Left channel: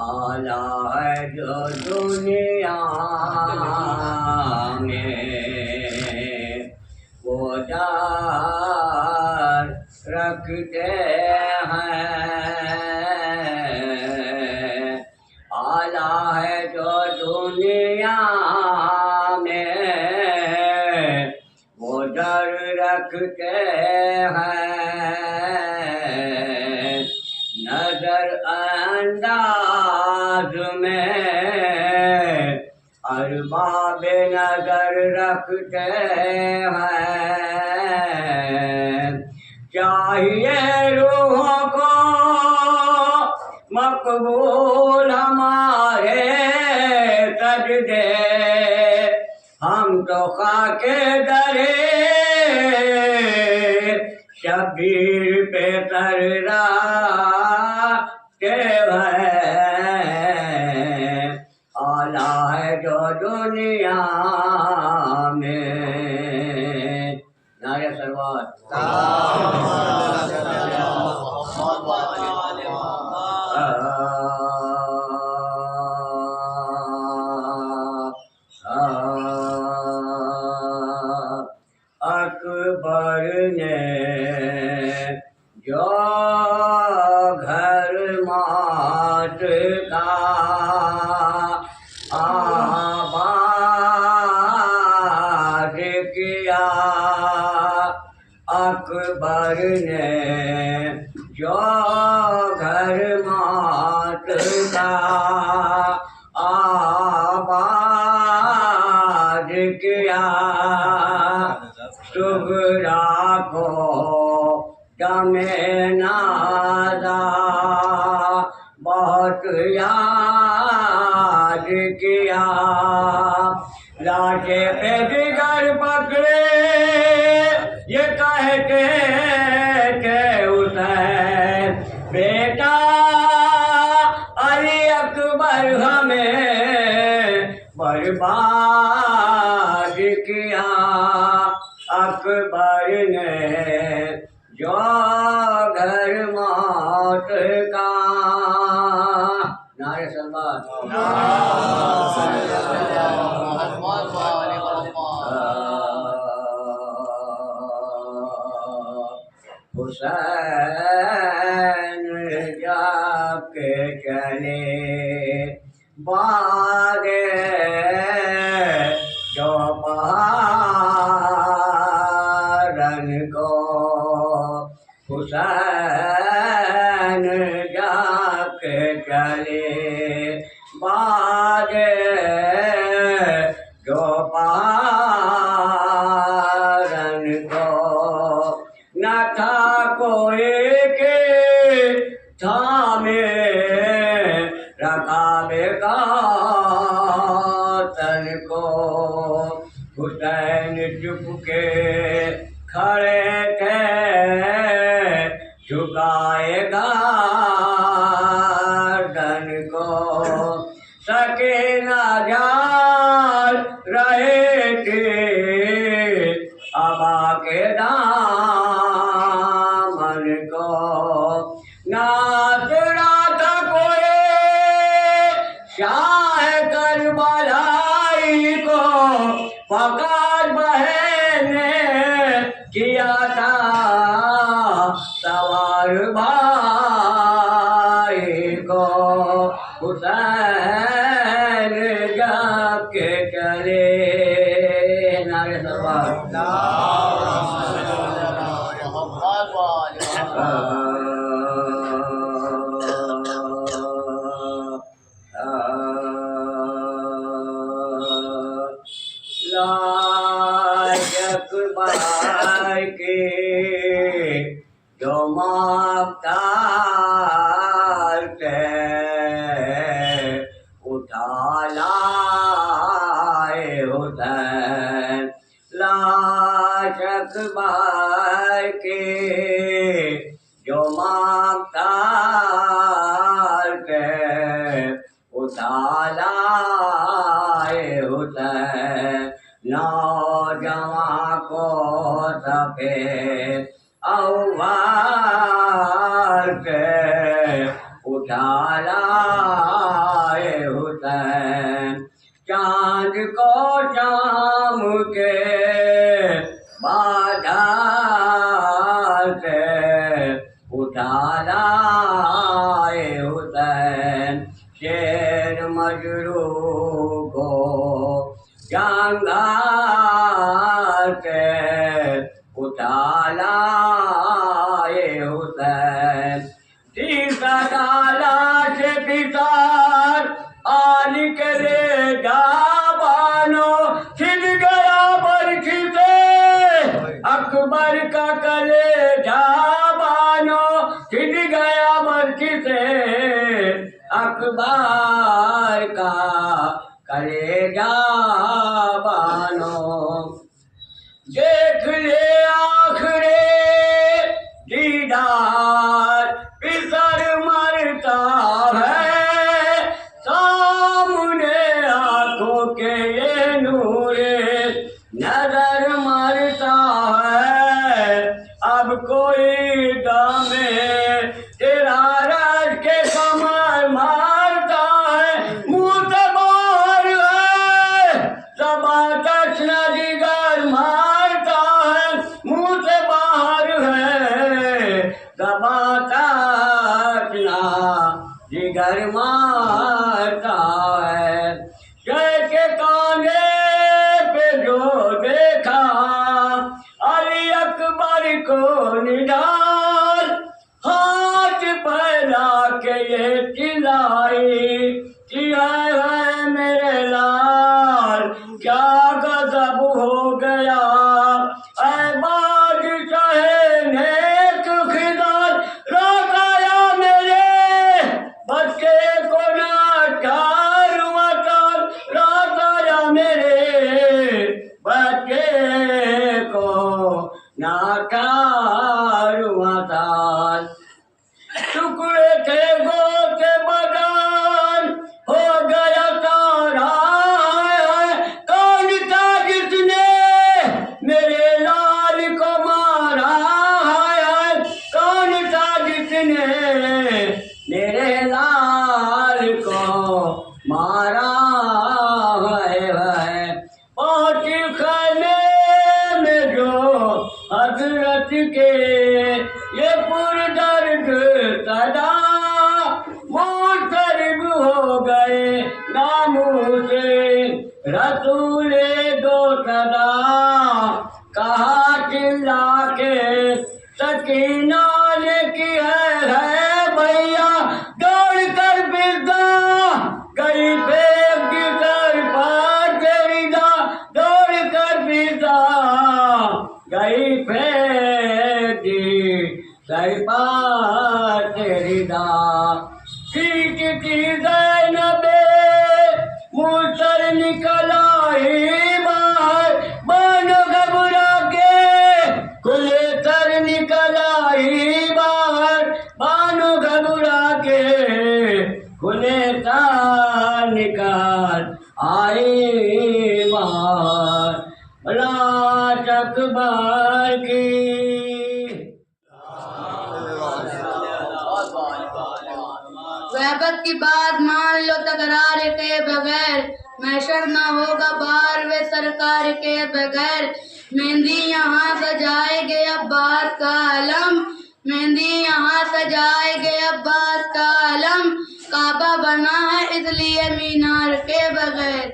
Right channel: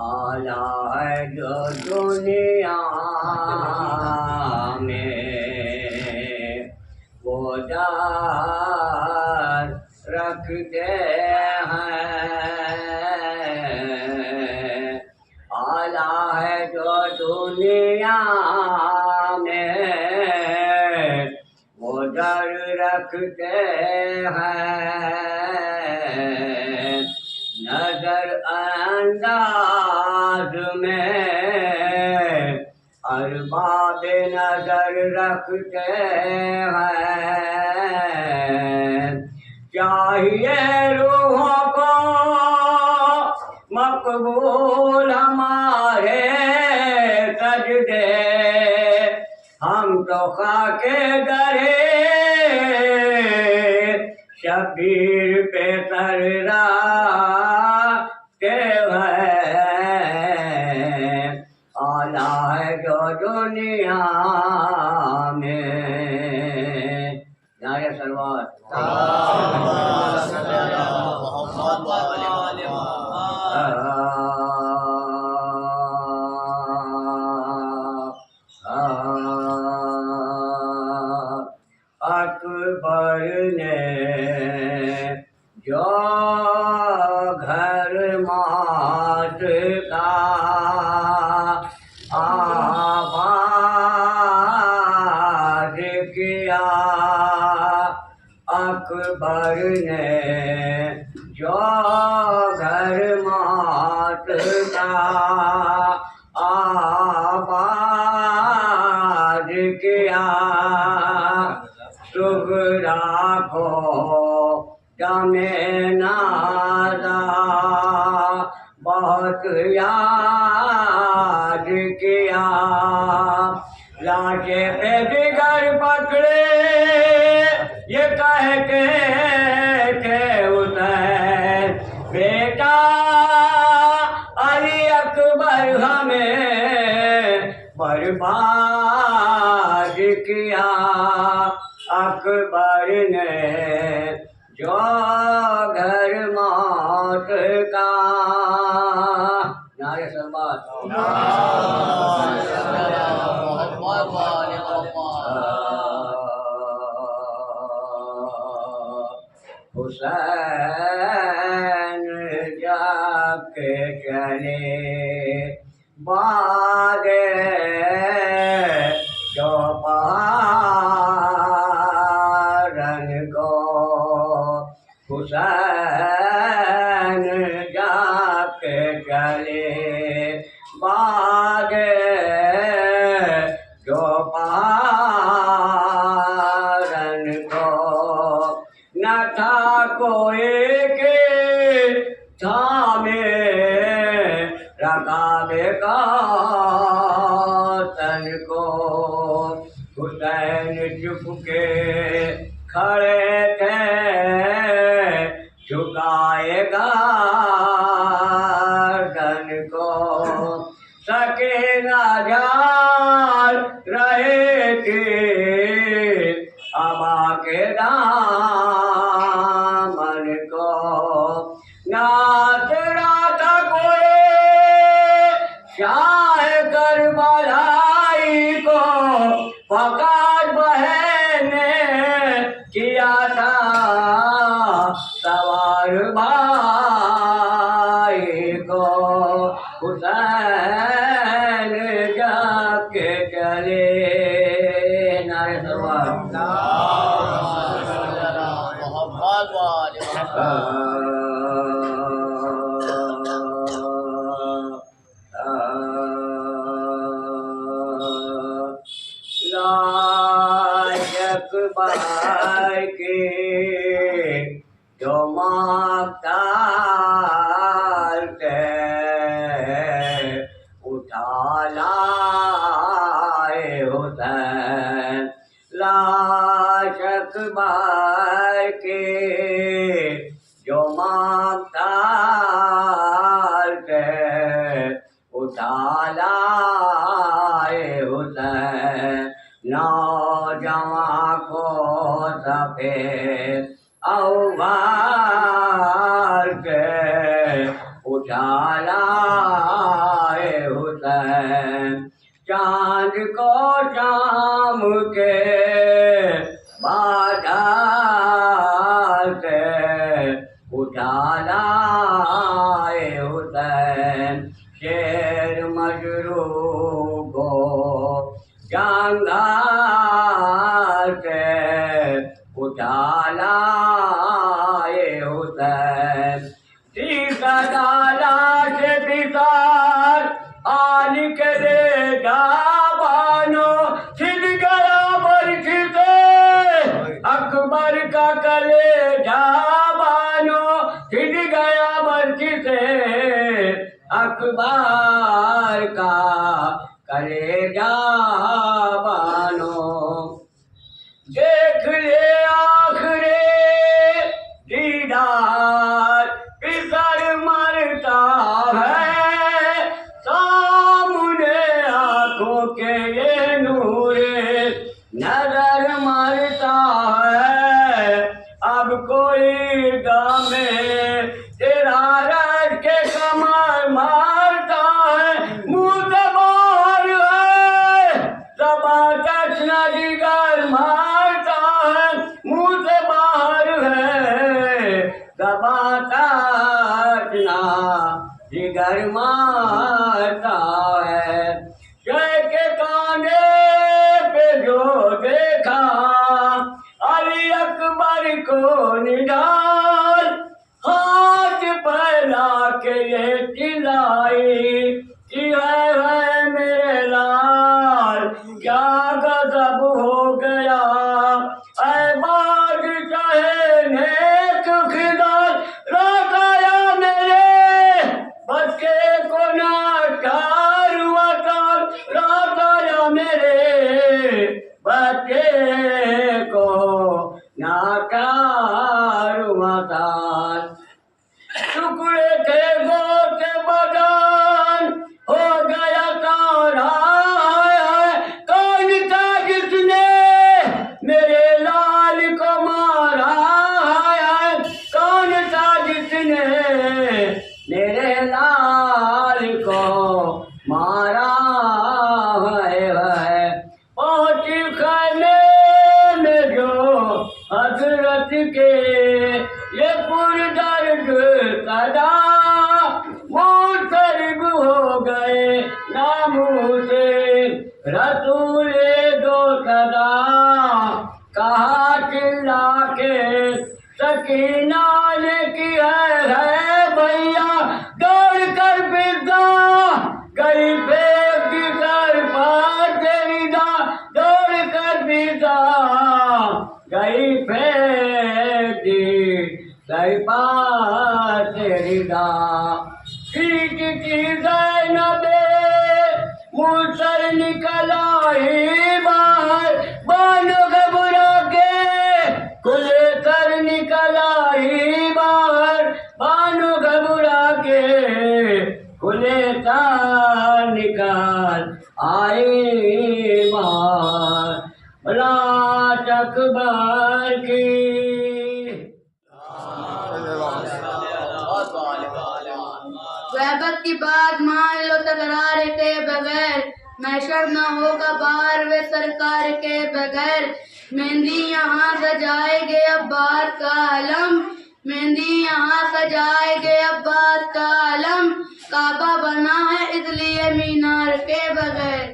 آلہ ہے جو دنیا میں وہ جان رکھتے ہیں، آلہ ہے جو دنیا میں وہ ڈر رکھتے ہیں، نظر انداز میں ارباب نظر رکھتے ہیں، چاہیے روحوں کو مقبول ہمارے سجدے، ہم تو خاک درے شبیر پہ سر رکھتے ہیں، آلہ ہے جو دنیا میں۔ نعرہ سلوات۔ اکبر نے جو گھر مات کا آباد کیا، اکبر نے جو گھر مات کا آباد کیا، صغرا کو دم نازا بہت یاد کیا، لاشے پہ دیگر پکڑے یہ کہتے تھے حسین بیٹا علی اکبر ہمیں برباد کیا، اکبر نے جو گھر موت کا۔ نعرہ سلوات۔ حسین جب کے چلے باغے جو پہاڑن کو، حسین جب کے چلے باغے جو پہاڑن کو، نہ تھا کوئی کہ تھامے رکاب کا تن کو، حسین چپ کے کھڑے تھے جھکائے گردن کو، سکینہ جال رہے تھے ابا کے دامن کو، ناصرہ تھا کوئی شاہ کربلائی کو، فقط بہن نے کیا تھا سوار بھائی کو، حسین جب کے چلے۔ نعرہ سلوات۔ لاش اکبر کی جو مختار تھے اٹھا لائے حسین، لاش اکبر کی جو مختار تھے اٹھا لائے حسین، نوجوان کو سفید اوار کے اٹھا لائے حسین چاند کو شام کے بادھا سے اٹھا لائے حسین شیر مجروح کو جانگھا سے اٹھا لائے حسین لاش بسار آ نکلے جا بانو چھن گیا برچ سے اکبر کا کلیجہ بانو چھن گیا برچ سے اکبر کا کلیجہ بانو دیکھ لے آخرے دیدار پسر مرتا ہے سامنے آنکھوں کے یہ نور نظر مرتا ہے اب کوئی دم تیرا رج کے کمر مارتا ہے منہ سے باہر ہے زباں تشنا جگر مارتا ہے منہ سے باہر ہے زباں تشنا جگر مارتا ہے شے کے کانے پہ جو دیکھا علی اکبر کو نڈال ہاتھ پھیلا کے یہ چلائی کہ ہے میرے لال کیا غضب ہو گیا اے بادشاہ نیک خدار رات آیا میرے بچے کو ناچار وطار رات آیا میرے بچے کو ناچار وطار ٹکڑے تھے گوشت بدن ہو گیا سارا کون تھا جس نے میرے لال کو مارا کون تھا جس نے میرے لال کو مارا ہے پہنچی خیمے میں جو حضرت کے یہ پردرد صدا منقلب ہو گئے ناموسے رسول دو صدا کہا چلا کے سکینہ نے کی ہے بھیا دوڑ کر پھرتا گئی پھینک دی سر پر تیری دا دوڑ کر پھرتا گئی پھینک دی سر پر تیری دا پیٹ کی زینب منہ سر نکل آئی باہر بانو گھبرا کے کھلے سر نکل آئی باہر بانو گھبرا کے کھلے سر نکل آئی باہر لاش اکبر کی غیبت کی بات مان لو تکرار کے بغیر محشر نہ ہوگا بار و سرکار کے بغیر مہندی یہاں سجائے گے عباس کا علم مہندی یہاں سجائے گے عباس کا علم کعبہ بنا ہے اس لیے مینار کے بغیر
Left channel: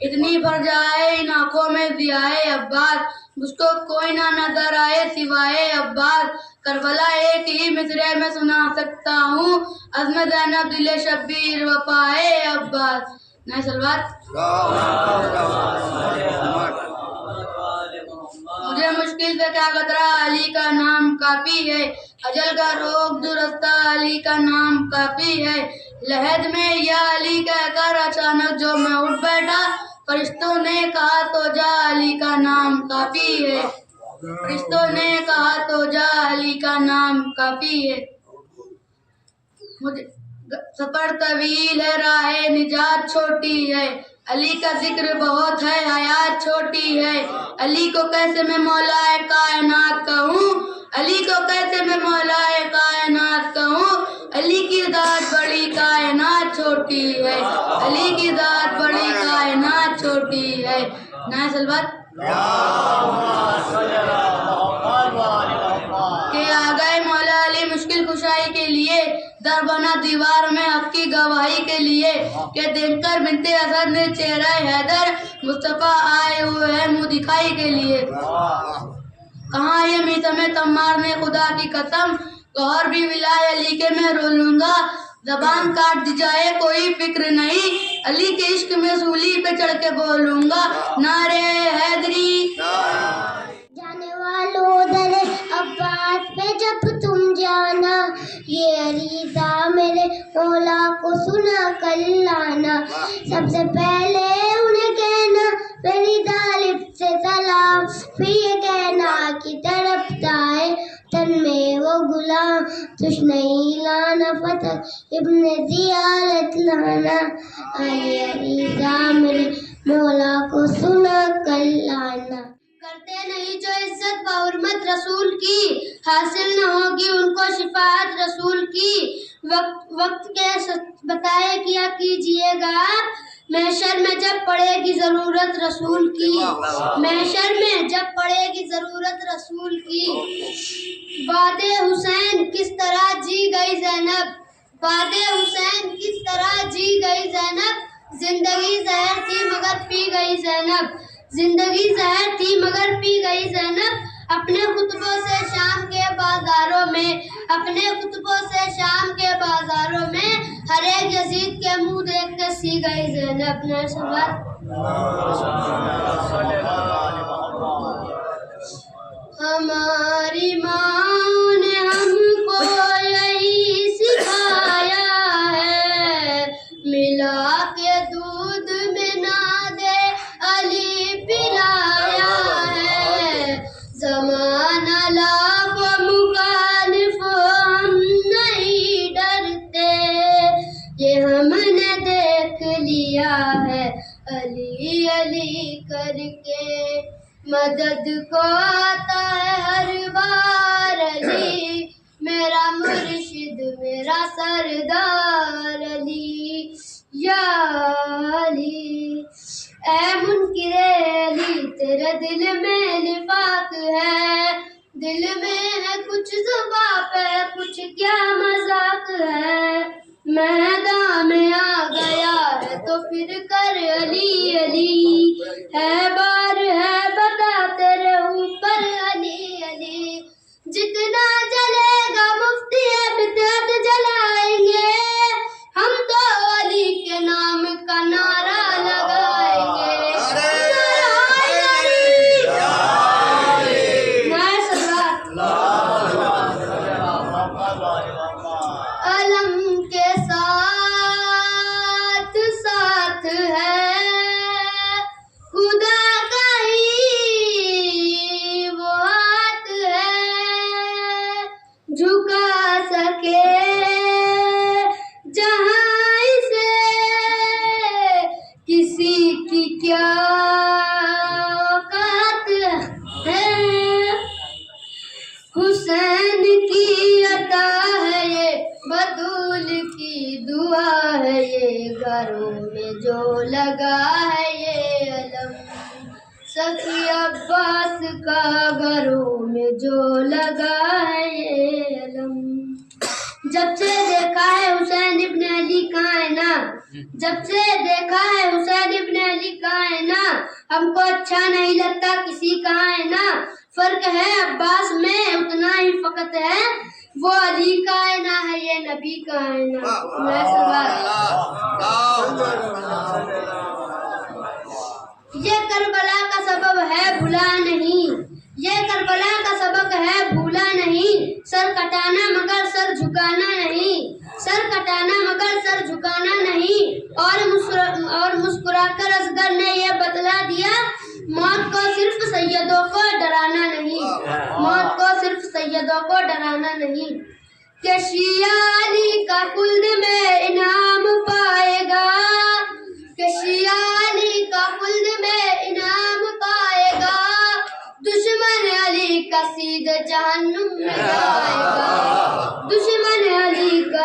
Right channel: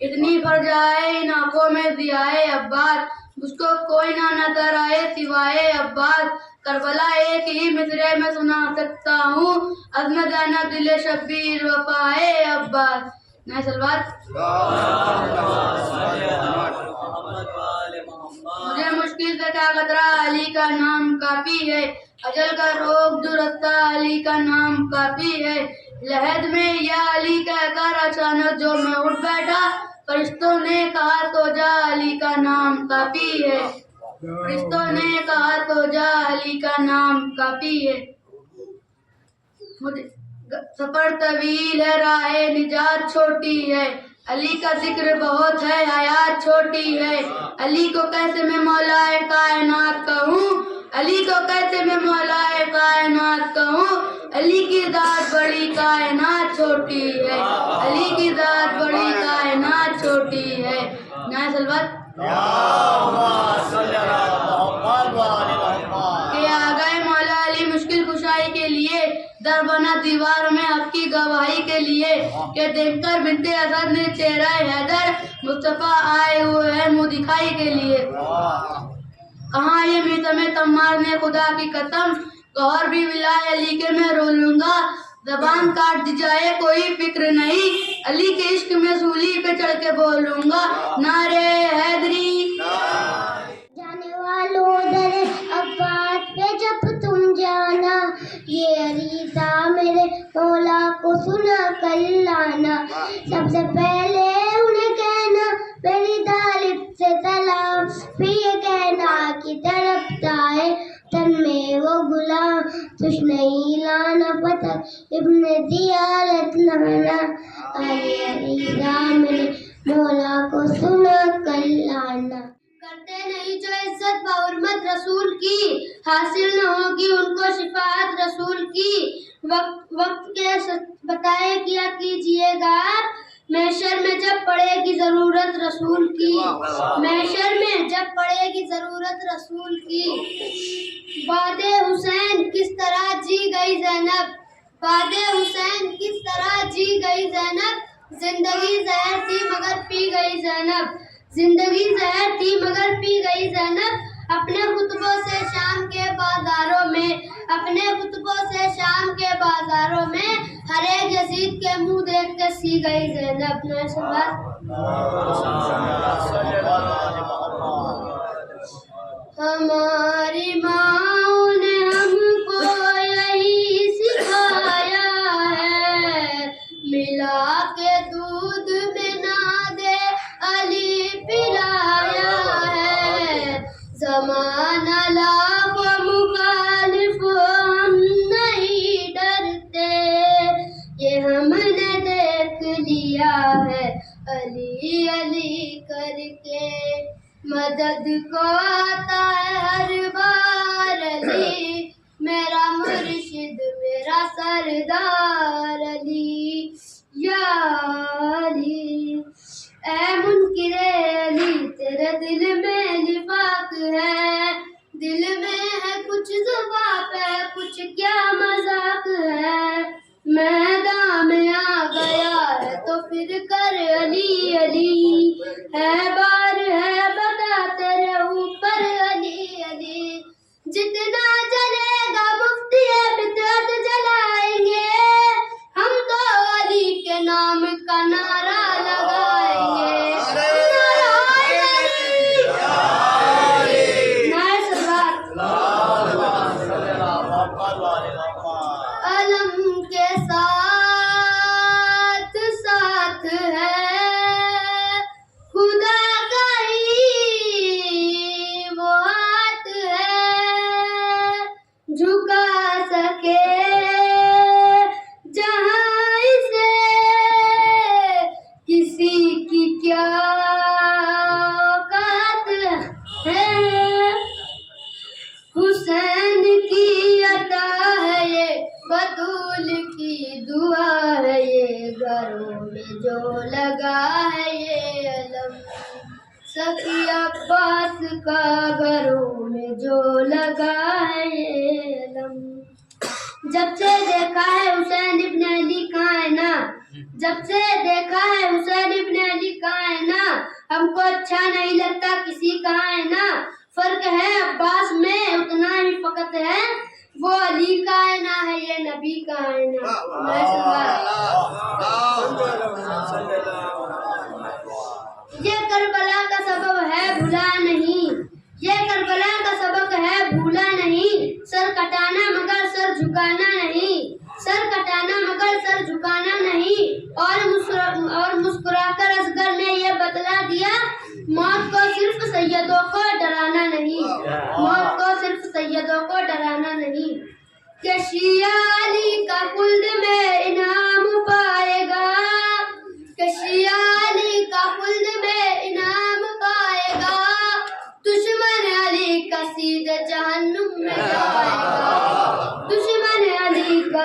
اتنی بھر جائے ان آنکھوں میں ضیائے عباس مجھ کو کوئی نہ نظر آئے سوائے عباس کربلا ایک ہی مصرے میں سنا سکتا ہوں عزم زینب دل شبیر وفائے عباس نئے سلوات مجھے مشکل سے کیا خطرہ علی کا نام کافی ہے اجل کا روک جو رستہ علی کا نام کافی ہے لحد میں یا علی کہہ کر اچانک جو میں اٹھ بیٹھا فرشتوں نے کہا تو جا علی کا نام کافی ہے فرشتوں نے کہا تو جا علی کا نام کافی ہے مجھے سفر طویل ہے راہ نجات چھوٹی ہے علی کا ذکر بہت ہے حیات چھوٹی ہے علی کو کیسے میں مولا کائنات کہوں علی کو کیسے میں مولا کائنات کہوں علی کی ذات بڑی کائنات چھوٹی ہے، علی کی ذات بڑی کائنات چھوٹی ہے. نائے سلوات کہ آ گئے مولا علی مشکل کشائی کے لیے، در بنا دیوار میں حق کی گواہی کے لیے، کہ دیکھ کر بنت اسد نے چہرہ حیدر، مصطفیٰ آئے ہوئے ہیں منہ دکھائی کے لیے. کہاں یہ میثم تمار نے خدا کی قسم، گوہر بھی ولائے علی کے میں رو لوں گا. زبان کاٹ دی جائے کوئی فکر نہیں، علی کے عشق میں سولی پہ چڑھ کے بولوں گا نعرے حیدری. جانے والوں در عباس پہ جب تم جانا، یہ عریضہ میرے مولا کو سنا کر لانا. سب سے پہلے انہیں کہنا میری طالب سے سلام، پھر یہ کہنا کہ تڑپتا ہے تن میں وہ غلام، تجھ نہیں لانا فتح ابن زیارت لانا. آئے عریضہ میرے مولا کو سنا کر لانا. کرتے نہیں جو عزت و حرمت رسول کی، حاصل نہ ہوگی ان کو شفاعت رسول کی. وقت کے بتائے کیا کیجئے گا آپ، محشر میں جب پڑے گی ضرورت رسول کی، محشر میں جب پڑے گی ضرورت رسول کی. باد حسین کس طرح جی گئی زینب، باد حسین کس طرح جی گئی زینب. زندگی زہر تھی مگر پی گئی زینب، زندگی زہر تھی مگر پی گئی زینب. اپنے خطبوں سے شام کے بازاروں میں، اپنے خطبوں سے شام کے بازاروں میں، ہر ایک یزید کے منہ دیکھ کے سی گئی زینب. ہماری ماں نے ہم کو یہی سکھایا ہے، ملا کے دودھ میں نہ دے علی پلایا ہے. زمانہ لاکھ مخالف ہم نہیں ڈرتے، یہ ہم نے دیکھ لیا ہے علی علی کر کے. مدد کو آتا ہے ہر بار علی، میرا مرشد میرا سردار علی یا علی. اے منکر علی تیرے دل میں نفاق ہے، دل میں ہے کچھ زباں پہ کچھ کیا مذاق ہے. میدان میں آ گیا ہے تو پھر کر علی علی، ہے بار ہے بتا تیرے اوپر علی علی. جتنا جلے گا مفتی بدعت جلائیں گے، ہم تو علی کے نام کا نعرہ لگائیں گے. علم کے ساتھ ساتھ ہے خدا کا ہی وہ ہاتھ ہے، جھکا سکے جہاں اسے کسی کی کیا اوقات ہے. حسین کی عطا ہے یہ، بطول کی دعا ہے یہ، گھروں میں جو لگا ہے یہ علم، سخی عباس کا گھروں میں جو لگا ہے یہ علم. جب سے دیکھا ہے حسین ابن علی کہاں ہے نا، جب سے دیکھا ہے حسین ابن علی کہاں ہے نا، ہم کو اچھا نہیں لگتا کسی کہاں ہے نا. فرق ہے عباس میں اتنا ہی فقط ہے، وہ علی کا ہے نا ہے یہ نبی کا ہے نا. یہ کربلا کا سبب ہے بھولا نہیں، یہ کربلا کا سبق ہے بھولا نہیں. سر کٹانا مگر سر جھکانا نہیں، سر کٹانا مگر سر جھکانا نہیں. اور مسکرا کر اصغر نے یہ بتلا دیا، موت کو صرف سیدوں کو ڈرانا نہیں، موت کو صرف سیدوں کو ڈرانا نہیں. کہ شیعہ علی کا خلد میں انعام پائے گا، کہ شیعہ علی کا خلد میں انعام پائے گا، دشمن علی کا سیدھے جہنم میں جائے گا، دشمن علی کا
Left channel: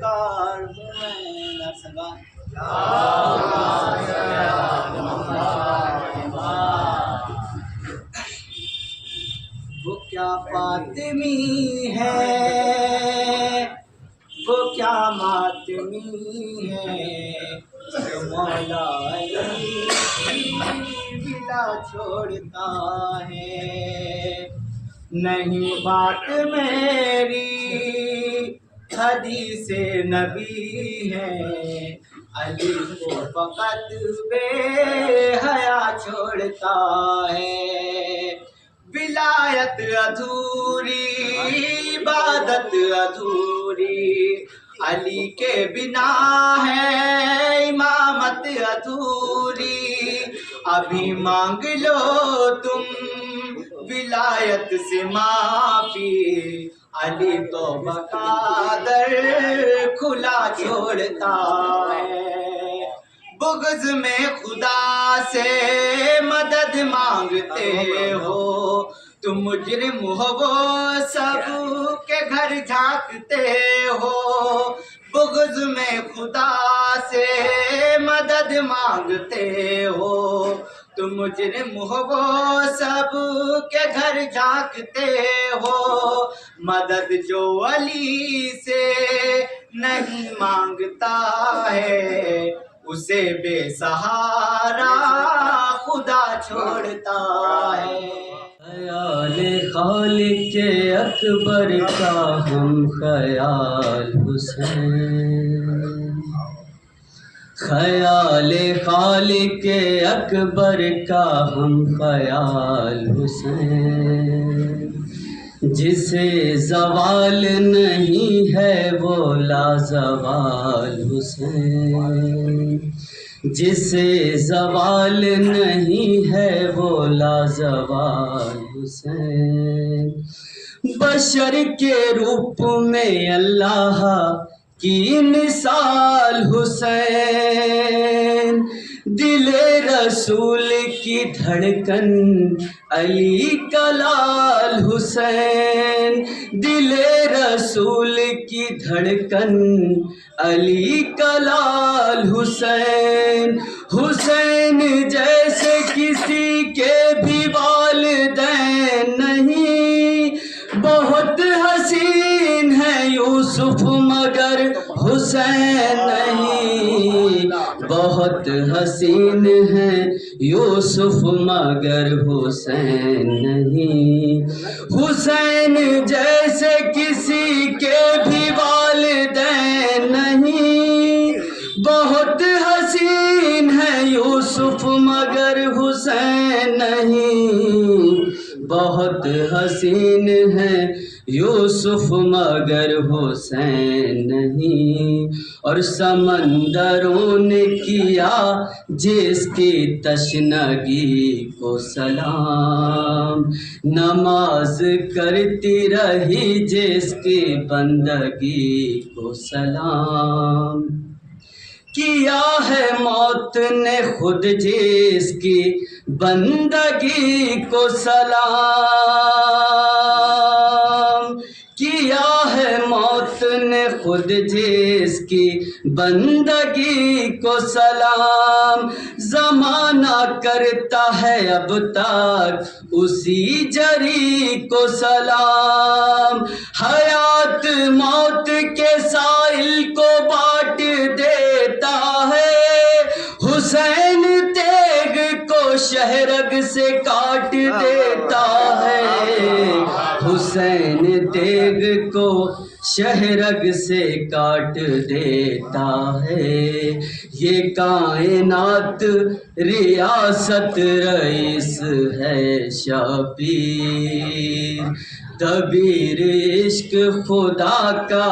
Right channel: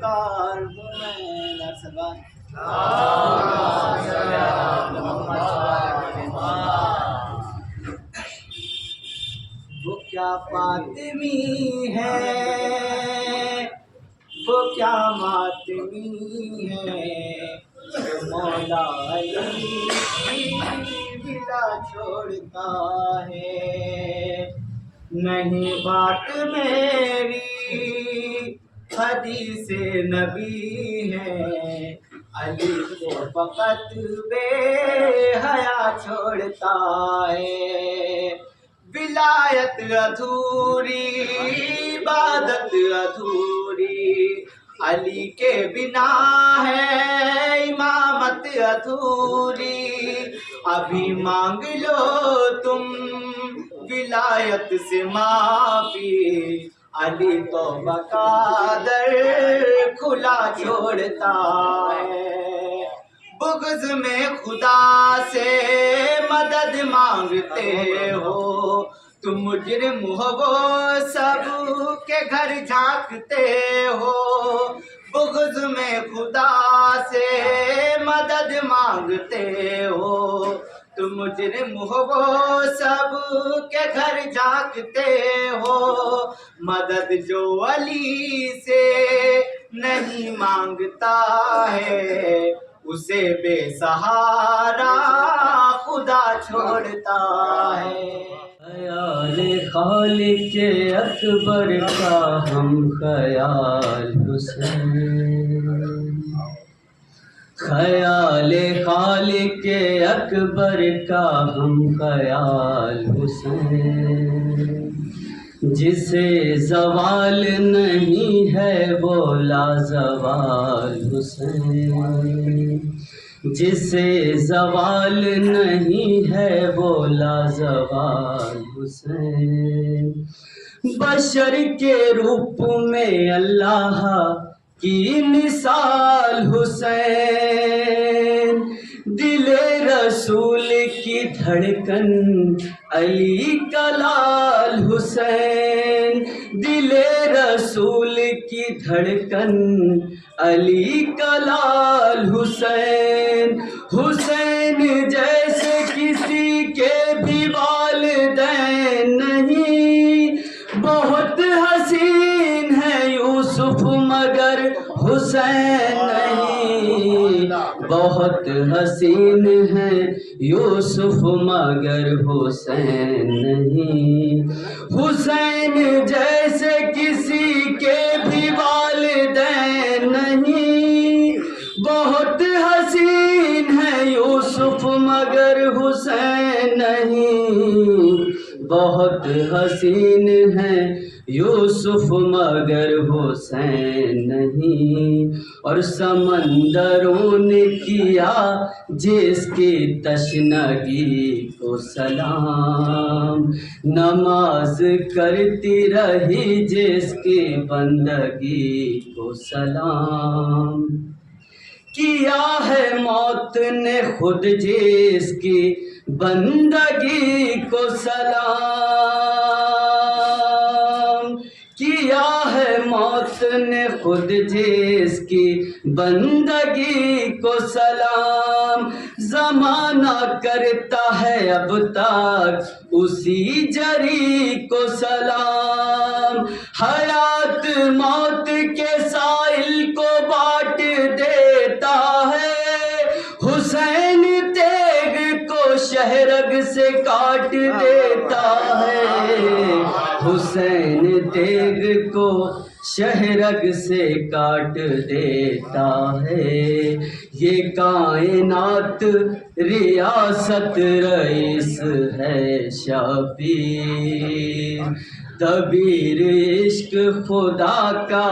کار ہوں میں نرسگان وہ کیا فاطمی ہے وہ کیا ماتمی ہے جو مولا علی کی بلا چھوڑتا ہے نہیں بات میری حدیث نبی ہے علی کو فقط بے حیا چھوڑتا ہے ولایت ادھوری عبادت ادھوری علی کے بنا ہے امامت ادھوری ابھی مانگ لو تم ولایت سے معافی علی تو بقادر کھلا چھوڑتا ہے بغض میں خدا سے مدد مانگتے ہو تم مجرم ہو وہ سب کے گھر جھانکتے ہو بغض میں خدا سے مدد مانگتے ہو تم مجرم ہو وہ سب کے گھر جھانکتے ہو مدد جو علی سے نہیں مانگتا ہے اسے بے سہارا خدا چھوڑتا ہے خیال خالق اکبر کا ہم خیال حسین خیال خالق اکبر کا ہم خیال حسین جسے زوال نہیں ہے وہ لازوال حسین جسے زوال نہیں ہے وہ لازوال حسین بشر کے روپ میں اللہ کی مثال حسین دل رسول کی دھڑکن علی کا لال حسین دل رسول کی دھڑکن علی کا لال حسین حسین جیسے کسی کے بھی والدین نہیں بہت حسین ہے یوسف مگر حسین نہیں بہت حسین ہے یوسف مگر حسین نہیں حسین جیسے کسی کے بھی والدین نہیں بہت حسین ہے یوسف مگر حسین نہیں بہت حسین ہے یوسف مگر حسین نہیں اور سمندروں نے کیا جس کی تشنگی کو سلام نماز کرتی رہی جس کی بندگی کو سلام کیا ہے موت نے خود جس کی بندگی کو سلام کیا ہے موت نے خود جس کی بندگی کو سلام زمانہ کرتا ہے اب تک اسی جری کو سلام حیات موت کے سائل کو بانٹ دیتا ہے حسین تیغ کو شہرگ سے کاٹ دیتا ہے حسین تیغ کو شہرگ سے کاٹ دیتا ہے یہ کائنات ریاست رئیس ہے شبیر دبیر عشق خدا کا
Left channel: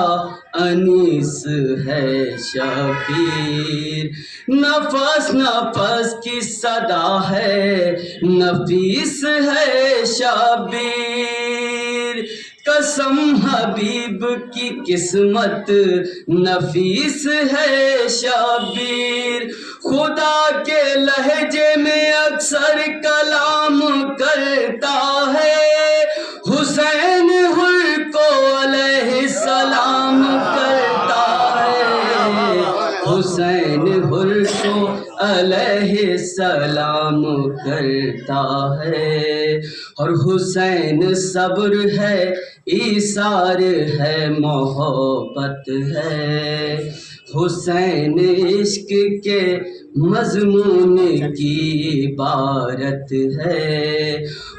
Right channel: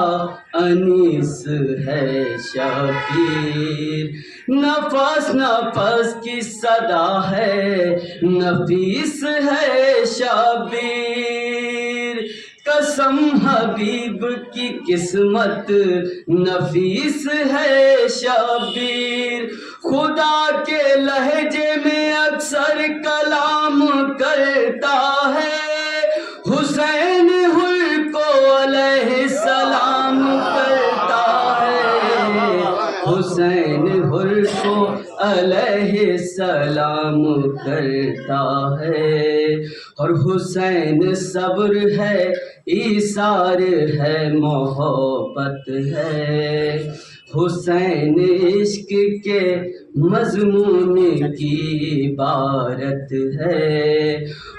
انیس ہے شبیر نفس نفس کی صدا ہے نفیس ہے شبیر قسم حبیب کی قسمت نفیس ہے شبیر خدا کے لہجے میں اکثر کلام کرتا ہے حسین حر کو علیہ السلام کرتا سلام کرتا ہے، اور حسین صبر ہے، ایثار ہے، محبت ہے، حسین عشق کے مضمون کی عبارت ہے،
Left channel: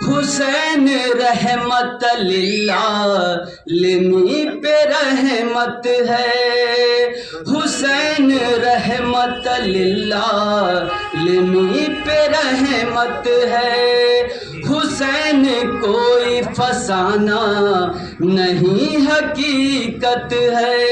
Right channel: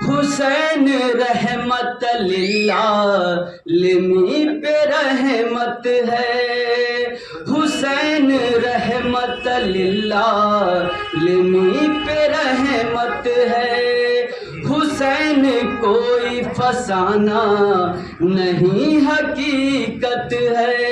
حسین رحمت للعالمین پہ رحمت ہے، حسین رحمت للعالمین پہ رحمت ہے، حسین کوئی فسانہ نہیں حقیقت ہے،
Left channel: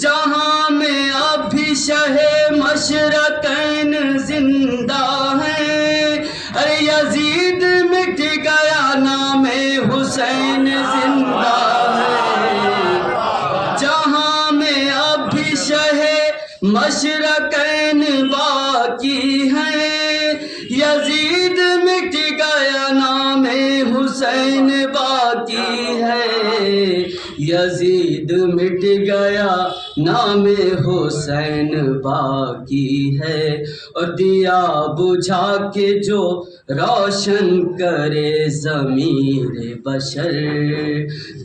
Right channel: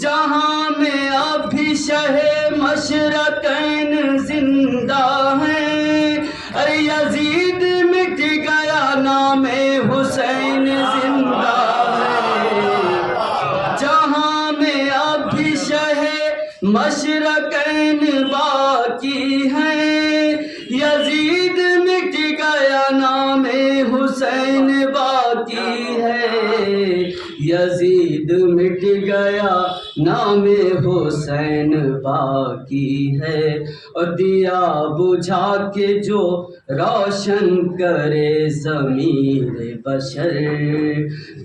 جہاں میں اب بھی شہ مشرقین زندہ ہیں، ارے یزید مٹ گیا نام حسین زندہ ہے، جہاں میں اب بھی شہ مشرقین باقی ہیں، یزید مٹ گیا نام حسین باقی ہے، یزید مٹ گیا نام حسین باقی ہے، اور دیا بجھا کے جو روشن کرے ضمیر بشر،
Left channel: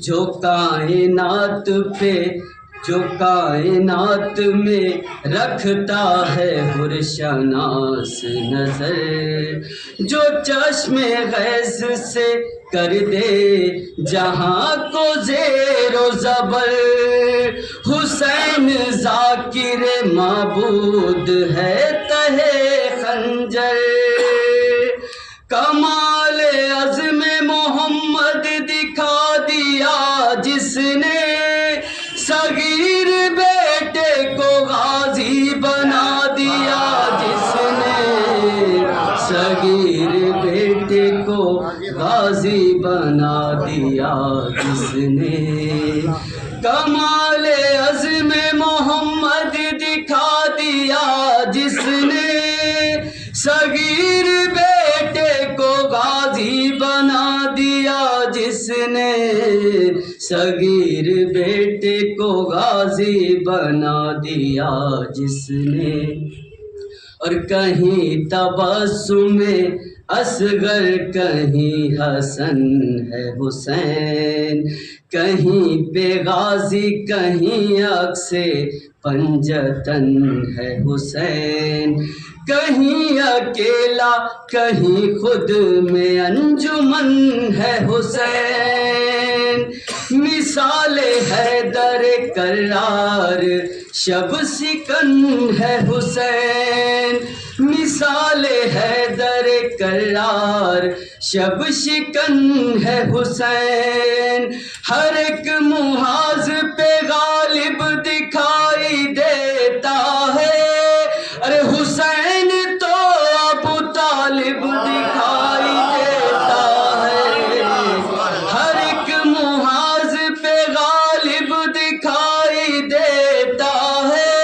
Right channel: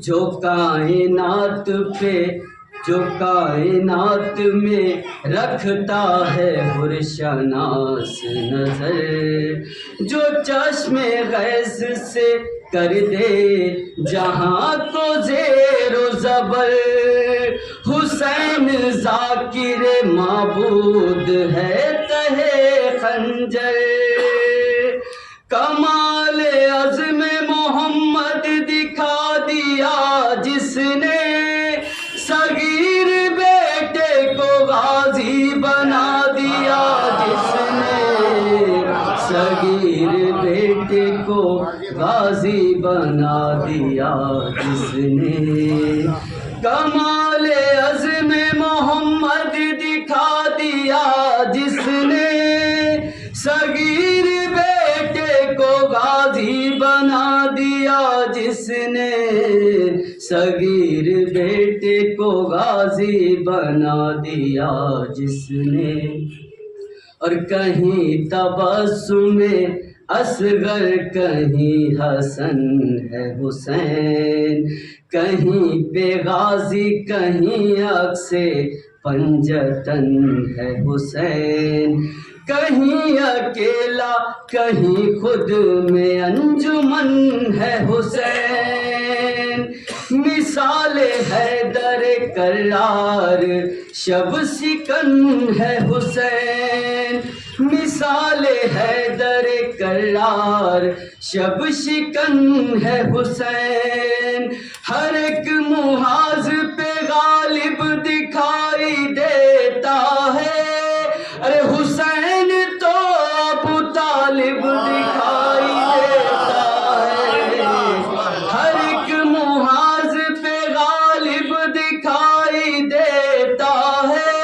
جو کائنات میں رکھتا ہے حرشناس نظر، جو چشم غیث سے کر دے جہاں کو زیر و زبر، حسین ذاکر معبود ہے تہے خنجر، کمال عزم محمد دکھا دیا جس نے، صغیر بیٹے کو غازی بنا دیا جس نے، صغیر بیٹے کو غازی بنا دیا جس نے، کمال عزم محمد دکھا دیا جس نے، صغیر بیٹے کو غازی بنا دیا جس نے، صغیر بیٹے کو غازی بنا دیا جس نے، اور کہیں تبسم اصغر کہیں حسن ہے حسین، کہیں پہ غازی کہیں عکس پنجتن ہے حسین، کہیں اکیلا کہیں خود میں انجمن ہے حسین، مثال حیدر کرار شب سکن ہے حسین، مثال حیدر کرار شب شکن ہے حسین، ہر ایک محاذ پہ غالب دکھائی دیتا ہے، ارے حسین تو ابو طالب دکھائی دیتا ہے، ہر ایک محاذ پہ غالب دکھائی دیتا ہے،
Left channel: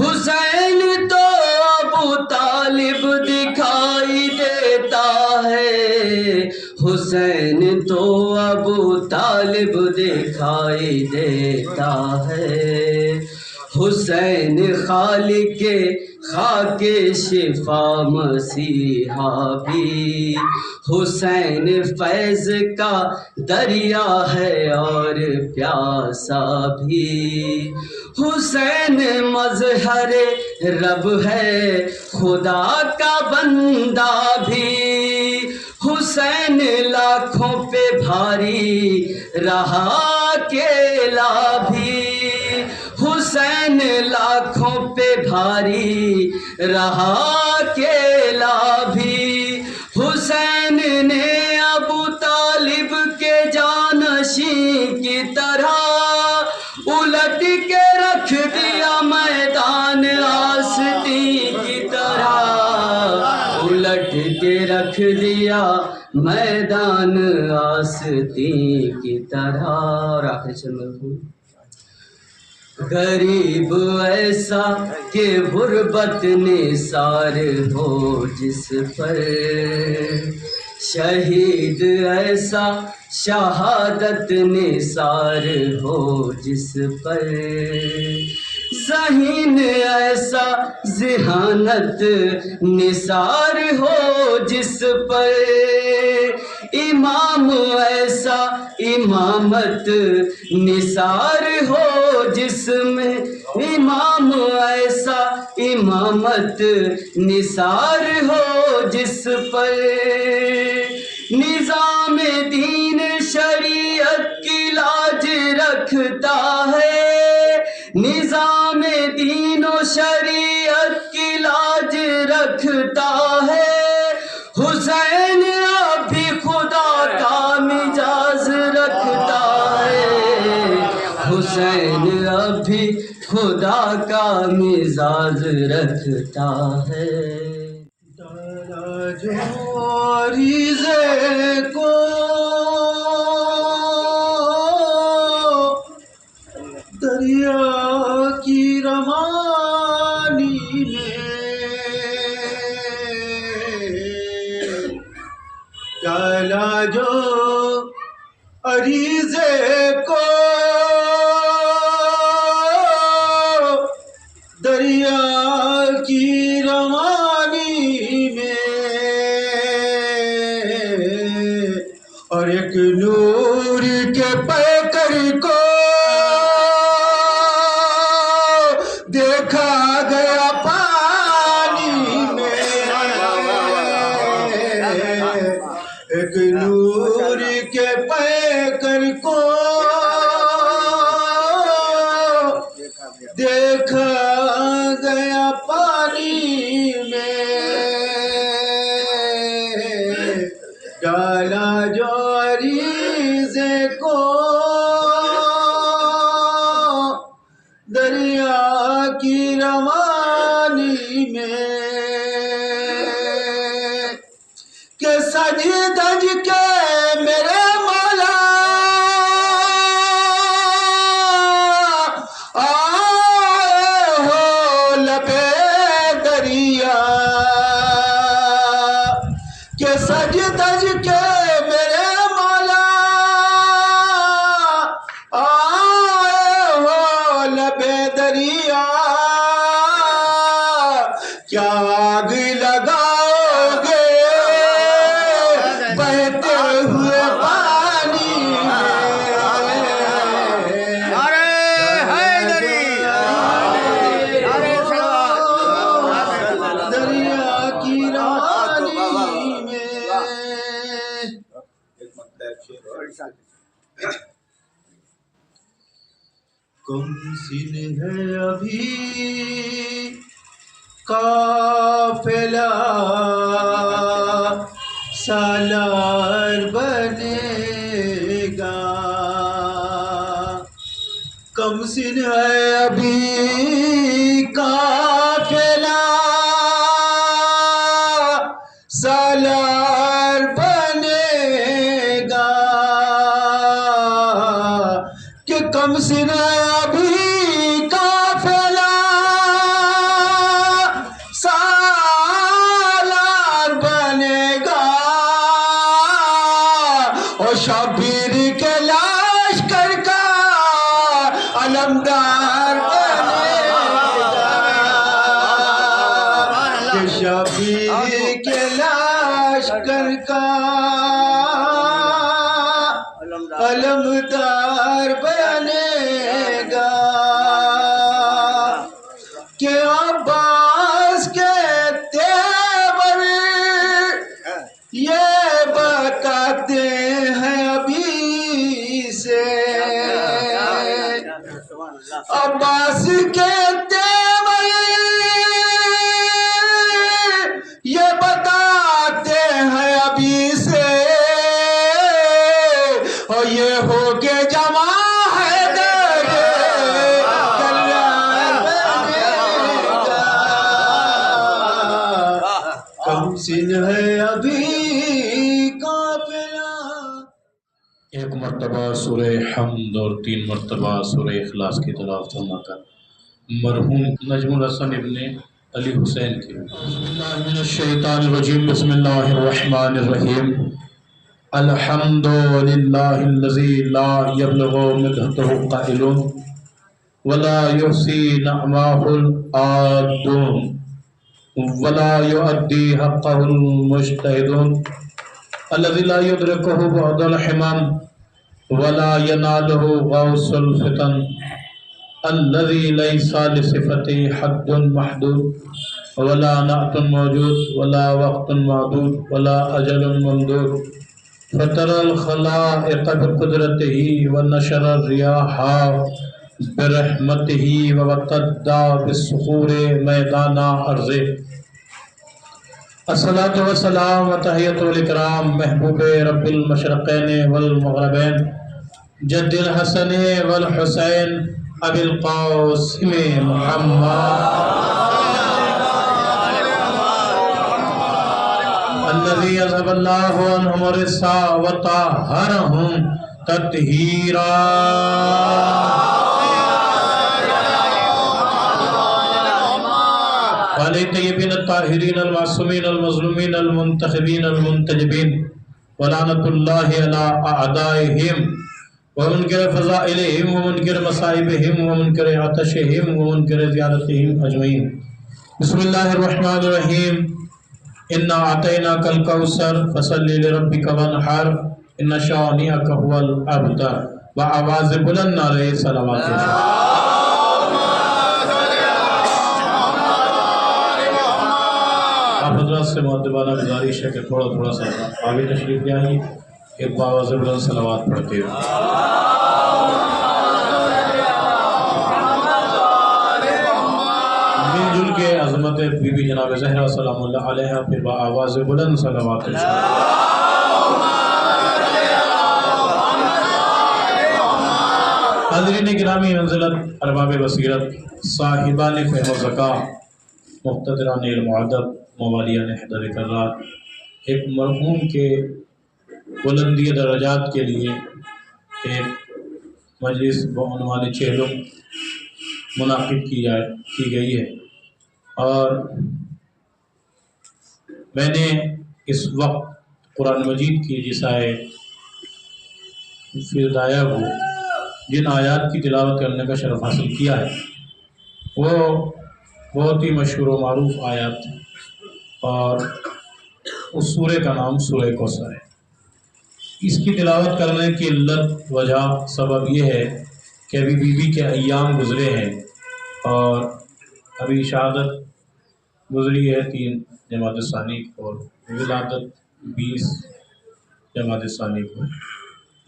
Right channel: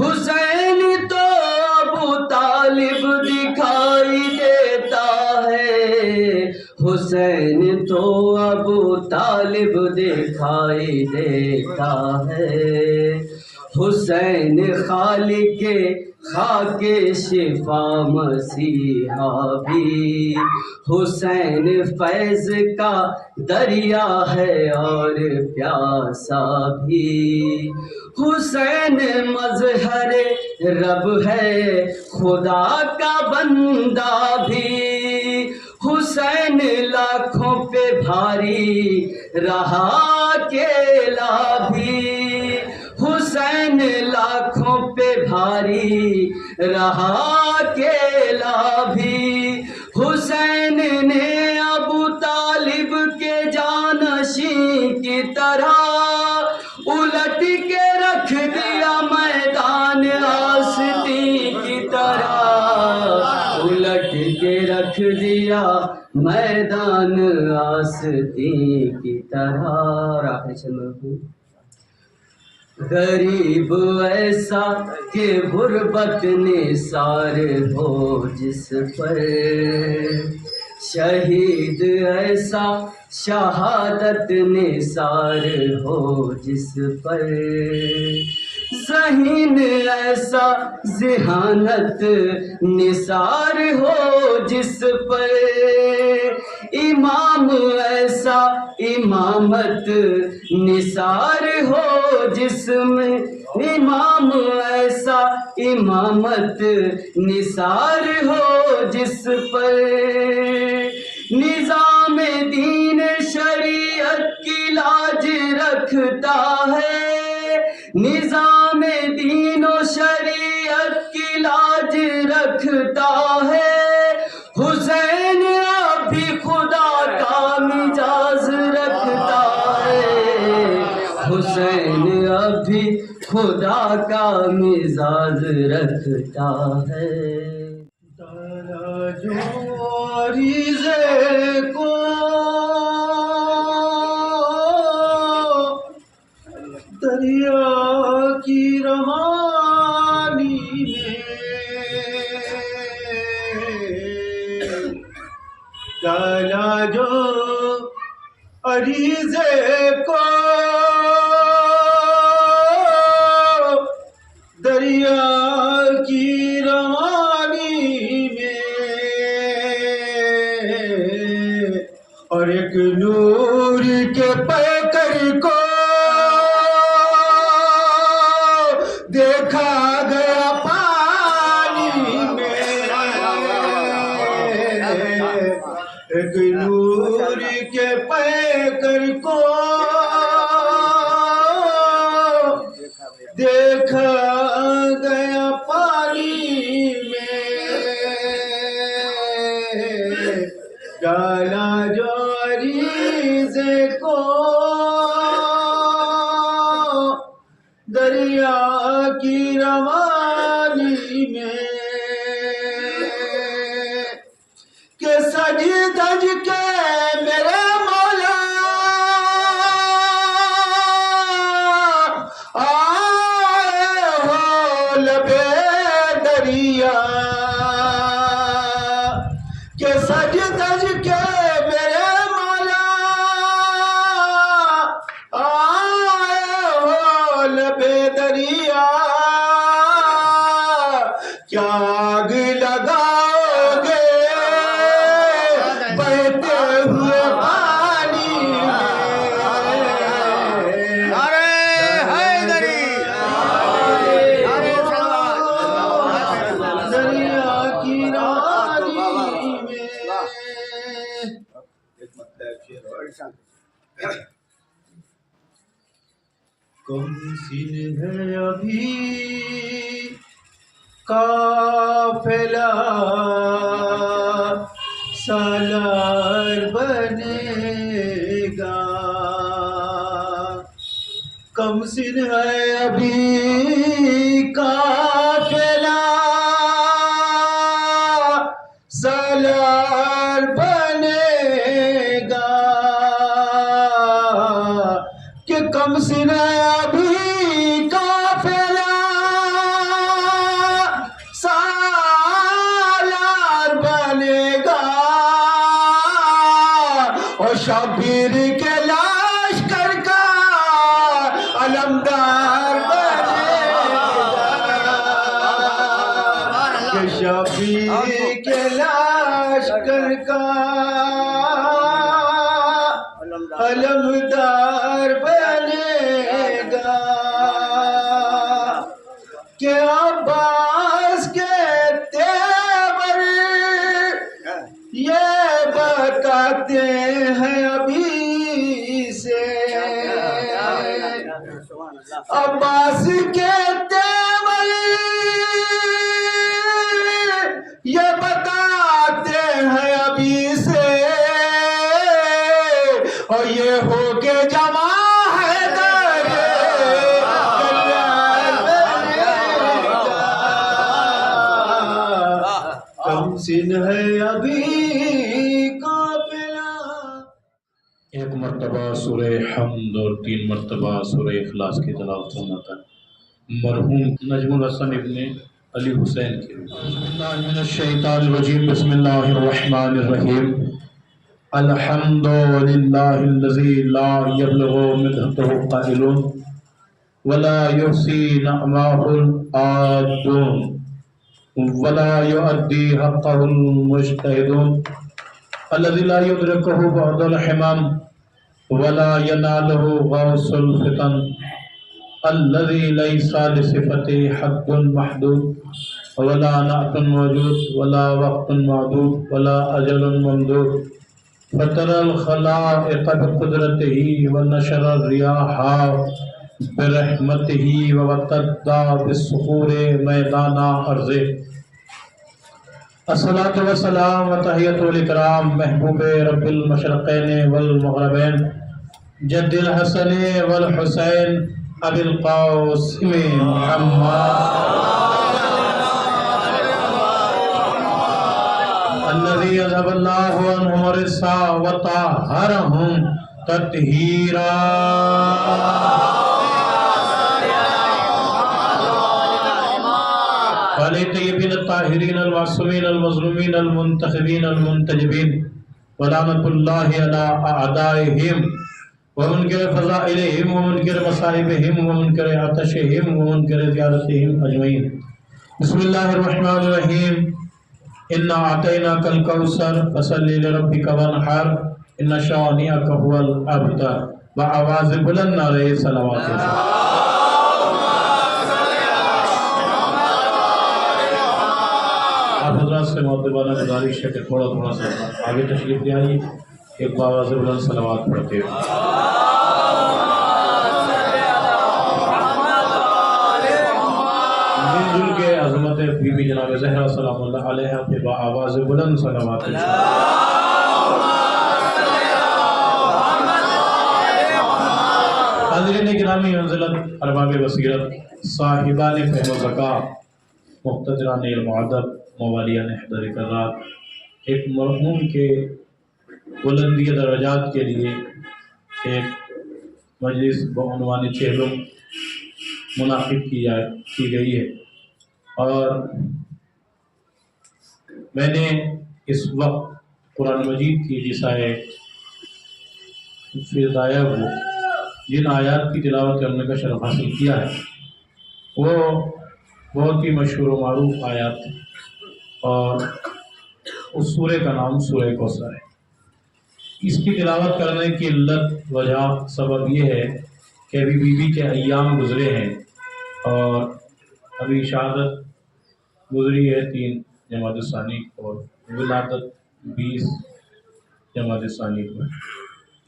حسین تو ابو طالب دکھائی دیتا ہے، حسین تو ابو طالب دکھائی دیتا ہے، حسین خالق خاک شفا مسیحا بھی، حسین فیض کا دریا ہے اور پیاسا بھی، حسین مظہر رب ہے خدا کا بندہ بھی، حسین لاکھوں پہ بھاری رہا اکیلا بھی، حسین لاکھوں پہ بھاری رہا اکیلا بھی، حسین نے ابو طالب کے جانشین کی طرح الٹ کے رکھ دیا میدان آستین کی طرح، الٹ کے رکھ دیا میدان آستین کی طرح، اور آخری چند غریب ایسا کہ غربت نثار ہو جس پر، شہید ایسا شہادت نثار ہو جس پر، ذہین ایسا ذہانت نثار ہو جس پر امام ایسا امامت نثار ہو جس میں امام ایسا امامت نثار ہو جس پر نظام دین شریعت کی لاج رکھتا ہے نظام دین و شریعت کی لاج رکھتا ہے حسین اب بھی خدا کا مزاج رکھتا ہے حسین اب بھی خدا کا مزاج رکھتا ہے جو ریزے کو دریا کی روانی میں ڈالا جو عریضے کو دریا کی روانی میں اور ایک نور کے پیکر کو دیکھا گیا پانی میں ایک نور کے پیکر کو دیکھا گیا پانی میں ڈالا جو عریضے کو دریا کی روانی میں کہ سج دج کے میرے مولا آئے ہو لبے دریا کہ سج دج کے میرے مولا آئے ہو لبے دریا کیا آگ لگاؤ گے بہتے ہوئے پانی دریا کی روانی میں کم سن ہے ابھی قافلہ سالار بنے گا کم سن ہے ابھی قافلہ سالار بنے گا کہ کم سن ابھی قافلہ سالار بنے گا اور شبیر کے لشکر کا علمدار بنے گا کہ شبیر کے لشکر کا علمدار بنے گا کہ عباس کے تیور یہ بتاتے ہیں ابھی سے عباس کے تیور یہ بتاتے ہیں ابھی سے اور یہ ہو کے جمع ہے در کلیان بنے گا کم سن ہے ابھی قافلہ ایک مرتبہ سورہ حمد اور 3 مرتبہ سورہ اخلاص کی تلاوت فرما کر مرحوم نجم الحسن ابن علی حسین کی بسم اللہ من الشیطان الرجیم بسم اللہ الرحمن الرحیم الحمد للہ الذی لا یبلغ مدحتہ قائل ولا يحصي نعمه العادون ولا يؤدي حقه المجتهدون الذي لا يدركه بعد الحمام ولا يناله غوث الفتن الذي ليس لصفته حد محدود ولا نعت موجود ولا وقت معدود ولا أجل ممدود فترى الخلائق بقدرته ونشر الرياح برحمته ووقدى بالصخور میدان ارضه الصلاة والسلام وتحیۃ الکرام محبوب رب المشرقین والمغربین جد الحسن والحسین ابی القاسم محمد الذي يذهب الله عنهم الرجس وطهرهم تطهيرا والطيبين الطاهرين المعصومين المظلومين المنتخبين المنتجبين ولعنة الله على أعدائهم ومنكر فضائلهم ومنكر مصائبهم ومنكر عطشهم ومنكر زيارتهم أجمعين بسم الله الرحمن الرحيم إنا أعطيناك الكوثر فصل لربك وانحر إن شانئك هو الأبتر وآواز بلند علیہ صلوات آپ حضرات سے مؤدبانہ گزارش ہے کہ تھوڑا سا آگے تشریف لے آئیے ایک باواز بلند صلوات پڑھتے ہیں مل جل کے عظمت بی بی جناب زہرا سلام اللہ علیہ پہ با آواز بلند صلوات حاضرین گرامی منزلت ارباب بصیرت صاحبان فہم و ذکا مقتدران علم و ادب موالیان حضر کرات ایک مرحوم کے بلندی درجات کے لیے ایک مجلس بعنوان چہلم منعقد کی گئی ہے اور میں نے اس وقت قرآن مجید کی رسائے فردایا ہو جن آیات کی تلاوت کرنے کا شرف حاصل کیا ہے وہ بہت ہی مشہور و معروف آیات ہیں اور اس سورہ کا نام سورہ کوثر ہے۔ اس کی تلاوت کرنے کی علت وجہ سبب یہ ہے کہ ابھی بیوی کے ایام گزرے ہیں اور ابھی شہادت گزری ہے 3 جمادی الثانی اور ولادت 20 جمادی الثانی کو ہے،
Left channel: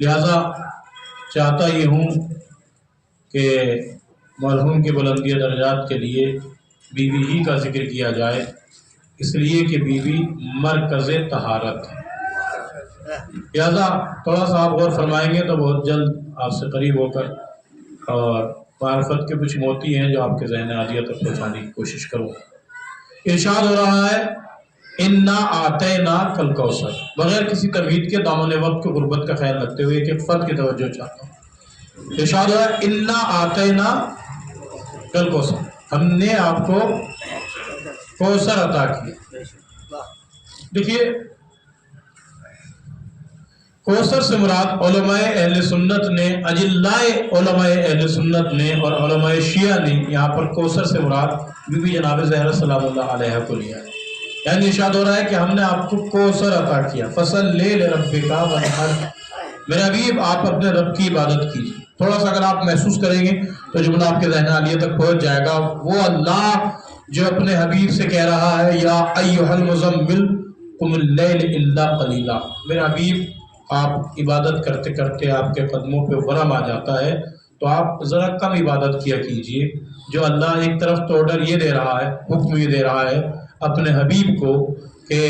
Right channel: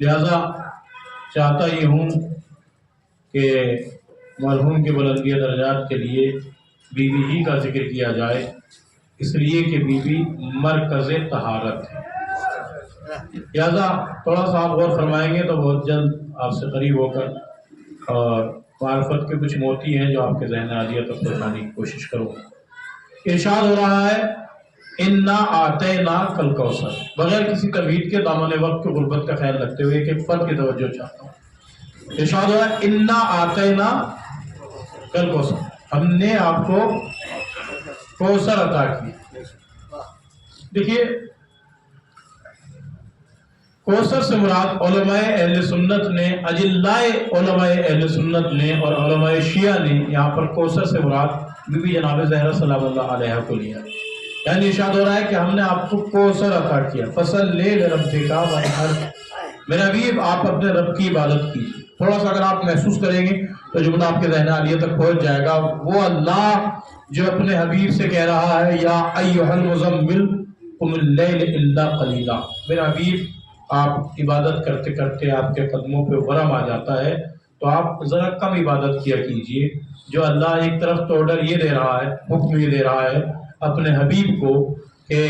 لہذا چاہتا یہ ہوں کہ مرحوم کے بلندی درجات کے لیے بیوی ہی کا ذکر کیا جائے، اس لیے کہ بیوی مرکز طہارت ہے، لہذا تھوڑا سا آپ غور فرمائیں گے تو بہت جلد آپ سے قریب ہو کر اور معرفت کے کچھ موتی ہیں جو آپ کے ذہن عالیہ تک پہنچانے کی کوشش کروں۔ ارشاد ہو رہا ہے انا اعطیناک الکوثر، بغیر کسی تمہید کے دامن وقت کی غربت کا خیال رکھتے ہوئے ایک فرد کی توجہ چاہتا ہوں۔ ارشاد ہو رہا ہے انا اعطیناک الکوثر، ہم نے آپ کو کوثر عطا کیا۔ دیکھیے کوثر سے مراد علماء اہل سنت نے، اجلاء علماء اہل سنت نے اور علماء شیعہ نے یہاں پر کوثر سے مراد بی بی جناب زہرا سلام اللہ علیہ کو لیا ہے، یعنی ارشاد ہو رہا ہے کہ ہم نے آپ کو کوثر عطا کیا۔ فصلی لربک وانحر، میرے حبیب آپ اپنے رب کی عبادت کیجیے۔ تھوڑا سا اگر آپ محسوس کریں گے تو جملہ آپ کے ذہن عالیہ تک پہنچ جائے گا۔ وہ اللہ جو اپنے حبیب سے کہہ رہا ہے یا ایھا المزمل قم اللیل الا قلیلا، میرے حبیب آپ عبادت کرتے کرتے آپ کے قدموں پہ ورم آ جاتا ہے تو آپ ذرا کم عبادت کیا کیجئے۔ جو اللہ ایک طرف تو آرڈر یہ دے رہا ہے، حکم یہ دے رہا ہے اپنے حبیب کو کہ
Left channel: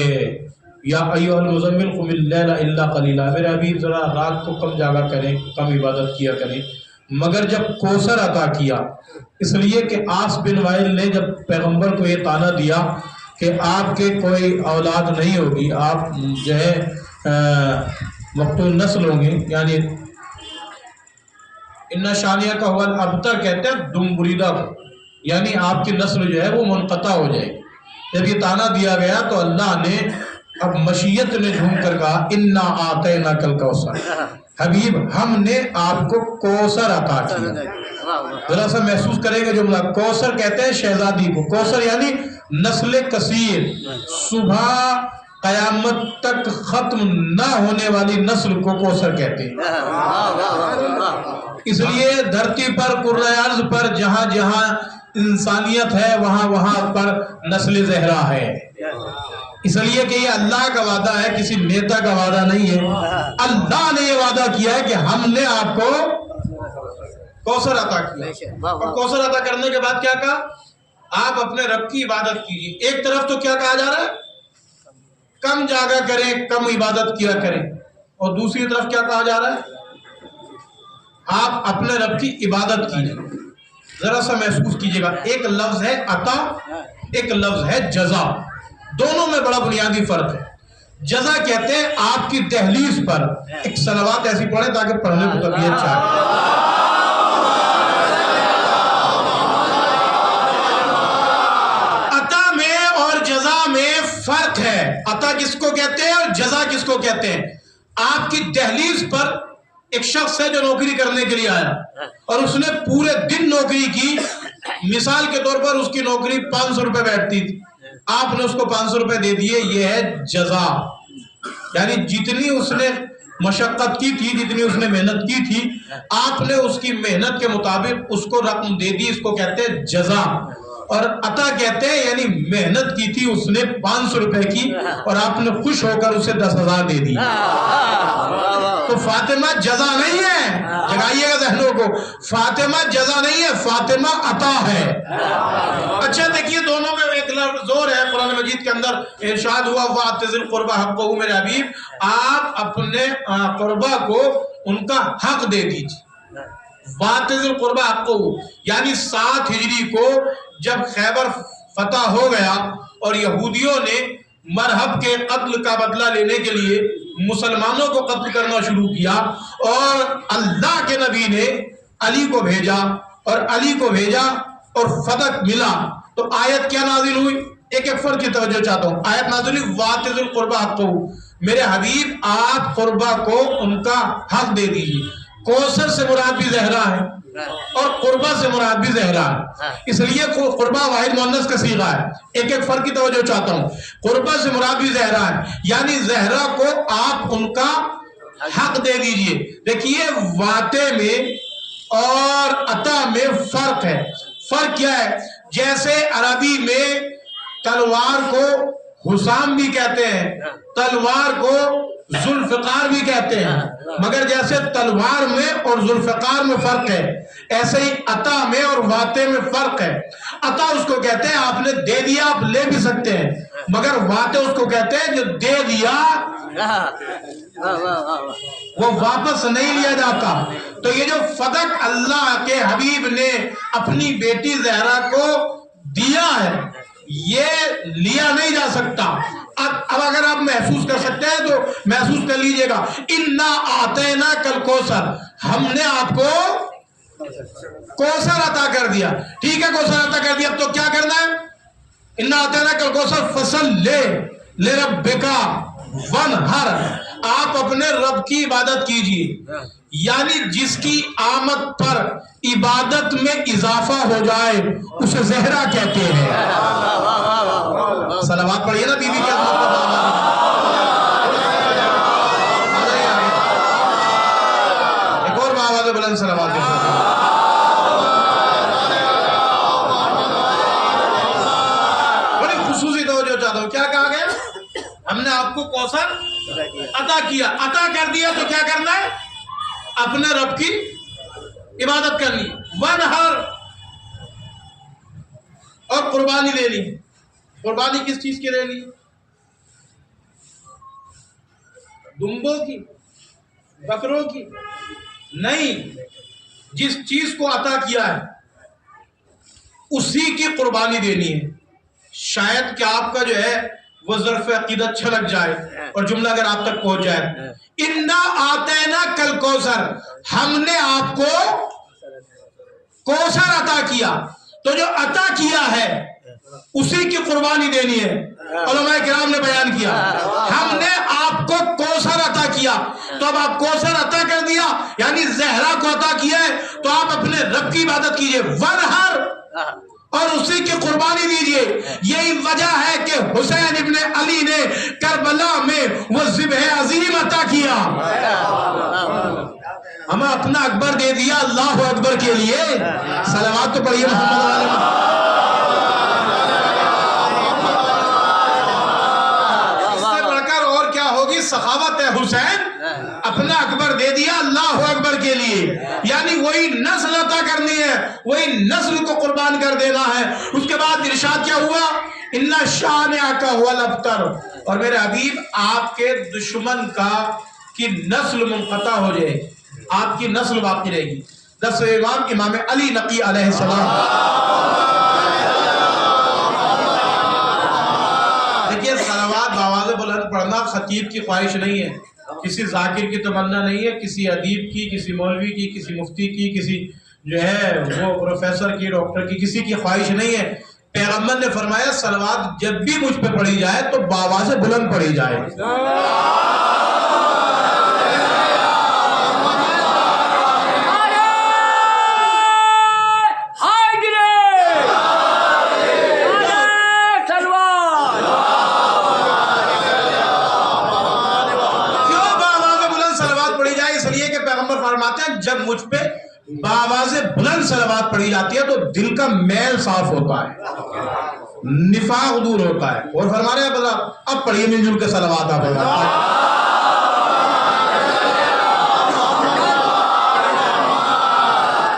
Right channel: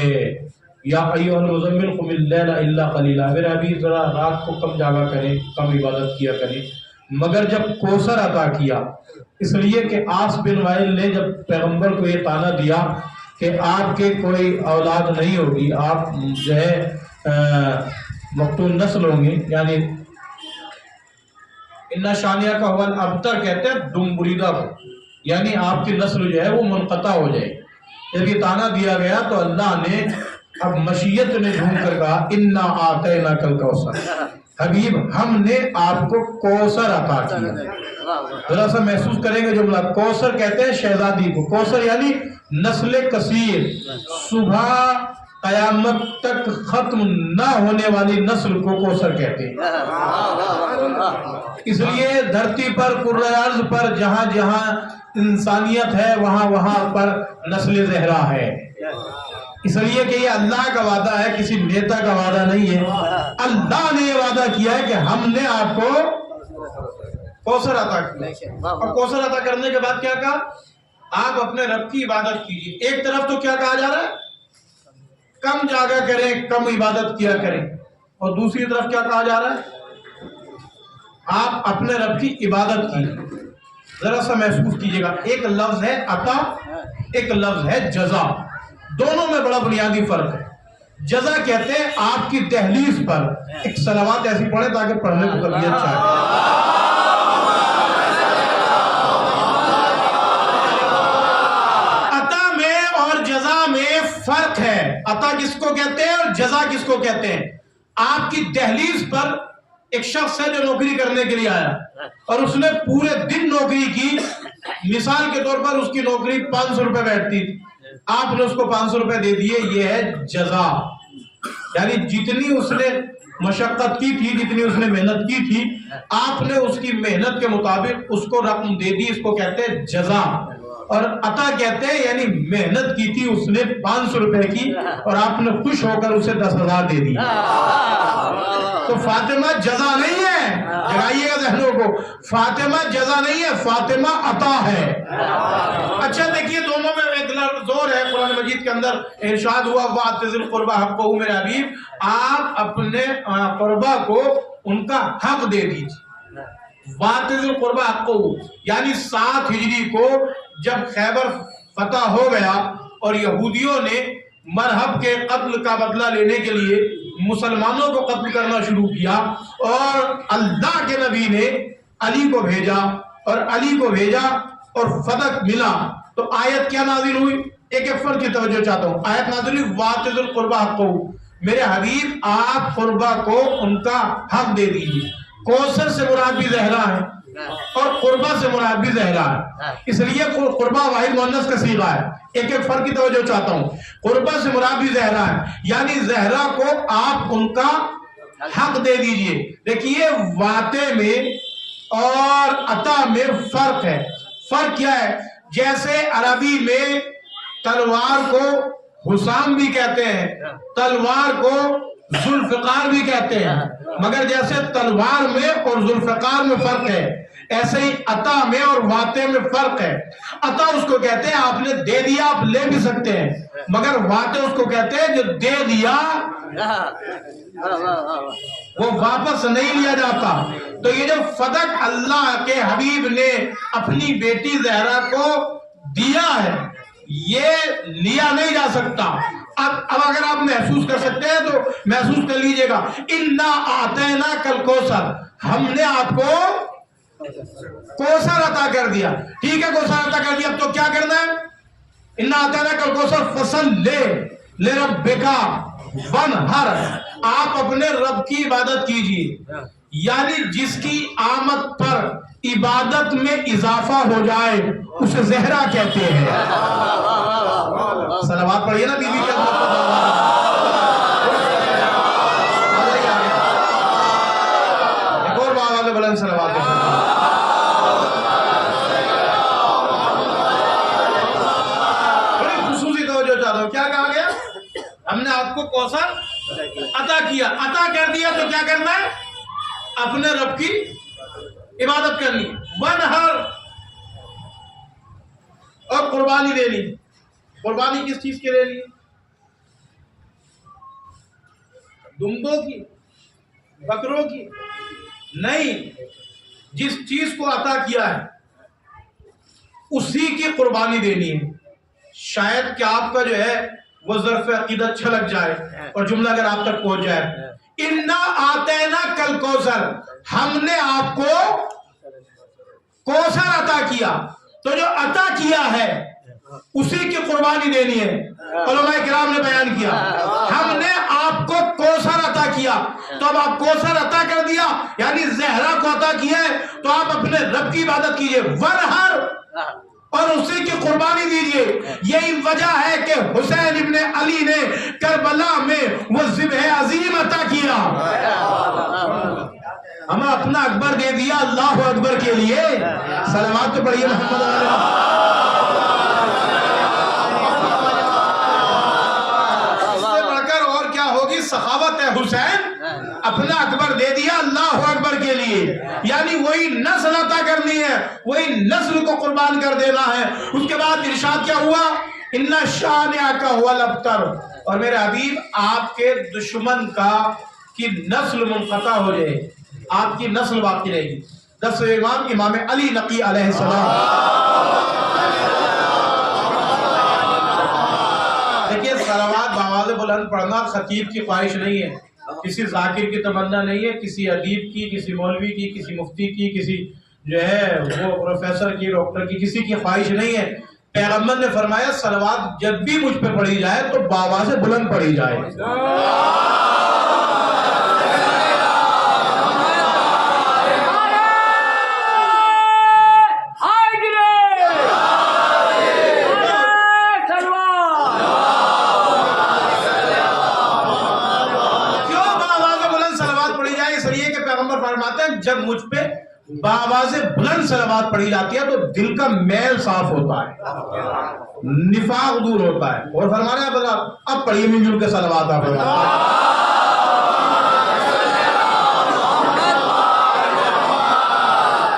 یا ایھا المزمل قم اللیل الا قلیلا، میرے حبیب ذرا رات کو کم جاگا کریں، کم عبادت کیا کریں، مگر جب کوثر عطا کیا اس لیے کہ آس بن وائل نے جب پیغمبر کو یہ طعنہ دیا کہ آپ کے کوئی اولاد نہیں ہوگی، آپ جو ہے مقتول نسل ہوں گے، یعنی ان شانیہ کا حول ابتر کہتے ہیں دم بریدہ کو، یعنی آپ کی نسل جو ہے وہ منقطع ہو جائے۔ جب یہ طعنہ دیا گیا تو اللہ نے اب مشیت نے جھوم کر کہا انا اعطیناک الکوثر، حبیب ہم نے آپ کو کوثر عطا کیا۔ ذرا سا محسوس کریں گے جملہ. کوثر کہتے ہیں شہزادی کو. کوثر یعنی نسل کثیر, صبح قیامت تک ختم نہ ہونے والی نسل کو کوثر کہتے ہیں. اس لیے دھرتی پر کرۂ ارض پر جہاں جہاں انسانیت ہے وہاں وہاں پر نسل زہرا ہے. اس لیے کہ یہ اللہ کا وعدہ ہے, کسی نیتا کا وعدہ نہیں ہے. اللہ نے یہ وعدہ کیا ہے کہ ہم نے آپ کو کوثر عطا کیا. اور کوثر عطا کرنے کے بعد کیا کہا؟ آپ اپنے رب کی عبادت کیجیے. ایک طرف تو کیا کہا جا رہا ہے؟ کم جاگا کریں, کم عبادت کیا کریں. اور دوسری طرف کیا کہا جا رہا ہے؟ آپ اپنے رب کی عبادت کیجیے. ذرا سا محسوس کیجئے گا, ایک لفظ ہے عطا, ایک لفظ ہے جزا. دونوں میں بڑا بنیادی فرق ہے. جزا کہتے ہیں آپ کی دہلیز پر ایک صلوات ایسی پڑھیں تاکہ پڑھنے کو طبیعت چاہے. عطا میں اور جزا میں فرق ہے. عطا کس کو کہتے ہیں اور جزا کس کو کہتے ہیں؟ آپ کی دہلیز پر ایک شخص ہے جو نوکری کرنے کے لیے آیا اور اس نے پورے دن نوکری کی. مثال کے طور پر اس کی نوکری 500 روپے بیٹھتی تھی, آپ نے اس کو 500 روپے دے دیے. یہ ہے جزا. یعنی جتنی اس نے مشقت کی تھی, جتنی اس نے محنت کی تھی, آپ نے اس کی محنت کے مطابق اس کو رقم دے دی. اس کو کہتے ہیں جزا. اور عطا کہتے ہیں یعنی محنت کی تھی اس نے 500 روپے کی اور آپ نے خوش ہو کر اسے 10,000 دے دی. تو فاطمہ جزا نہیں ہے, جگائیے گا ذہنوں کو, فاطمہ جزا نہیں ہے, فاطمہ عطا ہے. اچھا دیکھیے دونوں میں ایک زور ہے. قرآن مجید کے اندر ارشاد ہوا وَآتِ ذِی الْقُرْبَىٰ حَقَّهُ, میرے حبیب آپ اپنے قربا کو ان کا حق دے دیجیے. وَآتِ ذِی الْقُرْبَىٰ حَقَّهُ یعنی 7 ہجری کو جب خیبر فتح ہو گیا اور یہودیوں نے مرہب کے قتل کا بدلہ لینے کے لیے مسلمانوں کو قتل کرنا شروع کیا اور اللہ کے نبی نے علی کو بھیجا اور علی کو بھیجا اور فتح ملا, تو آیت کیا نازل ہوئی؟ ایک ایک فرق کی توجہ چاہتا ہوں. آیت نازل ہوئی وَآتِ ذِی الْقُرْبَىٰ حَقَّهُ, میرے حبیب آپ قربا کو ان کا حق دے دیجیے. کوثر سے مراد بھی زہرا ہے اور قربا سے مراد بھی زہرا ہے. اس لیے قربا واحد مؤنث کا صیغہ ہے. ایک ایک فرق کی توجہ چاہتا ہوں. قربا سے مراد بھی زہرا ہے, یعنی زہرا کو آپ ان کا حق دے دیجئے. دیکھیے واتے میں اور عطا میں فرق ہے. فرق کیا ہے؟ جیسے عربی میں تلوار کو حسام بھی کہتے ہیں, تلوار کو ذوالفقار بھی کہتے ہیں, مگر جیسے تلوار میں اور ذوالفقار میں فرق ہے, ایسے ہی عطا میں اور واتے میں فرق ہے. عطا اس کو کہتے ہیں آپ نے دے دیا, آپ لے بھی سکتے ہیں, مگر واتے اس کو کہتے ہیں جو دے دیا وہ واپس نہیں لیا جاتا. تو یہ جو فتح اللہ کے حبیب نے اپنی بیٹی زہرا کو دیا ہے یہ لیا نہیں جا سکتا. اب اگر آپ محسوس کر سکتے ہیں تو محسوس کر لیجئے گا. اِنَّا أَعْطَيْنَاكَ الْكَوْثَرَ, ہم نے آپ کو کوثر عطا کر دیا. ٹھیک ہے کوثر عطا کر دیا, اب تو کیا کرنا ہے؟ اِنَّا أَعْطَيْنَاكَ الْكَوْثَرَ فَصَلِّ لِرَبِّكَ وَانْحَرْ, آپ اپنے رب کی عبادت کیجئے. یعنی جس کی آمد پر عبادت میں اضافہ ہو جائے اسے زہرا کہتے ہیں. صلوات پڑھیے نا بی بی کے عظمت پر. ایک اور باواز بلند صلوات کے بڑی خصوصی توجہ چاہتا ہوں. کیا کہا گیا؟ ہم نے آپ کو کوثر عطا کیا. عطا کر دیا تو کیا کرنا ہے؟ اپنے رب کی عبادت کرنی, ونہر اور قربانی لینی. قربانی کس چیز کے لینی؟ دمبوں کی, بکروں کی نہیں, جس چیز کو عطا کیا ہے اسی کی قربانی دینی ہے. شاید کہ آپ کا جو ہے وہ ظرف عقیدت چھلک جائے اور جملہ اگر آپ تک پہنچ جائے. اِنَّا أَعْطَيْنَاكَ الْكَوْثَرَ, ہم نے آپ کو کوثر عطا کیا. تو جو عطا کیا ہے اسی کی قربانی دینی ہے. علماء کرام نے بیان کیا ہم نے آپ کو کوثر عطا کیا تو اب آپ کوثر عطا کر دیا یعنی زہرا کو عطا کیا ہے تو آپ اپنے رب کی عبادت کیجئے ورہر اور اسی کی قربانی دیجئے. یہی وجہ ہے کہ حسین ابن علی نے کربلا میں وہ ذبح عظیم عطا کیا. ہمیں اپنا اکبر دے دیا اللہ اکبر کے لیے. صلوات تو پڑھیے محمد علیہ. ہوگی سخاوت ہے حسین اپنا اکبر دے دیا اللہ اکبر کے لیے یعنی وہی نسل عطا کرنی ہے وہی نسل کو قربان کر دینا ہے. اس کے بعد ارشاد کیا ہوا ان شانئک هو الابتر اور میرے حبیب آپ کے دشمن کی نسل منقطع ہو جائے آپ کی نسل باقی رہے گی. 10 امام علی نقی علیہ السلام. دیکھیے صلوات بآواز بلند پڑھنا خطیب کی خواہش نہیں ہے کسی ذاکر کی تمنا نہیں ہے کسی ادیب کی کسی مولوی کی کسی مفتی کی کسی جو ہے وہ پروفیسر کی ڈاکٹر کی کسی کی خواہش نہیں ہے. پیغمبر نے فرمایا صلوات جب بھی مجھ پہ پڑھی جائے تو بآواز بلند پڑھی جائے. جب مجھ پہ بآواز بلند صلوات پڑھی جاتی ہے تو دل کا میل صاف ہوتا ہے نفاق دور ہوتا ہے. اور فرما رہے ہیں اب پڑھیے مل جل کے صلوات آپ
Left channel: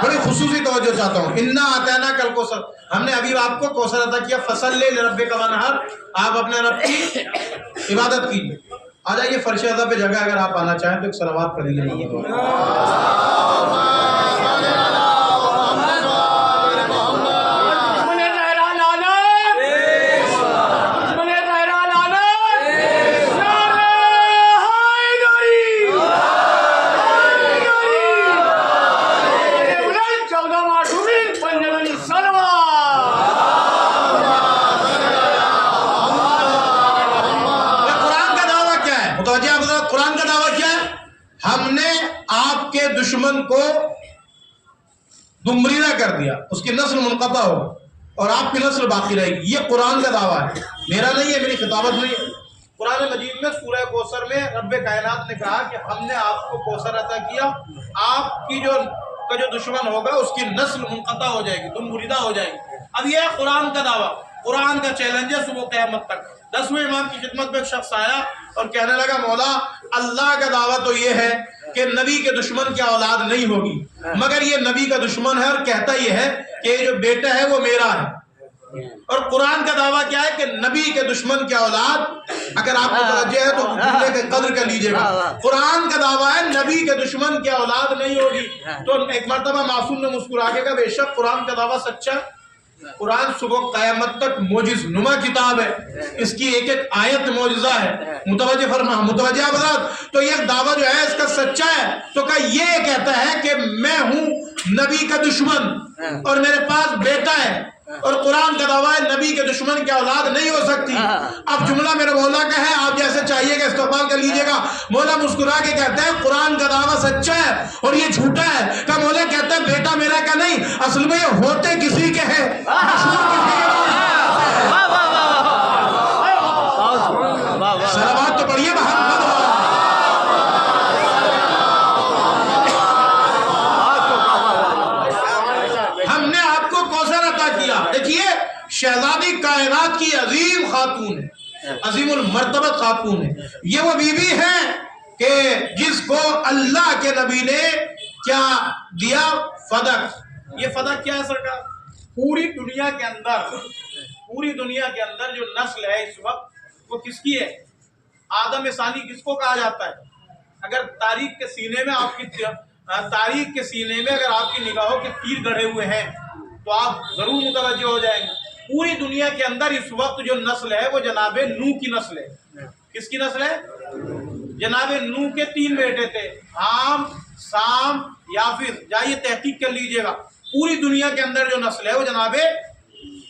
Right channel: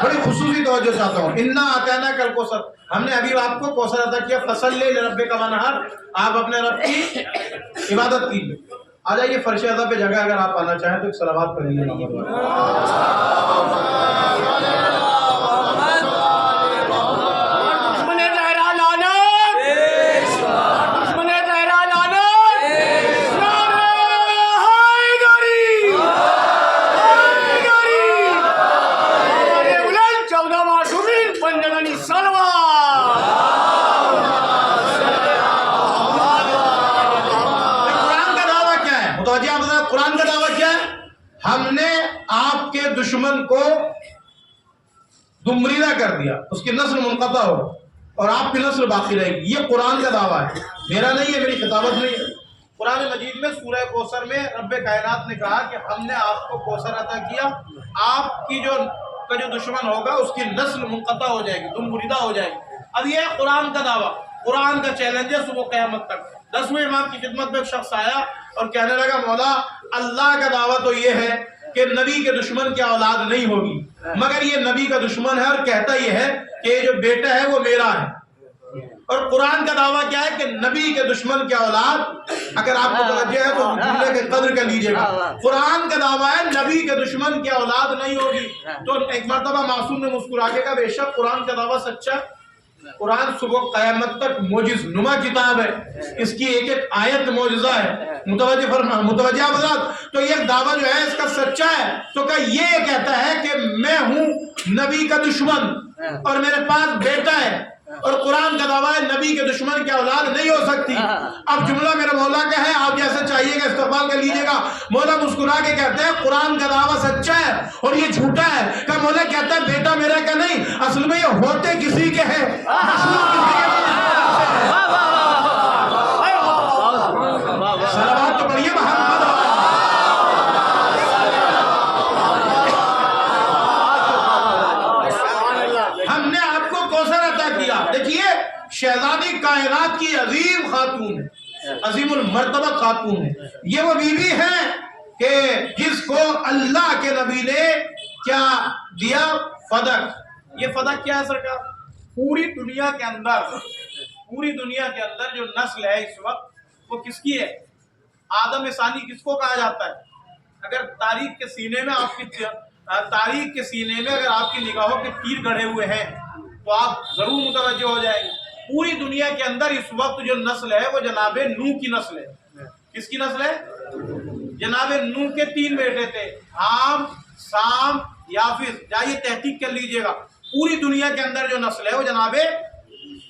بڑی خصوصی توجہ چاہتا ہوں. انا آتینا کل کوثر ہم نے ابھی آپ کو کوثر عطا کیا فصلی لربک وانحر آپ اپنے رب کی عبادت کیجیے. آ جائیے فرش اعظم پہ جگہ اگر آپ آنا چاہیں تو ایک صلوات پڑھ لیجیے. قرآن کا دعویٰ کیا ہے ہم نے آپ کے دشمن کو دمریدہ کر دیا اس کی نسل منقطع ہو اور آپ کی نسل باقی رہے گی. یہ قرآن کا دعویٰ ہے میرا نہیں ہے میری خطابت نہیں ہے. قرآن مجید میں سورہ کوثر میں رب کائنات نے کہا کہ ہم نے آپ کو کوثر عطا کیا آپ کی جو دشمن ہوگا اس کی نسل منقطع ہو جائے گی دمریدہ ہو جائے گی. اب یہ ہے قرآن کا دعویٰ قرآن کا چیلنج ہے صبح قیامت تک. 10ویں امام کی خدمت میں ایک شخص آیا اور کہنے لگا مولا اللہ کا دعویٰ تو یہ ہے کہ نبی کے دشمن کی اولاد نہیں ہوگی مگر یہ نبی کا دشمن ہے اور کہتا یہ ہے کہ یہ جو بیٹا ہے وہ میرا ہے. اور قرآن کا دعویٰ کیا ہے کہ نبی کے دشمن کی اولاد اگر آپ متوجہ ہے تو جملے کی قدر کر لیجئے گا. قرآن کا دعویٰ ہے نبی کے دشمن کی اولاد نہیں ہوگی. تو ایک مرتبہ معصوم نے مسکرا کے کہا بے شک قرآن کا دعویٰ سچا ہے. قرآن صبح قیامت تک معجز نما کتاب ہے اس کی ایک ایک آیت معجزہ ہے. متوجہ حضرات تو یہ دعویٰ جو ہے اس کا سچا ہے تو کہ یہ کہتا ہے کہ میں ہوں نبی کا دشمن اور میرے پاس بیٹا ہے اور قرآن کا دعویٰ ہے نبی کے دشمن کی اولاد نہیں ہو سکتی. اب جملہ میرے مولا کا ہے آپ جیسے چاہیے گا استقبال کر لیجئے گا. مولا مسکرا کے کہتے ہیں قرآن کا دعویٰ سچا ہے اور یہ جھوٹا ہے. کہ مولا کہتا ہے بیٹا میرا کا نہیں اصل میں یہ ہوتے کسی کے ہیں صلوات تو پڑھیے محمد. ہم نے آپ کو کوثر عطا کیا. دیکھیے شہزادی کائنات کی عظیم خاتون ہے عظیم المرتبہ خاتون ہے. یہ وہ بیوی ہے کہ جس کو اللہ کے نبی نے کیا دیا فدق. یہ فدق کیا ہے سرکار پوری دنیا کے اندر جو نسل ہے اس وقت وہ کس کی ہے آدم ثانی کس کو کہا جاتا ہے. اگر تاریخ کے سینے میں اگر آپ کی نگاہوں کے تیر گڑھے ہوئے ہیں تو آپ ضرور متوجہ ہو جائیں گے. پوری دنیا کے اندر اس وقت جو نسل ہے وہ جناب نوح کی نسل ہے. کس کی نسل ہے جناب نوح کے 3 بیٹے تھے حام سام یافز. جائیے تحقیق کر لیجئے گا پوری دنیا کے اندر جو نسل ہے وہ جناب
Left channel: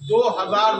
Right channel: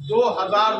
2000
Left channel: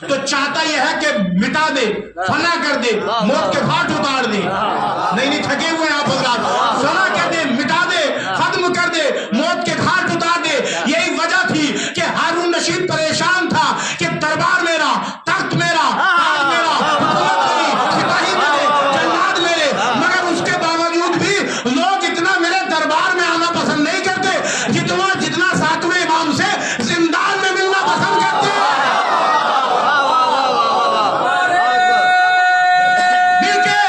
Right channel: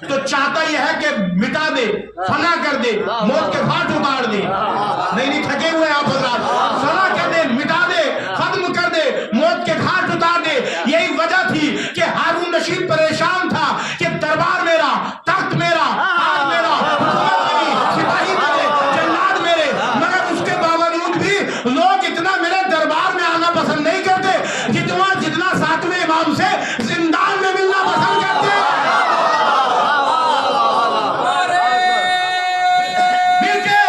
تو چاہتا یہ ہے کہ مٹا دے، فنا کر دے، موت کے گھاٹ اتار دے. نہیں تھکے ہوئے آپ حضرات. فنا کر دے، مٹا دے، ختم کر دے، موت کے گھاٹ اتار دے. یہی وجہ تھی کہ ہارون رشید پریشان تھا کہ دربار میرا، تخت میرا، تاج میرا، حکومت میری، سپاہی میرے، جلاد میرے، مگر اس کے باوجود بھی لوگ اتنا میرے دربار میں آنا پسند نہیں کرتے جتنا ساتویں امام سے زندان میں ملنا پسند کرتے ہیں. مل کے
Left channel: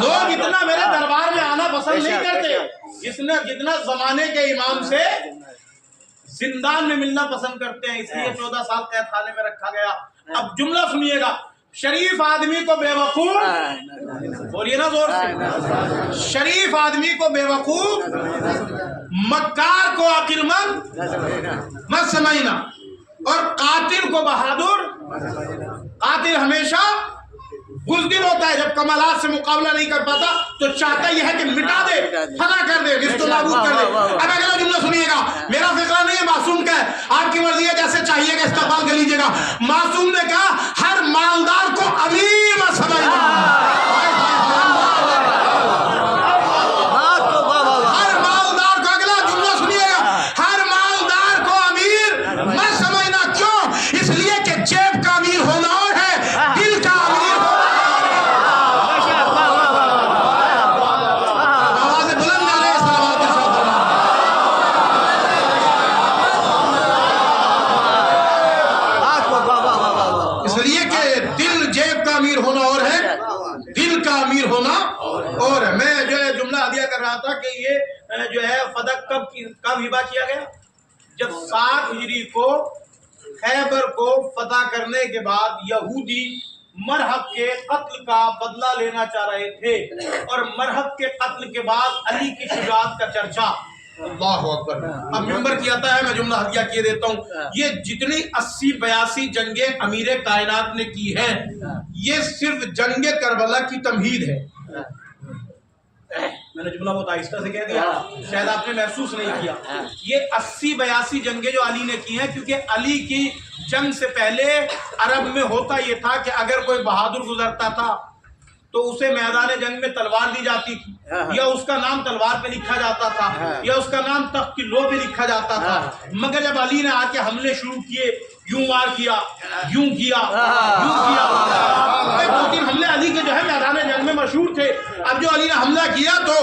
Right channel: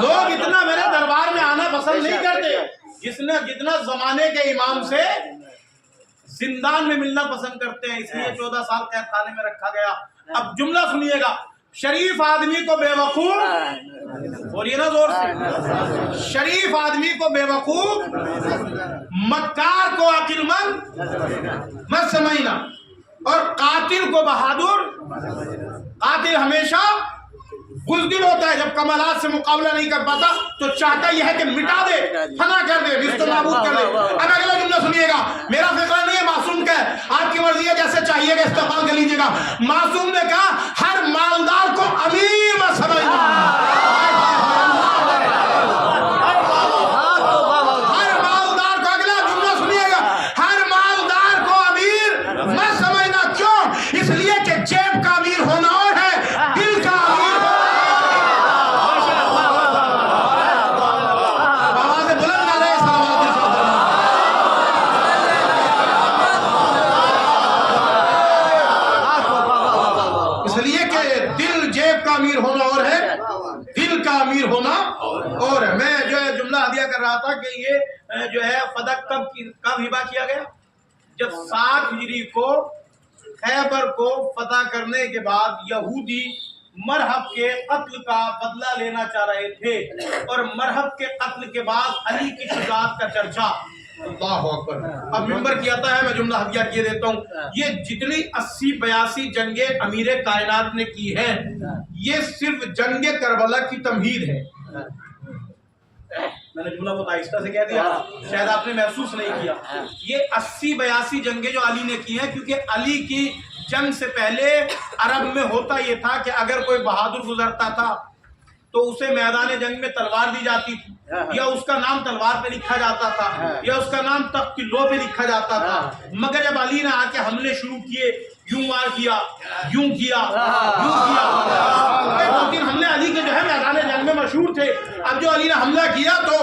لوگ اتنا میرے دربار میں آنا پسند نہیں کرتے جتنا زمانے کے امام سے زندان میں ملنا پسند کرتے ہیں. اس لیے 14 سال قید خانے میں رکھا گیا. اب جملہ سنیے گا. شریف آدمی کو بے وقوف، بولیے نا زور سے، شریف آدمی کو بے وقوف، مکار کو عقل مند مت سمجھنا، اور قاتل کو بہادر. قاتل ہمیشہ بزدل ہوتا ہے، جب کمالات سے مقابلہ نہیں کر پاتا تو چاہتا یہ ہے کہ مٹا دے، فنا کر دے، نیست و نابود کر دے. اب اگلا جملہ سنیے گا. میرا فقرہ نہیں ہے، معصوم کا ہے، آپ کی مرضی ہے، جیسے چاہیے گا استقبال کر لیجیے گا. معصوم نے کہا ہر مالدار کو امیر مت سمجھنا. ہر مالدار کو، اگلا جملہ سنیے گا، ہر مالدار کو امیر مت سمجھنا. کیوں؟ اس لیے کہ جیب کا امیر ہونا اور ہے، دل کا امیر ہونا اور ہے، دل کا امیر ہونا. اور میں جو ہے جملہ ہدیہ کر رہا تھا کہ یہ جو ہے فدق کب ہبہ کیا گیا؟ جب 7 ہجری کو خیبر کو فتح کرنے کے بعد یہودی مرحب کے قتل کا بدلہ لینا چاہ رہے تھے، اور مرحب کے قتل کے بعد علی کی شجاعت کا چرچا. اللہ اکبر. اب ممبر کی آتا ہے، میں جملہ ہدیہ کیے دیتا ہوں. یہ جتنی 80-82 جنگیں امیر کائنات نے کی ہیں، یہ صرف جنگ کربلا کی تمہید ہے. میں نے جملہ بہت آہستہ سے کہہ دیا، شاید آپ نے محسوس نہیں کیا. یہ 80-82 جنگیں جو علی نے کی ہیں، کیونکہ علی کی جنگ سے پہلے عرب میں ہوتا یہ تھا کہ اگر کوئی بہادر گزرتا تھا تو اسے میدان جنگ میں تلوار دی جاتی تھی، یا اس کا نام تلوار پہ لکھا جاتا تھا، یا اس کا نام تخت کی لو پہ لکھا جاتا تھا. مگر جب علی نے آ کے حملے شروع کیے، یوں وار کیا، یوں کیا، یوں کیا، 2-3 حملے علی کے جو ہے میدان جنگ میں مشہور تھے. اب جو علی نے حملہ کیا تو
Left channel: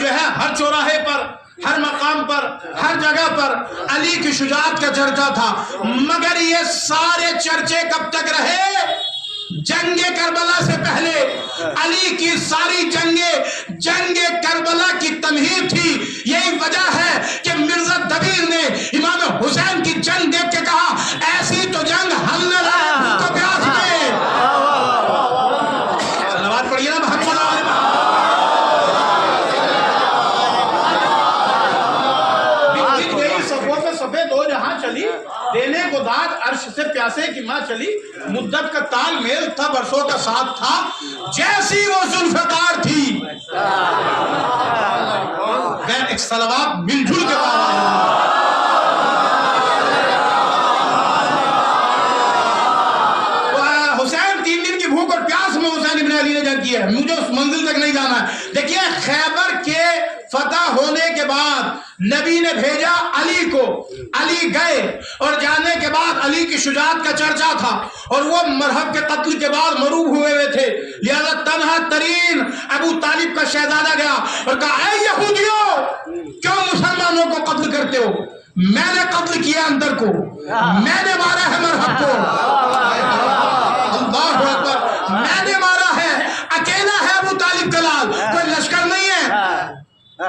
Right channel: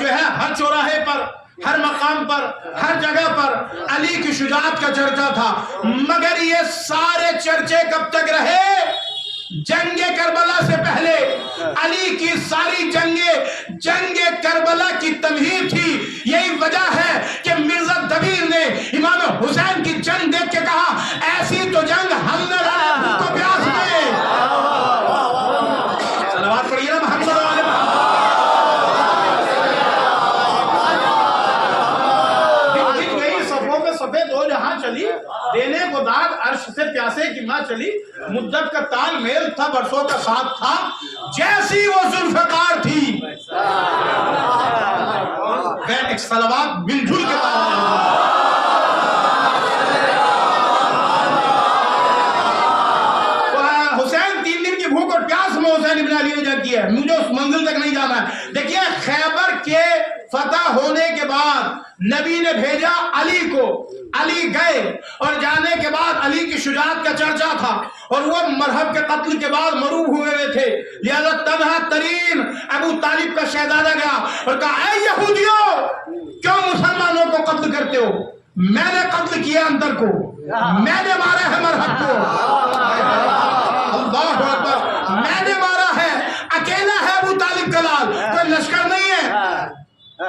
جو ہے ہر چوراہے پر، ہر مقام پر، ہر جگہ پر علی کی شجاعت کا چرچا تھا. مگر یہ سارے چرچے کب تک رہے؟ جنگ کربلا سے پہلے. علی کی ساری جنگیں جنگ کربلا کی تمہید تھی. یہی وجہ ہے کہ مرزا دبیر نے امام حسین کی جنگ دیکھ کے کہا ایسی تو جنگ ہم نہ لڑے کو بیاس میں. صلوات پڑھیے نا محمد و آل محمد. بک گئی صفوں پہ صفے دو جہاں چلی، دینے کو داد عرش سے پیاسے کی ماں چلی. مدت کا تال میل تھا، برسوں کا ساتھ تھا، جیسی وہ ذوالفقار تھی. ایک صلوات مل جل کے بعد حسین 3 دن کی بھوک اور پیاس میں حسین ابن علی نے جنگ کی ہے. مجھے اس منزل تک نہیں جانا ہے. دیکھیے خیبر کے فتح ہونے کے بعد نبی نے بھیجا علی کو. علی گئے اور جانے کے بعد علی کی شجاعت کا چرچا تھا، اور وہ مرحب کے قتل کے بعد مروب ہوئے تھے. لہذا تنہا ترین ابو طالب کا شہزادہ گیا اور کہا اے یہودیوں، کیوں مسلمانوں کو قتل کرتے ہو؟ میں نے قتل کیا اندر کو، میں نے مارا ہے مرحب کو. اللہ اکبر. میں نے مارا ہے، اکیلا ہے ابو طالب کا لال، کوئی لشکر نہیں ہے،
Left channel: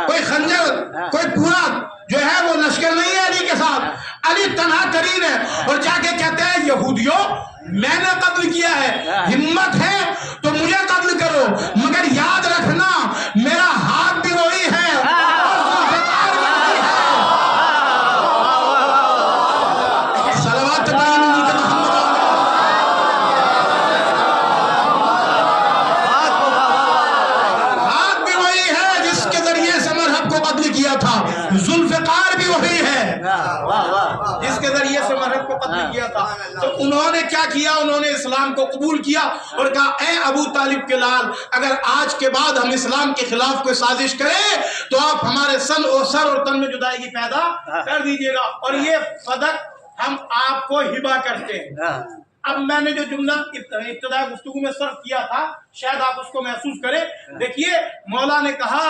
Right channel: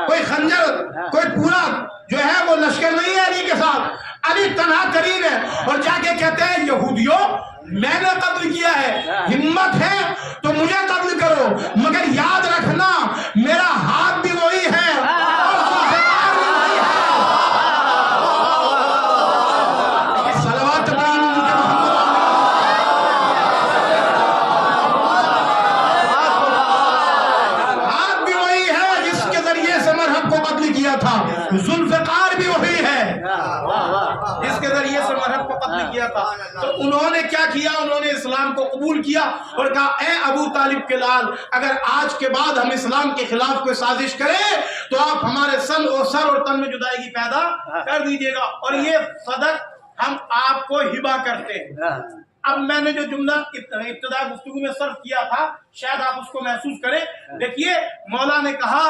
کوئی خنجر، کوئی پورا جو ہے وہ لشکر نہیں ہے علی کے ساتھ. علی تنہا ترین ہے، اور جا کے کہتے ہیں یہودیوں میں نے قتل کیا ہے، ہمت ہے تو مجھے قتل کرو، مگر یاد رکھنا میرا ہاتھ بھی وہی ہے اور ذوالفقار بھی وہی ہے. صلوات پڑھیے محمد. ذوالفقار بھی وہی ہے جس کے ذریعے سے مرحب کو قتل کیا تھا. تو انہوں نے کیا کیا؟ انہوں نے اسلام کو قبول کیا اور کہا اے ابو طالب کے لال، اگر آج کے بعد ہم اسلام کے خلاف کوئی سازش کریں تو آپ ہمارے سر اور تن میں جدائیگی پیدا کر دیجئے گا، اور یہ صدق ہم آپ کو ہبہ کرتے ہیں. اب میں نے جو جملہ ابتدائی گفتگو میں صرف کیا تھا شاید آپ اس کو محسوس کریں. دیکھیے مولا نے کہا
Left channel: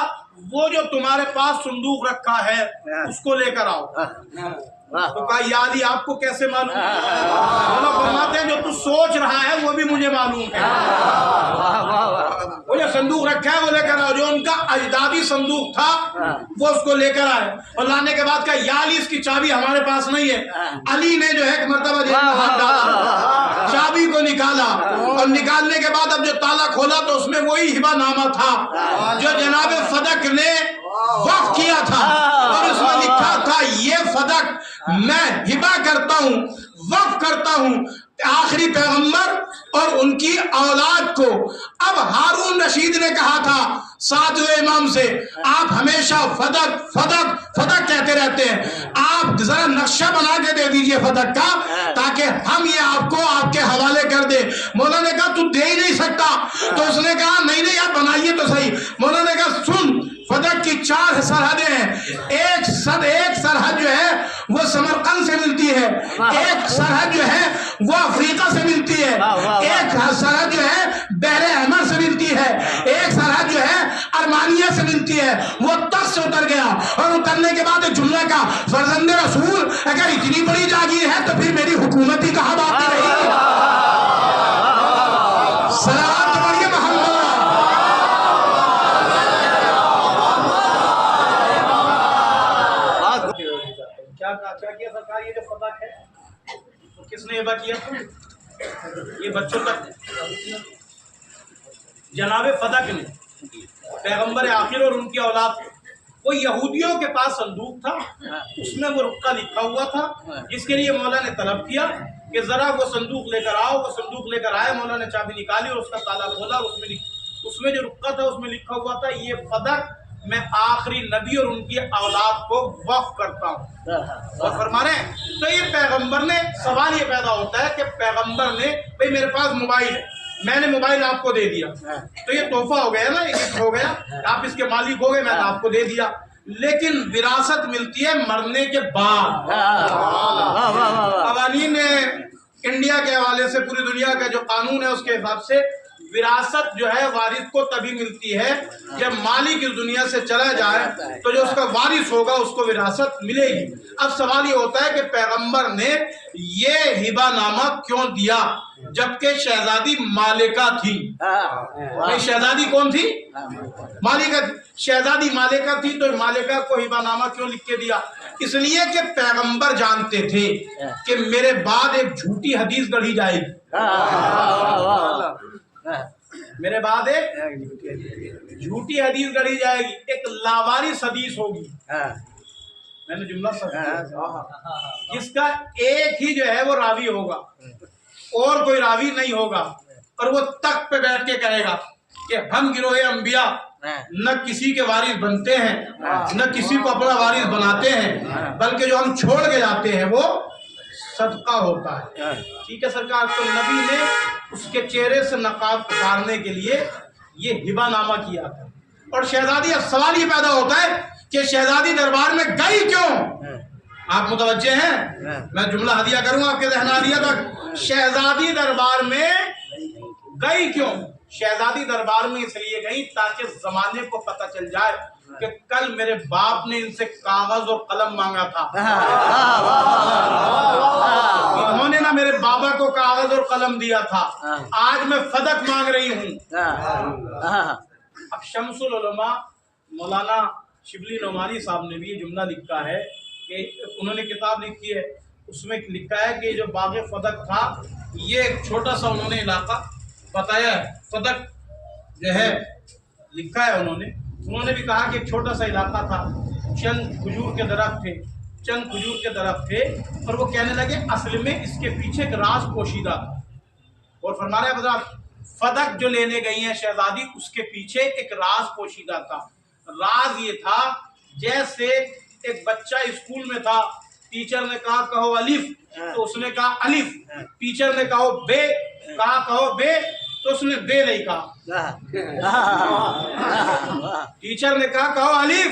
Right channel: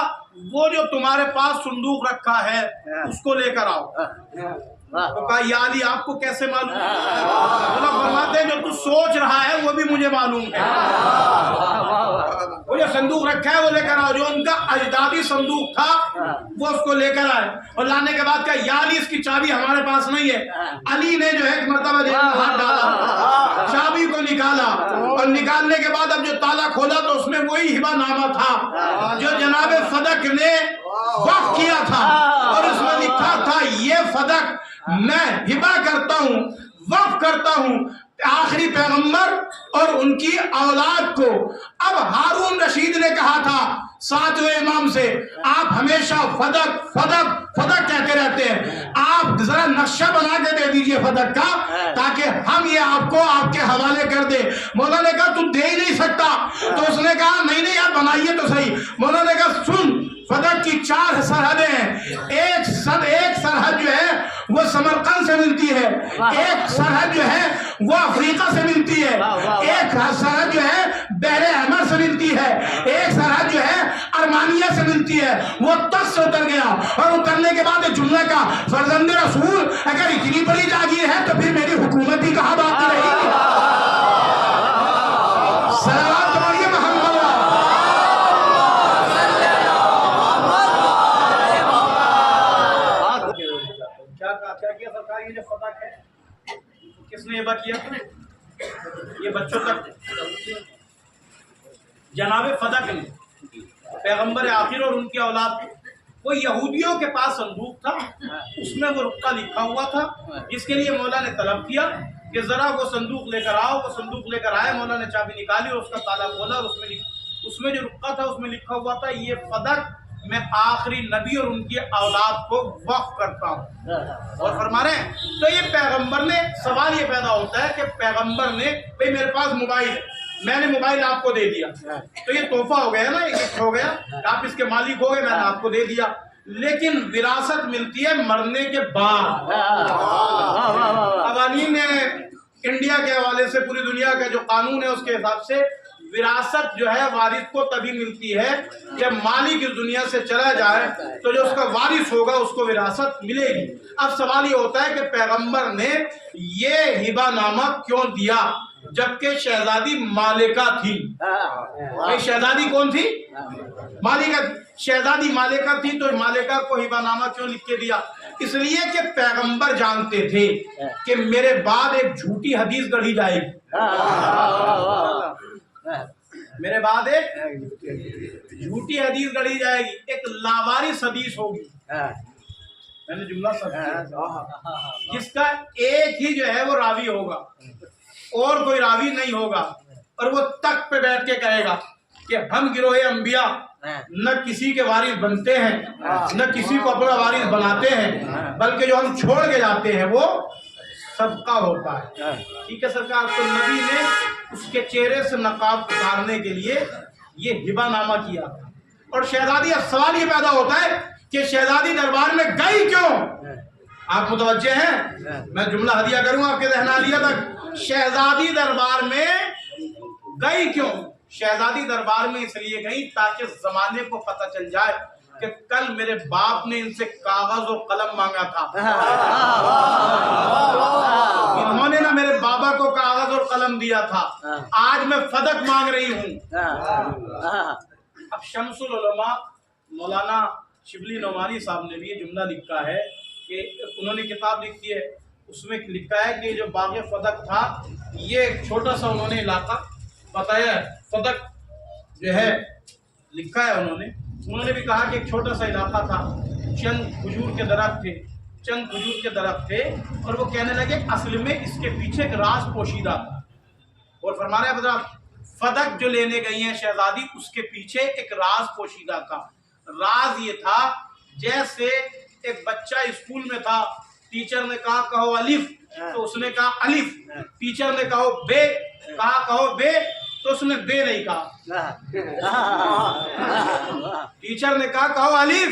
وہ جو تمہارے پاس صندوق رکھا ہے اس کو لے کر آؤ. تو کہا یا علی آپ کو کیسے معلوم؟ مولا فرماتے ہیں جو تو سوچ رہا ہے وہ بھی مجھے معلوم ہے. وہ جو صندوق رکھا ہے وہ لے کر آؤ. جو ان کا اجدادی صندوق تھا وہ اس کو لے کر آئے اور لانے کے بعد کہا یا علی اس کی چابی ہمارے پاس نہیں ہے. علی نے جو ہے ایک مرتبہ جیب میں ہاتھ ڈالا، چابی کو نکالا اور نکالنے کے بعد اب جو تالا کھولا تو اس میں وہی ہبہ نامہ تھا جو جناب فدق نے وقف کیا تھا، اور اس میں لکھا تھا یہ فدق میں ہبہ کرتا ہوں، وقف کرتا ہوں آخری پیغمبر اور ان کی اولاد کو. اب ہارون رشید نے کہا تھا ساتویں امام سے آپ ہمیشہ فدق فدق فدق کہتے رہتے ہیں، آپ ذرا نقشہ بنا کے دے دیجئے فدق کا تاکہ ہم یہ آپ کو آپ کے حوالے کر دیں. مولا نے کہا تو دے ہی نہیں سکتا. تو اس نے کہا نہیں یار بنائیے تو صحیح. مولا نے کہا سن فدق کی 4 سرحدیں ہیں. ایک سرحد جو ہے وہ سمرقند سے ملتی ہے، ایک سرحد جو ہے وہ افریقہ سے ملتی ہے، ایک سرحد جو ہے بحر احمر سے ملتی ہے، ایک سرحد جو ہے ارمانیہ سے ملتی ہے. وہ تخت سے اتر گیا اور اترنے کے بعد ایک جملہ کا فرزند رسول اگر اتنی بڑی جاگیر ہے تو پھر میری حکومت ہی کہاں باقی رہی. صلوات پڑھیے محمد. کیا کیا سرکار؟ یہ جو فدق ہے کس نے ہبہ کیا تھا؟ یہ بچوں تک جناب فدق نے پیغمبر آخر اور ان کی اولاد کو. وہ یہودیوں کے پاس صندوق تھا، اس میں وہ رقعہ لکھا ہوا تھا جس کے لیے مولا نے طلب کیا کہ ذرا وہ صندوق لے کر آؤ. وہ صندوق لے کر آئے، مولا نے چابی نکالی اور اس کا تالا کھولا اور اس میں جو رقعہ تھا اس میں لکھا ہوا تھا یہ فدق میں آخری نبی اور ان کی اولاد کو وقف کرتا ہوں. اور فرما رہے ہیں تو یہ پیغمبر نے، سوال یہ پیدا ہوتا ہے کہ پیغمبر نے بھئی میرے پاس موبائل ہے، میں نے موبائل آپ کو دے دیا تو یہ تحفہ ہو گیا نا، یہ گفٹ ہو گیا، آپ اس کے مالک ہو گئے، میں نے آپ کو دے دیا. لیکن وراثت ملتی ہے مرنے کے بعد. قوانین انڈیا کے حوالے سے پوری دنیا کا جو قانون ہے اس کے حساب سے وراثت جو ہے وارث کو تبھی ملتی ہے جب مالک اس دنیا سے چلا جائے تو جو اس کا وارث ہوگا اس کو وراثت ملے گی. اب سوال یہ ہوتا ہے کہ پیغمبر نے یہ ہبہ نامہ کیوں دیا جبکہ شہزادی مالکہ تھی؟ شہزادی کون تھی؟ مالکہ. شہزادی مالکہ تھی تو مالکہ کو ہبہ نامہ کیوں لکھ کے دیا؟ اس لیے کہ پیغمبر جانتے تھے کہ میرے بعد ایک جھوٹی حدیث گڑھی جائے گی، میرے بعد ایک جھوٹی حدیث گڑھی جائے گی، ایک لاوارث حدیث ہوگی. میں نے جملہ جس کا ایک ہی جو ہے وہ راوی ہوگا اور کوئی راوی نہیں ہوگا، اور وہ تخت پہ بیٹھ کے کہے گا کہ ہم گروہ انبیاء نہ کسی کے وارث بنتے ہیں نہ کسی کو اپنا وارث بناتے ہیں، بلکہ جو ہم چھوڑ کے جاتے ہیں وہ صدقہ ہوتا ہے. ٹھیک ہے سرکار. تو نبی نے اس کے چہرے سے نقاب اتارنے کے لیے یہ ہبہ نامہ کیا تھا. اور شہزادی، اب سوال یہ پیدا ہوتا ہے کہ شہزادی دربار میں گئی کیوں؟ آپ متوجہ ہیں؟ میں جملہ ہدیہ کروں آپ کے ذہن عالیہ تک. شہزادی دربار میں گئی کیوں؟ شہزادی دربار میں اس لیے گئی تاکہ زمانے کو پتہ چل جائے کہ کل میرے باپ نے ان سے کاغذ اور قلم مانگا تھا، انہوں نے نا میرے بابا کو کاغذ اور قلم دیا تھا، آج میں فدق مانگ رہی ہوں. اب شمس العلماء مولانا شبلی نعمانی صاحب نے بھی یہ جملہ لکھا ہے کہ انہوں نے کتاب لکھی ہے، اس میں لکھا ہے کہ جو باغ فدق تھا یہ ایک چھوٹا سا انہوں نے علاقہ بتایا ہے. فدق جو ہے لکھا ہے انہوں نے بھی کہا کہ ایک چھوٹا سا علاقہ تھا، چند کھجور کے درخت تھے اور وہ کہنے لگے اصل میں اس کے پیچھے ایک راز پوشیدہ تھا. اور فرما رہے ہیں فدق جو لینے گئی ہیں شہزادی، اس کے پیچھے ایک راز پوشیدہ تھا. راز یہ تھا جیسے ایک بچہ اسکول میں تھا, ٹیچر نے کہا کہو الف, تو اس نے کہا الف. ٹیچر نے کہو بے, کہو بے, تو اس نے بے نہیں کہا. ٹیچر نے کہا کہو الف,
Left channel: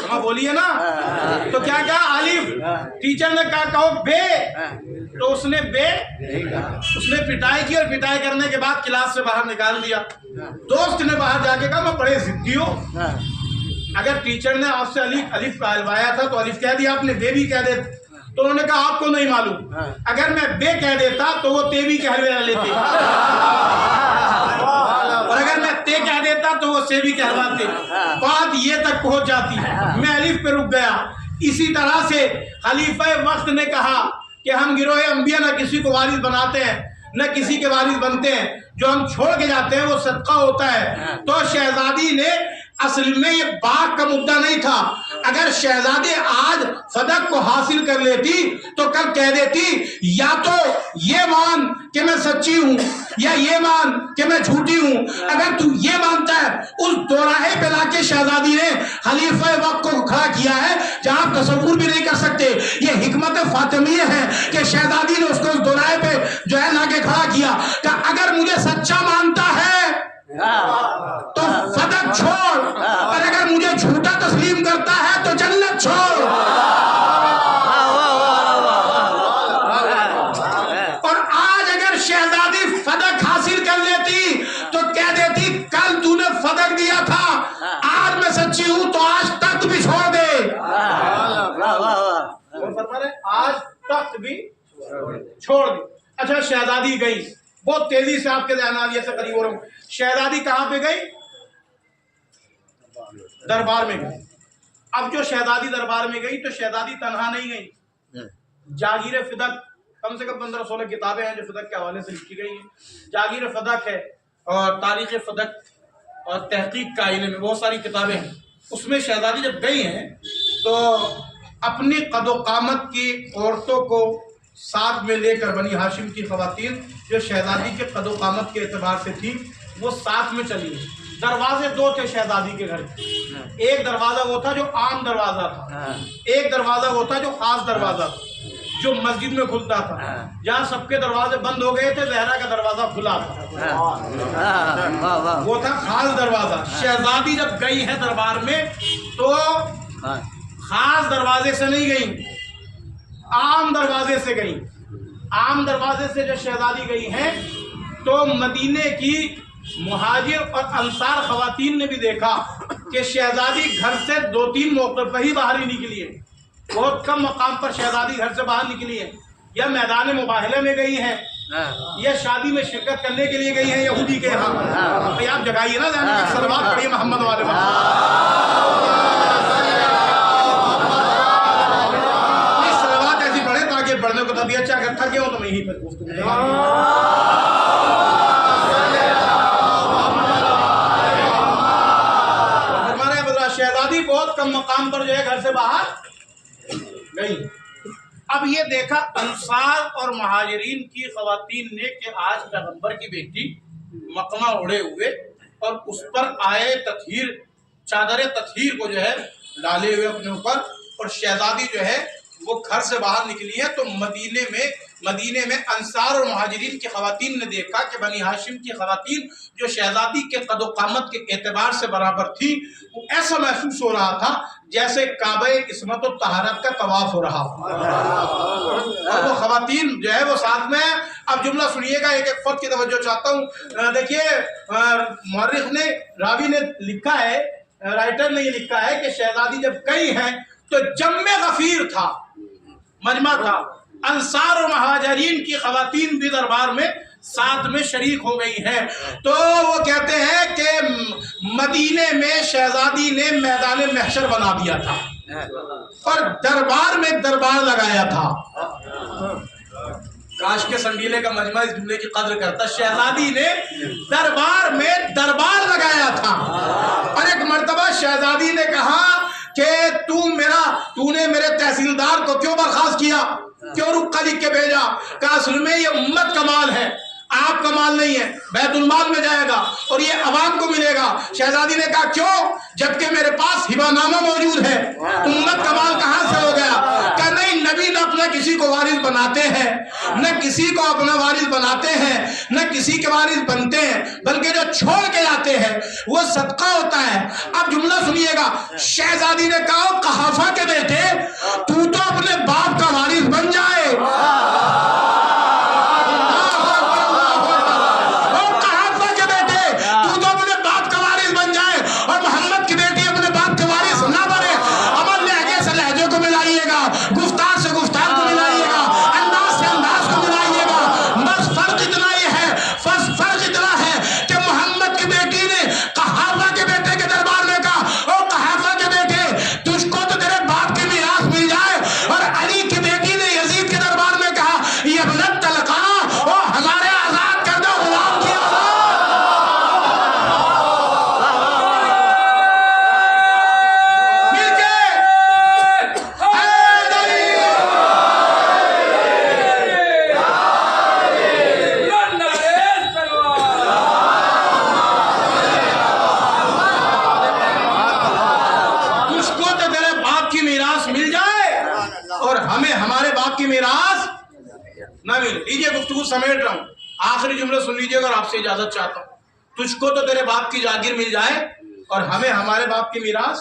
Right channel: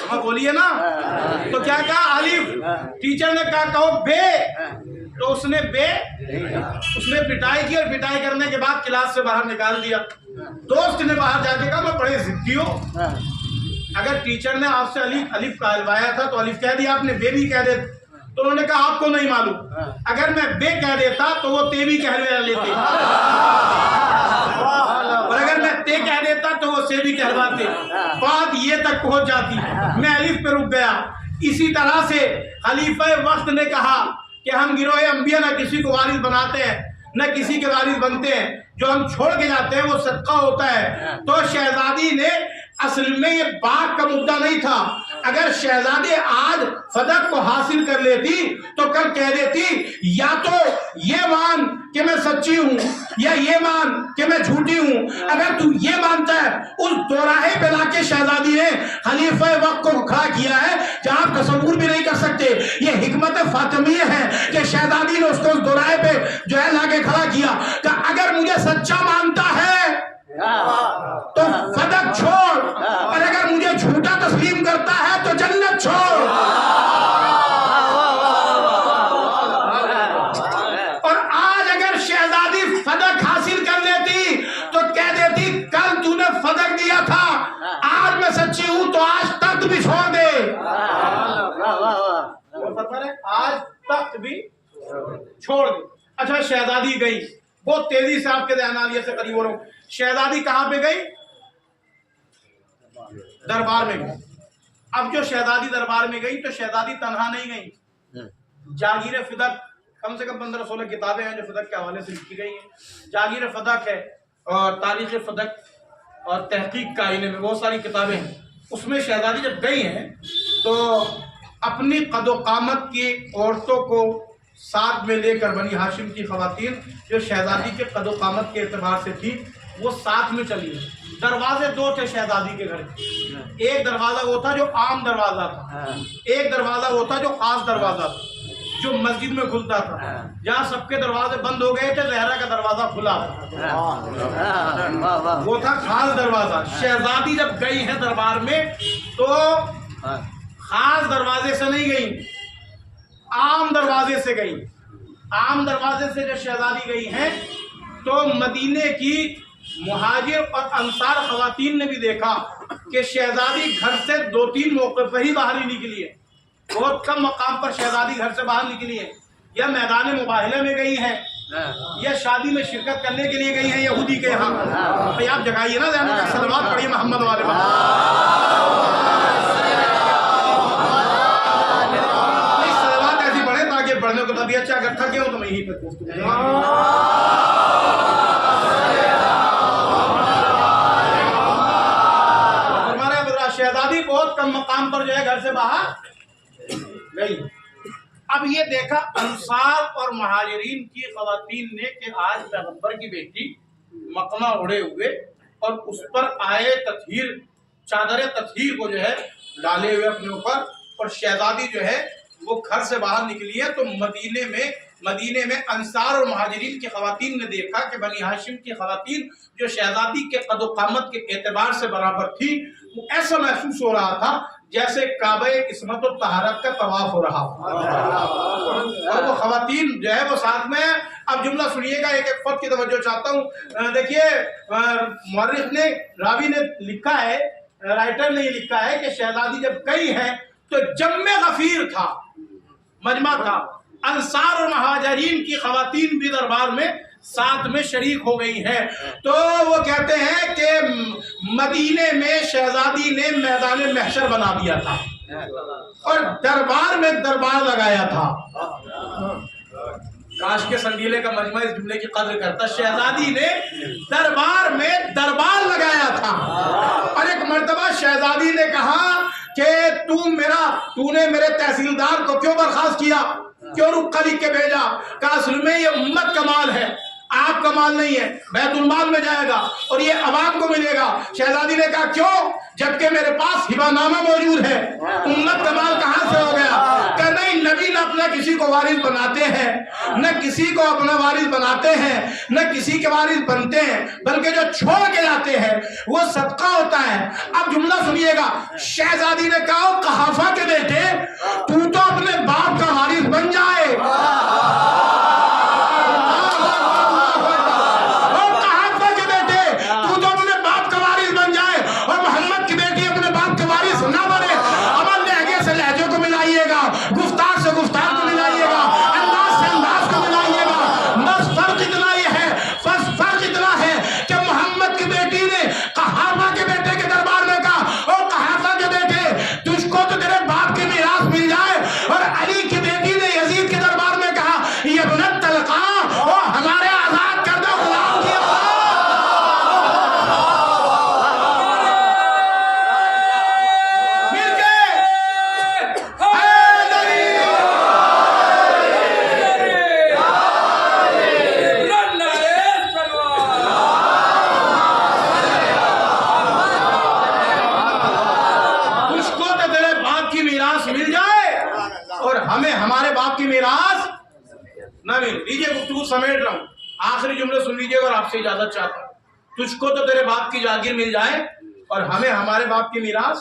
ہاں بولیے نا, تو کیا کہا الف. ٹیچر نے کہا کہو بے, تو اس نے بے, اس نے پٹائی کی, اور پٹائی کرنے کے بعد کلاس سے باہر نکال دیا. دوست نے باہر جا کے کہا میں بڑے ضدی ہوں, اگر ٹیچر نے آپ سے الف کہلوایا تھا تو الف کہہ دیا, آپ نے بے بھی کہہ دے. تو انہوں نے کہا آپ کو نہیں معلوم, اگر میں بے کہہ دیتا تو وہ تے بھی کہلوا لیتے, اور اگر میں تے کہہ دیتا تو وہ سے بھی کہلواتے. بات یہ تک پہنچ جاتی, میں الف پہ رک گیا. اسی طرح سے خلیفہ وقت نے کہا کہ ہم گروہ انبیاء نہ کسی کو وارث بناتے ہیں نہ کسی کے وارث بنتے ہیں, جو ہم چھوڑ کے جاتے ہیں وہ صدقہ ہوتا ہے. تو شہزادی نے اصل میں یہ باغ کا مدعا نہیں تھا. اگر شہزادی آج فدق کو حاصل کر لیتی تو کل کہہ دیتی یا تو یہ مان کہ میں سچی ہوں یا یہ مان کہ میں جھوٹی ہوں. اگر تو یہ مانتا ہے, اس دوراہے پہ لا کے شہزادی نے خلیفہ وقت کو کھڑا کیا ہے جہاں آپ تصور بھی نہیں کر سکتے. یہ حکمت فاطمیہ ہے کہ شہزادی نے اس کو اس دوراہے پہ جو ہے لا کے کھڑا کیا کہ اگر مجھے سچا مانتا ہے تو فدق چھوڑ, اور اگر مجھے جھوٹا تسلیم کرتا ہے تو جنت چھوڑ. اور آج اگر شہزادی فدق حاصل کر لیتی تو کہہ دیتی کل تو نے فدق دیا تھا, آج میں سچی ہوں تو آج تخت بھی چھوڑ دے. آج تخت بھی چھوڑ دے. اچھا شہزادی گئی, بہت تیزی سے آپ کے ذہنیت سے قریب ہو رہا ہوں. شہزادی کہاں پہ گئی؟ دربار میں گئی. اب جو شہزادی دربار میں گئی تو شہزادی تنہا نہیں گئی, جاگیر فدق کم سے کم 15-16 کتابیں ہیں جو فدق کے حوالے سے لکھی گئی ہیں. جاگیر فدق ہے اور تاریخ فدق اور تحقیق کا علم میں بہت ساری کتابیں ہیں. اس میں شہزادی جب گئی ہیں تو اپنی قد و قامت کی عورتوں کو ساتھ میں لے کر, بنی ہاشم کی خواتین جو شہزادی کے قد و قامت کے اعتبار سے تھی وہ ساتھ میں چلی ہیں. دروازے دو تھے شہزادی کے گھر کے, ایک دروازہ وہ تھا جو عام دروازہ تھا, ایک دروازہ وہ تھا جو خاص دروازہ تھا جو مسجد میں کھلتا تھا. جہاں سب کے دروازے بند ہو گئے تھے زہرا کا دروازہ کھلا تھا, وہ تھا خاص دروازہ. شہزادی جب گئی ہے دربار میں تو خاص دروازے سے نہیں گئی, عام دروازے سے گئی. عام دروازے سے جو شہزادی گئی ہیں تو مدینے کی مہاجر اور انصار خواتین نے بھی دیکھا کہ شہزادی گھر سے 2-3 موقع پہ ہی باہر ہی نکلی ہے. بہت کم مقام پر شہزادی گھر سے باہر نکلی ہے, یا میدان مباہلے میں گئی ہیں یا شادی میں شرکت کرنے کے لیے گئی ہیں یہودی کے یہاں. بھئی آپ جگائیے نا ذہن میں, صلوات پڑھیے محمد والے محمد. صلوات ایسی پڑھیں تاکہ پڑھنے کو تبھی اچھا, اگر تھکے ہو تو میں یہیں پہ گفتگو. شہزادی بہت کم مقام پر جو ہے گھر سے باہر گئی. اب یہ دیکھا انصار اور مہاجرین کی خواتین نے کہ آج پیغمبر کی بیٹی مقمہ اڑے ہوئے اور اس پر آئے تطہیر, چادر تطہیر کو جو ہے ڈالے ہوئے اپنے اوپر, اور شہزادی جو ہے وہ گھر سے باہر نکلی ہے. تو مدینے میں انصار اور مہاجرین کی خواتین نے دیکھا کہ بنی ہاشم کی خواتین جو شہزادی کے قد و قامت کے اعتبار سے برابر تھی, وہ ایسا محسوس ہو رہا تھا جیسے کعبہ عصمت و طہارت کا طواف ہو رہا ہو, اور وہ خواتین جو ہے وہ ساتھ میں. اب جملہ سنیے گا, ایک ایک فرد کی توجہ چاہتا ہوں. دیکھیے مورخ نے, راوی نے لکھا ہے, رائٹر نے یہ لکھا ہے کہ شہزادی جب گئی ہے تو جمع غفیر تھا, مجمع تھا. انصار اور مہاجرین کی خواتین بھی دربار میں ساتھ میں شریک ہو گئی ہیں. تو وہ کہتے ہیں کہ مدینے میں شہزادی نے میدان محشر بنا دیا تھا اور دربار میں دربار لگایا تھا. کاش کے سنگیلے کا مجمع اس جملے کی قدر کرتا. شہزادی نے دربار میں دربار لگایا تھا, اور ایک مرتبہ شہزادی نے کہا کہ تو نے میرے تحصیلدار کو کیوں برخاست کیا, کیوں رخ لکھ کے بھیجا؟ کہ اصل میں یہ امت کا مال ہے, آپ کا مال نہیں ہے، بیت المال میں جائے گا اور یہ عوام کو ملے گا۔ شہزادی نے کہا کیوں؟ جبکہ میرے پاس ہبہ نامہ موجود ہے، امت کا مال کہاں سے ہو گیا؟ کہ نہیں، نبی نہ اپنا کسی کو وارث بناتے ہیں، نہ کسی کو اپنا وارث بناتے ہیں، نہ کسی کے وارث بنتے ہیں، بلکہ جو چھوڑ کے جاتے ہیں وہ صدقہ ہوتا ہے۔ اب جملہ سنیے گا، شہزادی نے کہا قحافہ کے بیٹے تو اپنے باپ کا وارث بن جائے۔ گفتار سے گفتار کو ملائیے گا، انداز سے انداز کو ملائیے گا، بس فرق اتنا یہ ہے، فرق اتنا ہے کہ محمد کی بیٹی نے قحافہ کے بیٹے کے دربار میں کہا او قحافہ کے بیٹے تجھ کو تو تیرے باپ کی میراث مل جائے، اور علی کی بیٹی نے یزید کے دربار میں کہا یہ ابنت طلقہ او ہمارے آزاد کردہ غلام کی اولاد۔ مل کے میراث مل جائے اور ہمیں ہمارے باپ کی میراث نہ ملے۔ لیجئے گفتگو سمیٹ رہا ہوں، آخری جملے سن لیجئے گا اور آپ سے اجازت چاہتا ہوں۔ تجھ کو تو تیرے باپ کی جاگیر مل جائے اور ہمیں ہمارے باپ کی میراث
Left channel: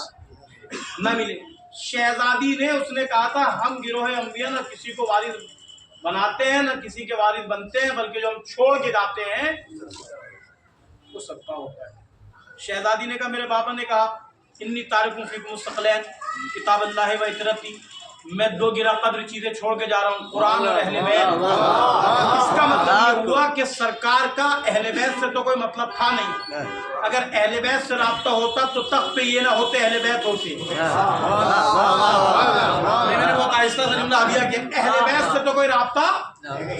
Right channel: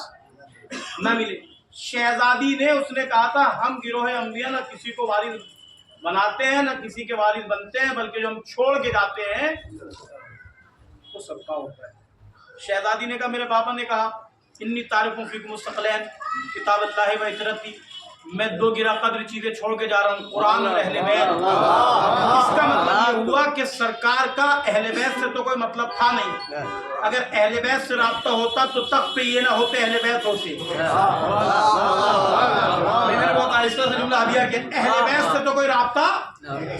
نہ ملے۔ شہزادی نے اس نے کہا تھا ہم گروہ انبیاء نہ کسی کو وارث بناتے ہیں نہ کسی کے وارث بنتے ہیں، بلکہ جو ہم چھوڑ کے جاتے ہیں وہ صدقہ ہوتا ہے۔ شہزادی نے کہا میرے بابا نے کہا انی تارکوں فیکم الثقلین کتاب اللہ و اطرتی، میں دو گرا قدر چیزیں چھوڑ کے جا رہا ہوں، قرآن اور اہل بیت۔ اس کا مطلب یہ ہوا کہ سرکار کا اہل بیت سے تو کوئی مطلب تھا نہیں، اگر اہل بیت سے رابطہ ہوتا تو تخت پہ یہ نہ ہوتے، اہل بیت ہوتے۔ میں نے بہت آہستہ سے جملہ ہدیہ کیا، اہل بیت سے تو کوئی رابطہ،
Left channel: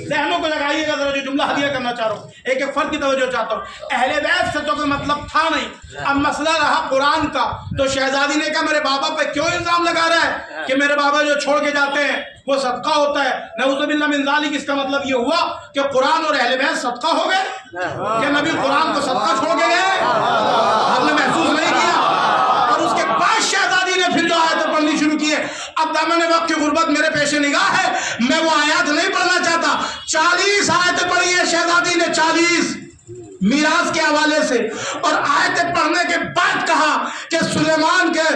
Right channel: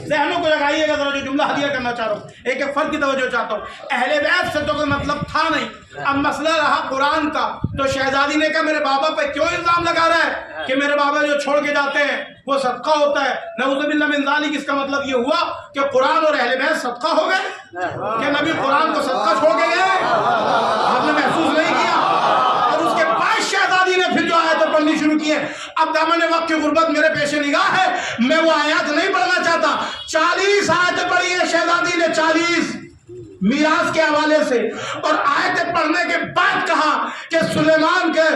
ذہنوں کو لگائیے گا ذرا جو جملہ ہدیہ کرنا چاہ رہا ہوں، ایک ایک فرد کی توجہ چاہتا ہوں، اہل بیت سے تو کوئی مطلب تھا نہیں۔ اب مسئلہ رہا قرآن کا، تو شہزادی نے کہا میرے بابا پہ کیوں الزام لگا رہا ہے کہ میرے بابا جو چھوڑ کے جاتے ہیں وہ صدقہ ہوتا ہے؟ نعوذ باللہ من ذالک، اس کا مطلب یہ ہوا کہ قرآن اور اہل بیت صدقہ ہو گئے کہ نبی قرآن کو صدقہ چھوڑ کے گئے؟ آپ نے محسوس نہیں کیا؟ اور اس کے بعد شہزادی نے پھر جو آیتیں پڑھنی شروع کی ہے۔ اب دامن وقت کی غربت میرے پیش نگاہ ہے، میں وہ آیات نہیں پڑھنا چاہتا۔ 40 آیتیں پڑھی ہے شہزادی نے، 40 میراث کے حوالے سے، اور آیتیں پڑھنے کے بعد کہا کہ سلیمان کے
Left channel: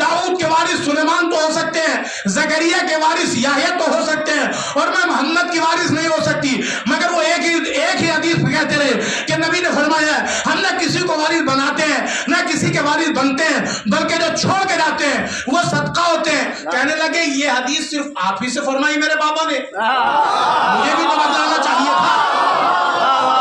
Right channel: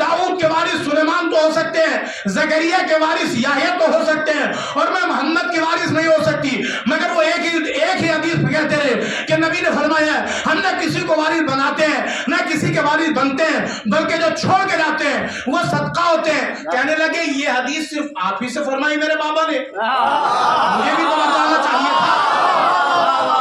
داؤد کے وارث سلیمان تو ہو سکتے ہیں، زکریا کے وارث یحییٰ تو ہو سکتے ہیں، اور میں محمد کی وارث نہیں ہو سکتی، مگر وہ ایک ہی حدیث کہتے رہے کہ نبی نے فرمایا ہے ہم نہ کسی کو وارث بناتے ہیں نہ کسی کے وارث بنتے ہیں، بلکہ جو چھوڑ کے جاتے ہیں وہ صدقہ ہوتے ہیں۔ کہنے لگے یہ حدیث صرف آپ ہی سے فرمائی میرے بابا نے، مجھے بھی تو بتانا چاہیے تھا،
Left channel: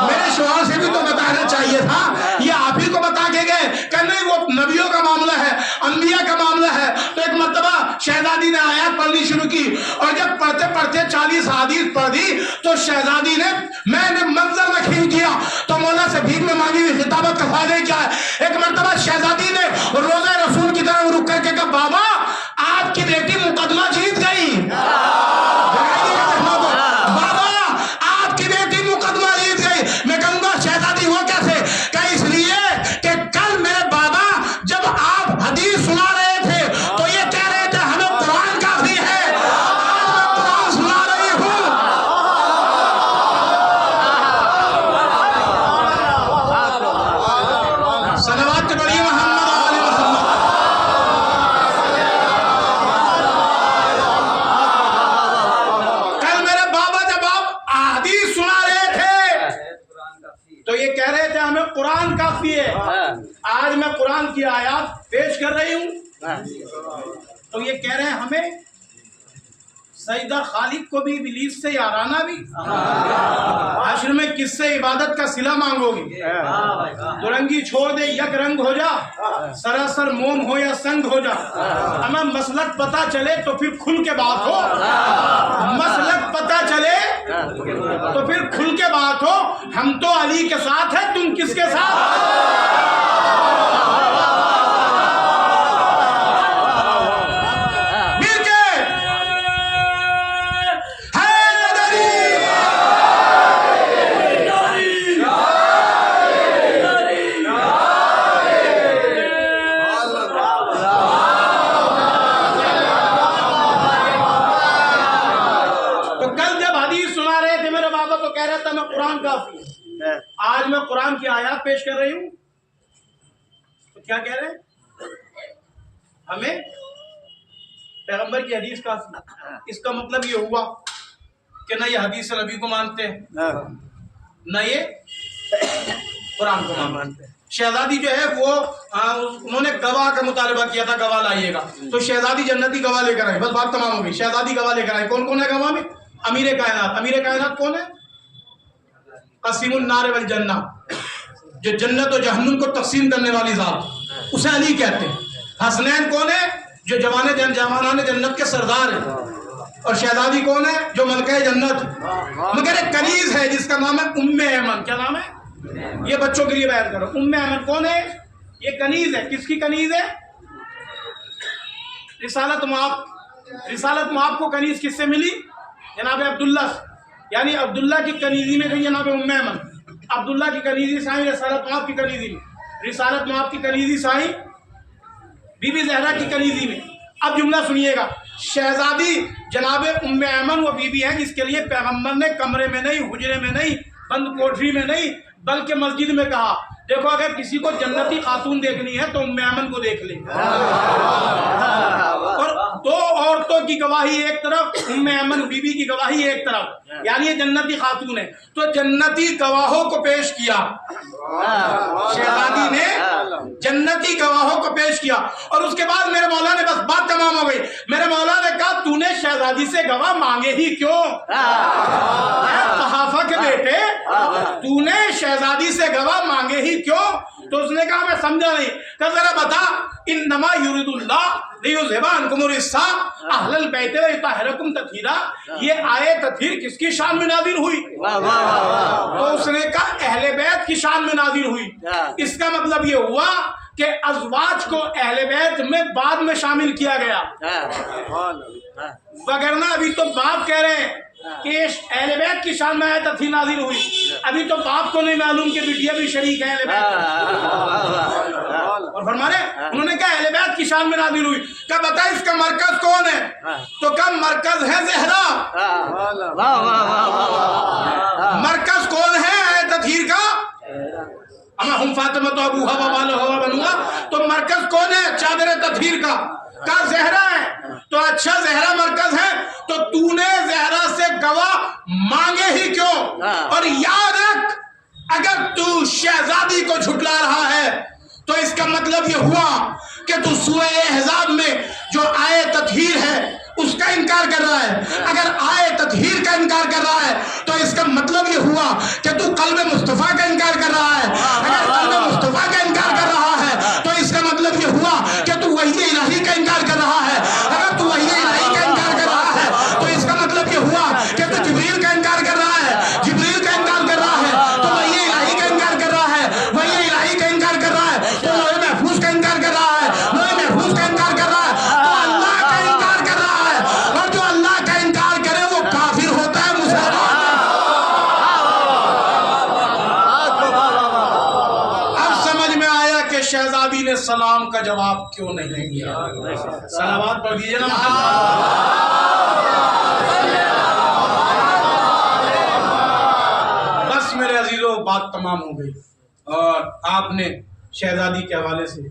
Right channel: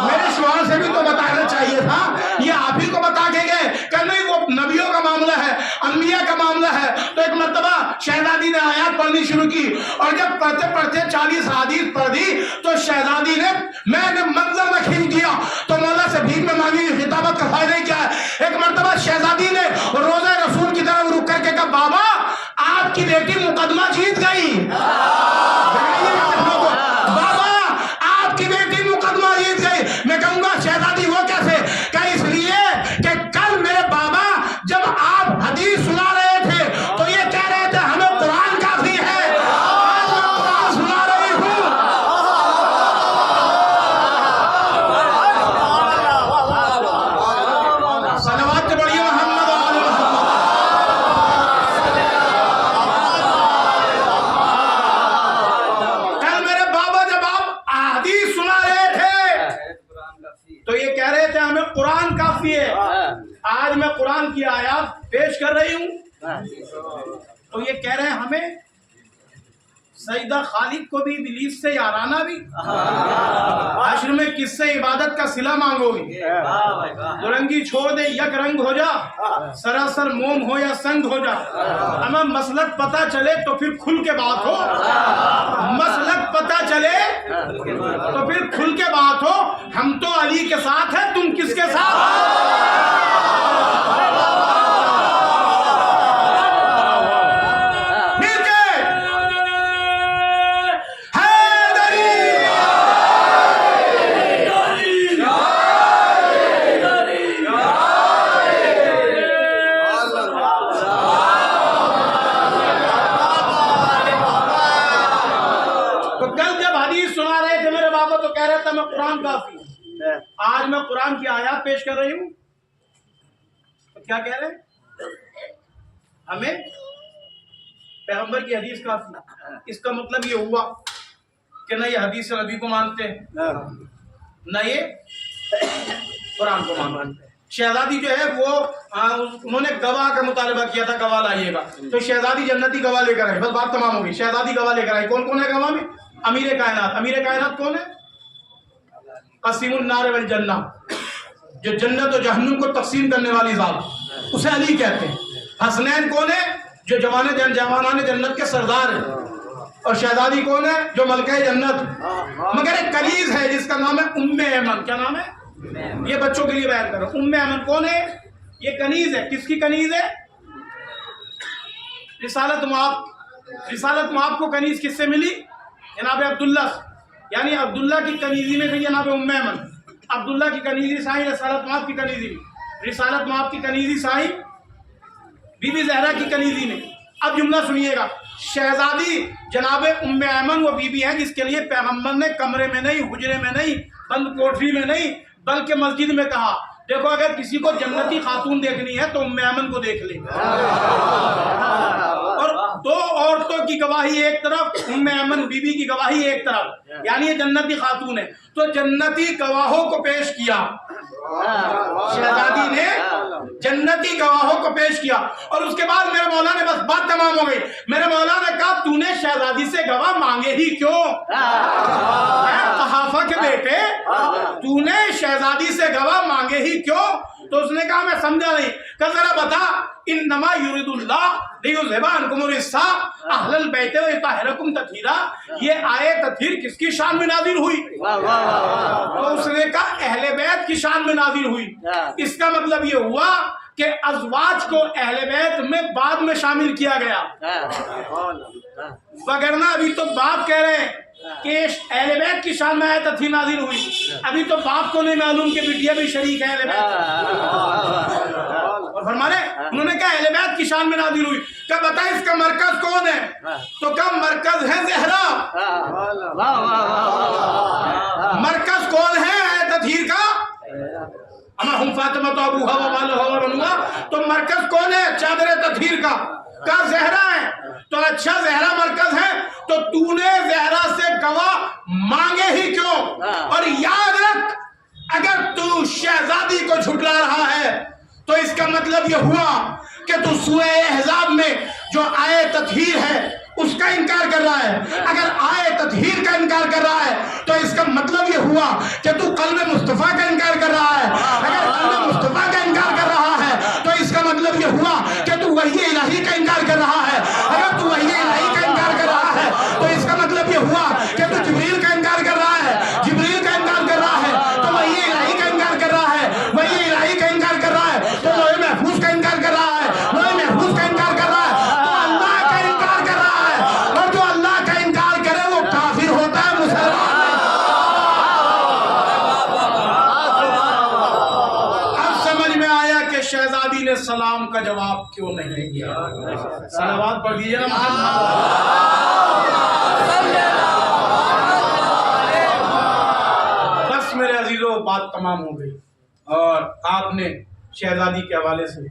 میرے شوہر سے بھی تو بتانا چاہیے تھا، یہ آپ ہی کو بتا کے گئے کہ نہیں وہ نبیوں کا معاملہ ہے، انبیاء کا معاملہ ہے۔ تو ایک مرتبہ شہزادی نے آیات پڑھنی شروع کی، اور جب پڑھتے پڑھتے 40 حدیث پڑھ دی تو شہزادی نے میں نے منظر میں کھینچ دیا، تو مولا سے بھیک میں مانگی ہوئی خطابت کا فائدہ کیا ہے؟ ایک مرتبہ شہزادی نے روزہ رسول کی طرف رک کر کے کہا بابا آپ کی بیٹی مقدمہ جیت گئی۔ جگائیے گا ذہنوں کو، بابا آپ کی بیٹی مقدمہ جیت گئی۔ میں کہوں گا شہزادی وہ کیسے؟ کہ اس لیے کہ کل میرے بابا جب آپ حدیث سنا رہے تھے تو یہ کہہ رہے تھے ہمیں قرآن کافی ہے، آج میں قرآن سنا رہی ہوں۔ صلوات پڑھیے محمد و آل محمد۔ کل میرے بابا جب آپ حدیث سنا رہے تھے تو یہ کہہ رہے تھے ہمیں قرآن کافی ہے، آج میں قرآن کی آیات پیش کر رہی ہوں تو یہ کہہ رہے ہیں ہمیں سجدہ خالق کو بھی ابلیس سے یارانہ بھی، حشر میں کس سے عبادت کا صلہ مانگو گی؟ دورنگی چھوڑ دے یک رنگ ہو جا، سراسر موم ہو یا سنگ ہو جا، ہمیں مسلک پتا چلے تو پھر کھل کے بات ہو، مسلک پتا چلے تو پھر کھل کے بات ہو، ہم تو علی کے ساتھ ہیں تم کس کے ساتھ؟ تھے میرے بابا تو کہہ رہا تھا میں قرآن کافی ہوں، آج میں قرآن کی آیات پیش کر رہی ہوں تو کیا کہہ رہے ہیں؟ ہمیں پیغمبر کی حدیث کافی۔ اس کا مطلب یہ ہوا کہ نہ یہ حدیث نبی کو مانتے ہیں نہ یہ قرآن کو مانتے ہیں۔ شہزادی جو ہے وہ انہوں نے گواہ کا مطالبہ کیا تھا، گواہ لائیے گا، تو شہزادی جنتی گواہ لے کر آئی، بس بات تمام ہو گئی۔ شہزادی گواہ لے کر آئی، کون کون ہے گواہ میں؟ امیر کائنات۔ امیر کائنات کون ہے؟ قسیم النار والجنہ، جو جنت و جہنم کو تقسیم کرنے والی ذات، اسے علی کہتے ہیں۔ حسنین کون ہے؟ جو جوانان جنت کے سردار ہیں۔ اور شہزادی کون ہے؟ جو ملکہ جنت، مگر ایک کنیز ہے جس کا نام ہے ام ایمن۔ کیا نام ہے؟ یہ بچوں کے لیے بیان کرو۔ ام ایمن کون ہے؟ یہ کنیز ہے۔ کس کی کنیز ہے؟ رسالت مآب کو کنیز کس سے ملی؟ جناب عبداللہ، یعنی عبداللہ کی کنیزی میں گئی جناب ام ایمن۔ عبداللہ کی کنیزی سائیں رسالت مآب کی کنیزی میں، رسالت مآب کی کنیزی سائیں بی بی زہرا کی کنیزی میں۔ اب جملہ سنیے گا، شہزادی جناب ام ایمن وہ بی بی ہے جس کے لیے پیغمبر نے کمرے میں نہیں، حجرے میں نہیں، بند کوٹری میں نہیں، بلکہ مسجد میں کہا دیکھو اگر کسی کو جنتی خاتون دیکھنی ہے تو ام ایمن کو دیکھ لیں۔ اور دو عورتوں کی گواہی ایک طرف، ام ایمن بی بی کی گواہی ایک طرف، یعنی یہ جنتی خاتون ہے، تو جنتی گواہوں کو پیش کیا۔ شہزادی نے جنتی گواہوں کو پیش کیا، اور اس کے بعد میرے مولا نے، بس بات تمام ہو گئی، میرے مولا نے کہا تو نے شہزادی سے گواہ مانگے ہی کیوں؟ اے قحافہ کے بیٹے، تو نے شہزادی سے گواہ مانگے ہی کیوں؟ تو اس نے کہا میں سمجھا نہیں۔ کہ ذرا بتا، انما یرید اللہ لیذھب عنکم الرجس اہل البیت ویطہرکم تطہیرا، یہ آیت تطہیر کس کی شان میں نازل ہوئی؟ تو اس نے کہا اہل بیت کی شان میں نازل ہوئی۔ اس کا مطلب یہ ہوا کہ ازواج کو اہل بیت میں بعد میں شامل کیا گیا، وگرنہ ابھی تو باپ کہہ رہے ہیں کہ اہل بیت کی شان میں آیت تطہیر نازل ہوئی، ابھی تو باپ کو نہیں معلوم کہ بیٹیا بھی شریک ہے اہل بیت۔ اور فرما رہے انہوں نے کہا اہل بیت کی شان میں نازل ہوئی۔ کہ بتا اس کا مرکز کون ہے؟ تو کہا مرکز ہے زہرا۔ مرکز کون ہے آیت تطہیر کا؟ اما ہم فاطمہ تو ابوہا و والہا و بنوہا، تو مرکز کون ہے چادر تطہیر کا؟ کہا زہرا ہے۔ تو اچھا زہرا مرکز ہے، تو تو نے زہرا سے گواہ مانگے ہی کیوں؟ اور یاد رکھ، اگر تو شہزادی کو جھٹلا رہا ہے تو اس کا مطلب یہ ہوا کہ تو سورہ احزاب میں جو آیت تطہیر ہے اس کا انکار کر رہا ہے۔ اگر آیت تطہیر کا انکار کر رہا ہے تو اس کا مطلب یہ ہوا کہ تو قلب مصطفیٰ کا انکار کر رہا ہے۔ اگر قلب مصطفیٰ کا انکار کر رہا ہے تو اس کا مطلب یہ ہوا کہ تو وحی الہی کا انکار کر رہا ہے۔ اگر تو وحی الہی کا انکار کر رہا ہے تو اس کا مطلب یہ ہوا کہ تو جبریل کا انکار کر رہا ہے، جبریل کا انکار کر رہا ہے تو وحی الہی کا انکار کر رہا ہے، وحی الہی کا انکار کر رہا ہے تو لوح محفوظ کا انکار کر رہا ہے، لوح محفوظ کا انکار کر رہا ہے تو اللہ کا انکار کر رہا ہے، اور جو اللہ کا انکار کرے وہ کافر ہوتا ہے، مسلمان نہیں۔ اب سمجھ میں آیا کہ شہزادی نے سلام کا جواب کیوں نہیں دیا۔ صلوات پڑھ دیجئے نا محمد۔ بس میرے عزیزوں بات تمام ہو گئی، اور آپ نے شہزادی کے حوالے سے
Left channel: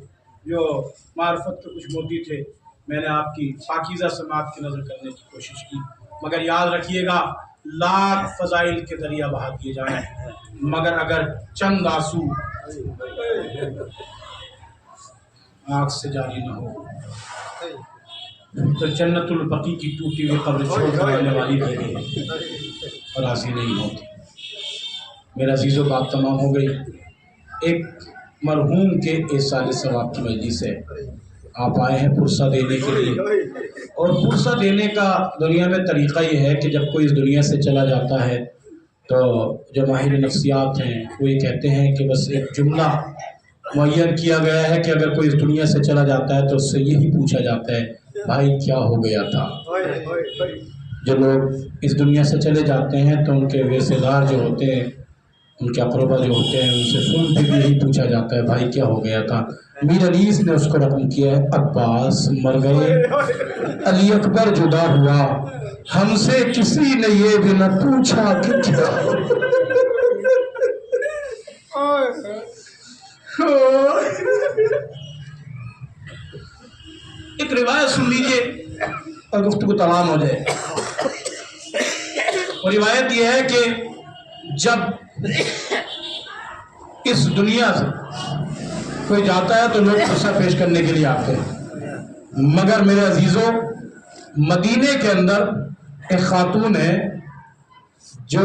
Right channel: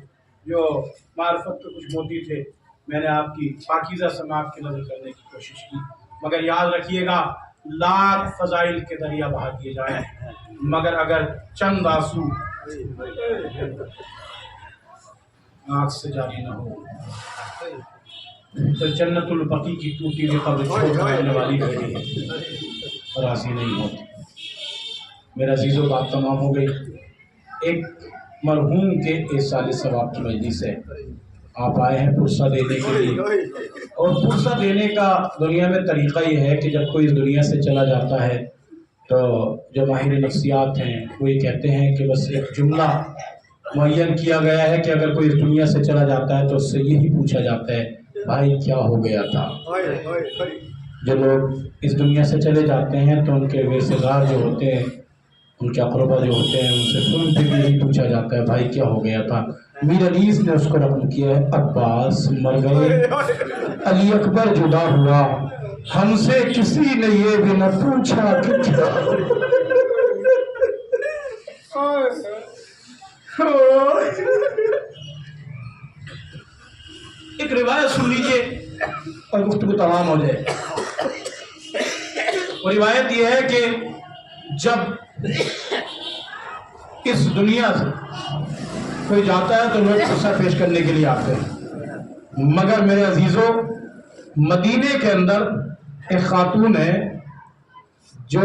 جو معرفت کے کچھ موتی تھے میں نے آپ کی پاکیزہ سماعت کی نظر کرنے کی کوشش کی، مگر یاد رکھیے گا لاکھ فضائل کے دریا بہا دیے جائیں مگر اگر چند آنسو آنکھ سے جاری نہ ہو تو جنت البقیع کی ٹوٹی ہوئی قبر چھوڑ کرنے والی بھی ہے اور راضی نہیں ہوتی۔ میرا عزیزو بات تمام ہو گئی۔ ایک مرحوم کے ایصال ثواب کی مجلس ہے، آپ آئے ہیں پرسہ دینے کے لیے، اور پرسہ دینے کا دنیا میں طریقہ یہ ہے کہ جب کوئی اس دنیا سے چلا جاتا ہے تو جو ماہر نفسیات ہیں وہ یہ کہتے ہیں کہ بس ایک جملہ معین کیا گیا ہے کہ اگر کوئی اس دنیا سے چلا جاتا ہے تو اس سے یہی پوچھا جاتا ہے بھائی کیا ہو گیا تھا۔ جو لوگ اس دنیا سے چلے جاتے ہیں تو ان کے رشتہ دار جو ہوتے ہیں، ان کے اقربا جو ہوتے ہیں، ان سے فون پہ بھی یہی پوچھا جاتا ہے بھائی کیا ہو گیا تھا۔ میر انیس نے اس کو رقم کیا ہے عباس مر گئے، علی اکبر جدا ہوا ہم سے کسی نے یہ بھی نہ پوچھا کہ کیا ایک روایت سن لیجئے اور گفتگو تمام ہو جائے. اور روایت یہ ہے کہ جب اس دنیا سے کوئی جاتا ہے تو لوگ قصہ پیش کرنے کے لیے آتے ہیں، مگر میرے عزیزوں مدینے کے اندر ایک خاتون ہے جو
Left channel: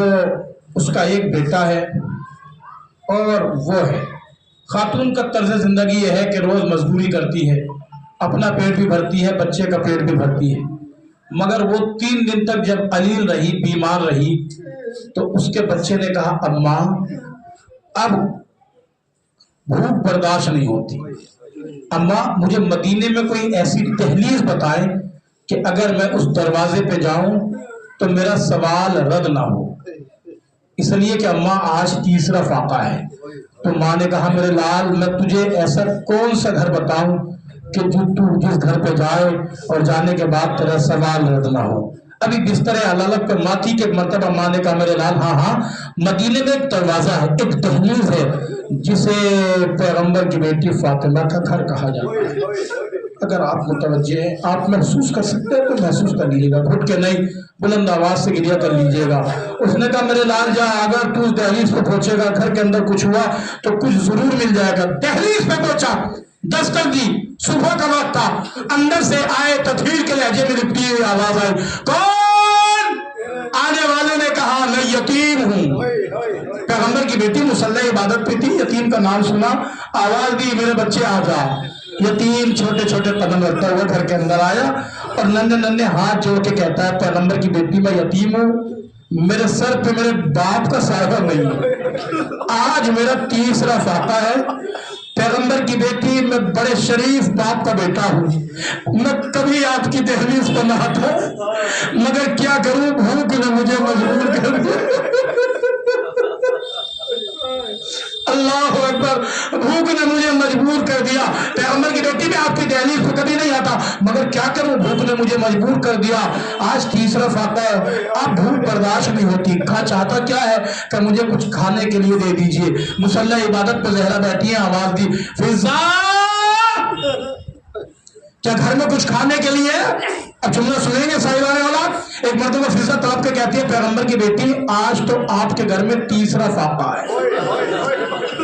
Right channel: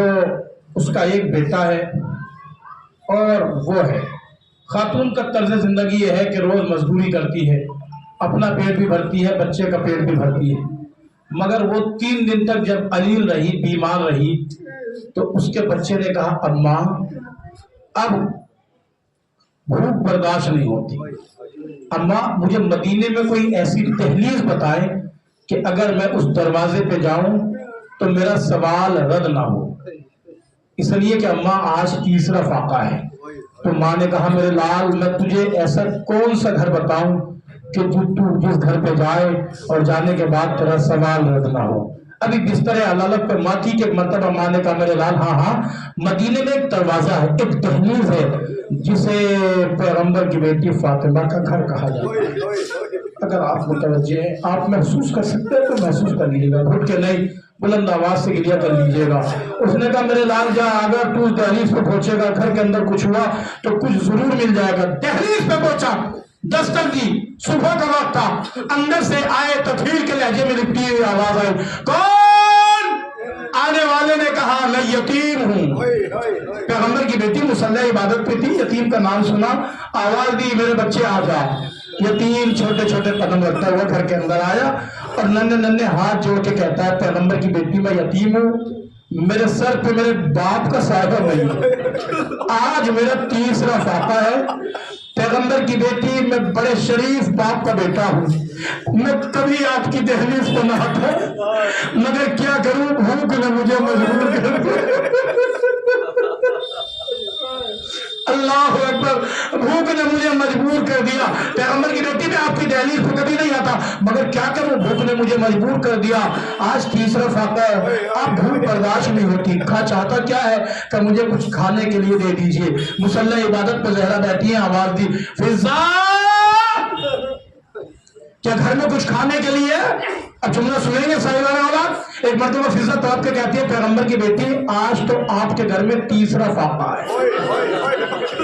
اس کا ایک بیٹا ہے اور وہ ہے. خاتون کا طرز زندگی یہ ہے کہ روز مزدوری کرتی ہے، اپنا پیٹ بھی بھرتی ہے، بچے کا پیٹ بھی بھرتی ہے. مگر وہ 3 دن تک جب علیل رہی، بیمار رہی، تو اس کے بچے نے کہا اماں اب بھوک برداشت نہیں ہوتی، اماں مجھے مدینے میں کوئی ایسی دہلیز بتائیں کہ اگر میں اس دروازے پہ جاؤں تو میرا سوال رد نہ ہو. اس لیے کہ اماں آج تیسرا فاقہ ہے. تو ماں نے کہا میرے لال میں تجھے ایسا کون سا گھر بتاؤں کہ تو جس گھر پہ جائے اور جانے کے بعد تیرا سوال رد نہ ہو. ابھی بستر علالت پہ ماں تھی کہ ایک مرتبہ ماں نے کہا میرے لال ہاں مدینے میں ایک دروازہ ہے، ایک دہلیز ہے جسے پیغمبر کی بیٹی فاطمہ کا گھر کہا جاتا ہے. اگر آپ متوجہ ہیں، آپ محسوس کر سکتے ہیں تو محسوس کر لیجیے گا، گھٹ کے نہیں، بلند آواز سے گریہ کر لیجیے گا. اس نے کہا میرے لال جا اگر تو اس دہلیز پہ پہنچے گا، گھر کے اندر کچھ ہوا تو کچھ ضرور مل جائے گا. دہلیز پہ پہنچا، دستک دی، صبح کا وقت تھا، اندر سے آئے تطہیر کے لہجے میں لپٹی ہوئی آواز آئی، کون؟ آنے والے نے کہا میں یتیم ہوں. پیغمبر کی بیٹی مصلی عبادت پہ تھی، یتیم کا نام سنا، آواز دی میرے بچے آ جا. یتیم چھوٹے چھوٹے قدم رکھتا ہوا گھر کے اندر آیا اور ننھے ننھے ہاتھ جوڑ کے کہتا ہے پیغمبر کی بیٹی میں یتیم ہوں، میرے سر پہ میرے باپ کا سایہ نہیں ہے، آج میرا تیسرا فاقہ ہے. پیغمبر کی بیٹی میں بڑے شریف باپ کا بیٹا ہوں، میں کبھی آپ کی دہلیز پر نہ تھا، مگر کیا کروں بھوک نے مجھے مجبور کر دیا. اللہ اکبر، بھوک نے مجھے مجبور کر دیا. پیغمبر کی بیٹی میں آپ کی دہلیز پہ کبھی نہیں آتا، مگر کیا کروں بھوک نے مجھے مجبور کر دیا. آج تیسرا فاقہ ہے، آپ بھوک برداشت نہیں ہوتی. کھا چاہتا کیا ہے کہ مجھے کچھ کھانے کے لیے دے دیجئے. مصلی عبادت پہ زہرا بیٹھی ہیں، آواز دی فضا کیا گھر میں کچھ کھانے کے لیے؟ اب جملہ سنیں گے صاحبان اولاد. ایک مرتبہ فضا طلب کے کہتی ہے پیغمبر کی بیٹی آج تو آپ کے گھر میں تیسرا فاقہ ہے،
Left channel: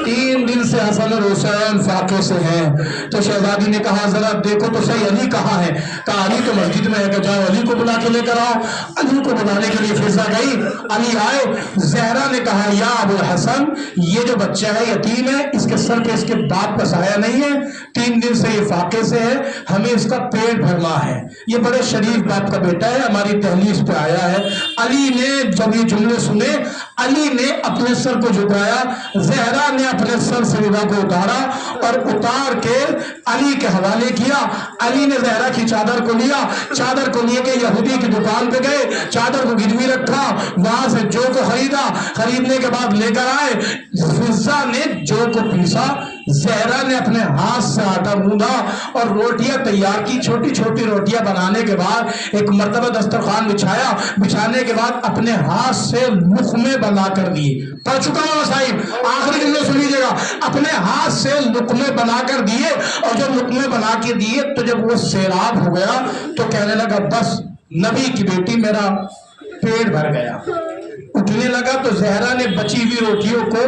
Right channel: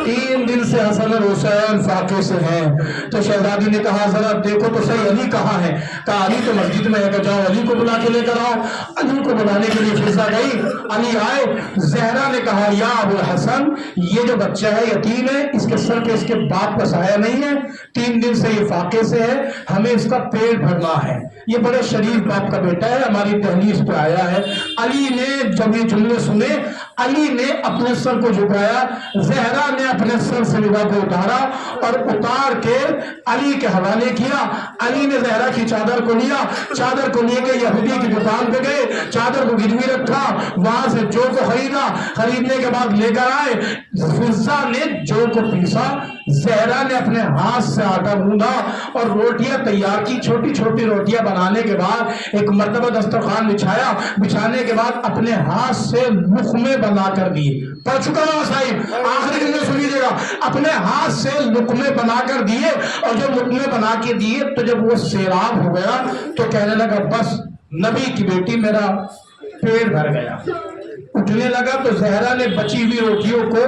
3 دن سے حسن اور حسین فاقے سے ہیں. تو شہزادی نے کہا ذرا دیکھو تو صحیح علی کہاں ہے؟ کہا علی تو مسجد میں ہے، کہ جاؤ علی کو بلا کے لے کر آؤ. علی کو بلانے کے لیے فضا گئی، علی آئے. زہرا نے کہا یا ابو الحسن یہ جو بچہ ہے یتیم ہے، اس کے سر پہ اس کے باپ کا سایہ نہیں ہے، 3 دن سے یہ فاقے سے ہے، ہمیں اس کا پیٹ بھرنا ہے. یہ بڑے شریف باپ کا بیٹا ہے، ہماری دہلیز پہ آیا ہے. علی نے جب یہ جملے سنے، علی نے اپنے سر کو جھکایا، زہرا نے اپنے سر سے ردا کو اتارا اور اتار کے علی کے حوالے کیا. علی نے زہرا کی چادر کو لیا، چادر کو لے کے یہودی کی دکان پہ گئے، چادر کو گروی رکھا، وہاں سے جو کو خریدا، خریدنے کے بعد لے کر آئے. فضا نے جو کو پیسا، زہرا نے اپنے ہاتھ سے آٹا گوندھا اور روٹیاں تیار کی. چھوٹی چھوٹی روٹیاں بنانے کے بعد ایک مرتبہ دسترخوان بچھایا، بچھانے کے بعد اپنے ہاتھ سے لقمے بنا کر دیے. پڑھ چکا ہوں صاحب، آخری جملے سن لیجیے گا. اپنے ہاتھ سے لقمے بنا کر دیے، اور جب لقمے بنا کے دیے تو جب وہ سیراب ہو گیا تو کہنے لگا بس نبی کی بیٹی میرا پیٹ بھر گیا. اٹھنے لگا تو زہرا نے بچی ہوئی روٹیوں کو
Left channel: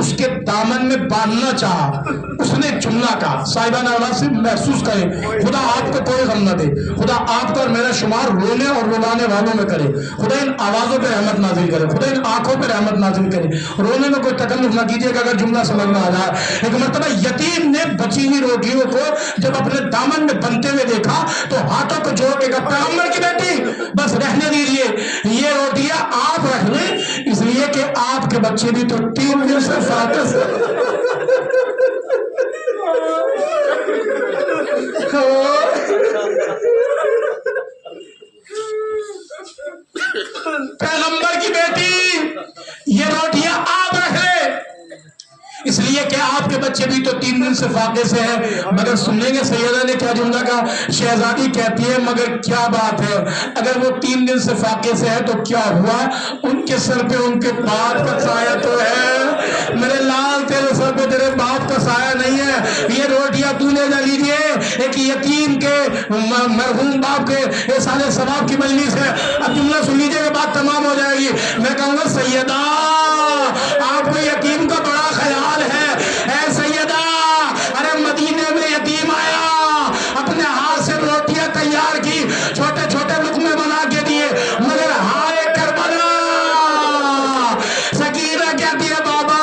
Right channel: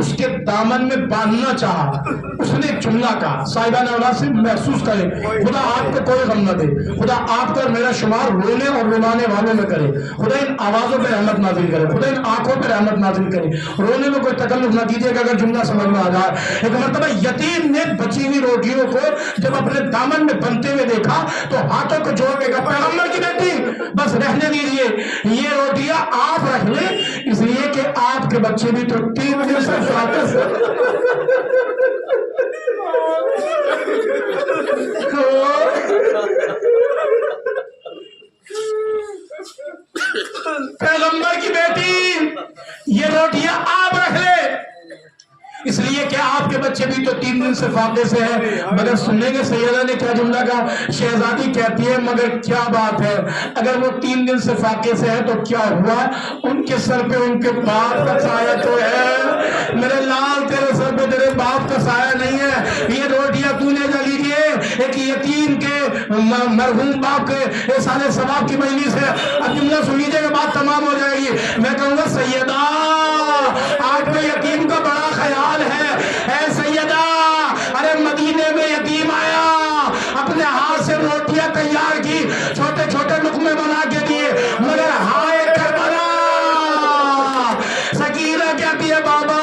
اس کے دامن میں باندھنا چاہا. اس نے ایک جملہ کہا، صاحبان اولاد سے محسوس کریں، خدا آپ کو کوئی غم نہ دے، خدا آپ کو اور میرا شمار رونے اور رلانے والوں میں کرے. خدا ان آوازوں پہ رحمت نازل کرے، خدا ان آنکھوں پہ رحمت نازل کرے. رونے میں کوئی تکلف نہ کیجیے گا اگر جملہ سمجھ میں آ جائے. ایک مرتبہ یتیم نے بچی ہوئی روٹیوں کو جب اپنے دامن میں بنتے ہوئے دیکھا تو ہاتھوں کو جوڑ کے کہا پیغمبر کی بیٹی بس رہنے دیجیے، یہ روٹیاں آپ رکھ لیں، اس لیے کہ آپ کے بچے بھی تو 3 دن سے فاقے سے. پیغمبر کی بیٹی یہ روٹیاں آپ رکھ لے، اس لیے یہ کہ آپ کے بچے بھی تو 3 دن سے فاقے سے ہیں، مگر سنیں گے سیدہ نے کیا جملہ کہا؟ شہزادی کہتی ہے مگر کیا بات ہے، اگر وہ 3 دن سے فاقے سے ہے تو کیا ہوا؟ ان کے سر پہ ان کے باپ کا سایہ تو ہے، میرے لال تیرے سر پہ تیرے باپ کا سایہ نہیں ہے، یہ روٹیاں تو لے جا لیجئے، ایک یتیم کے مرحوم باپ کے احسان ثواب کی مجلس ہے۔ اب جملہ سن لیجئے کہ بات تمام ہو جائے گی۔ میں کہوں گا سیدہ آپ کو یتیم کا بڑا خیال ہے، اے سیدہ، ارے مدینے میں یتیم آیا، اپنے ہاتھ سے روٹیاں تیار کی، چھوٹے چھوٹے لقمے بنا کے دیے، مگر ہائے کربلا، سکینہ کہتی ہے بابا،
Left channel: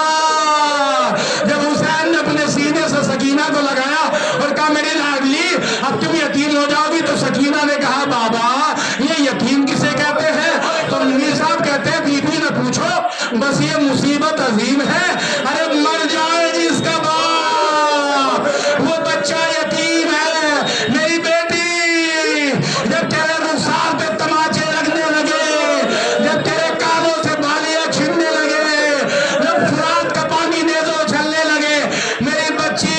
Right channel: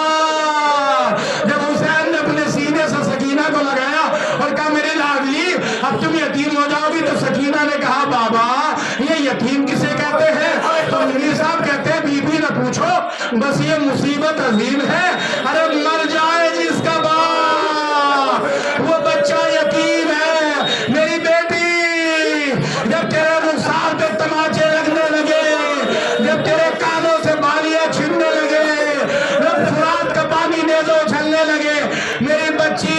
جب حسین نے اپنے سینے سے سکینہ کو لگایا اور کہا میری لاڈلی اب تم یتیم ہو جاؤ گی، تو سکینہ نے کہا بابا یہ یتیم کسے کہتے ہیں؟ تو میر صاحب کہتے ہیں بی بی نہ پوچھو، بس یہ مصیبت عظیم ہے، ارے مر جائے جس کا باپ، وہ بچہ یتیم ہے۔ میری بیٹی جب تیرے رخسار پہ تماچے لگنے لگے، جب تیرے کانوں سے بالیاں چھننے لگے، جب فرات کا پانی نیزوں چھلنے لگے، میری بچی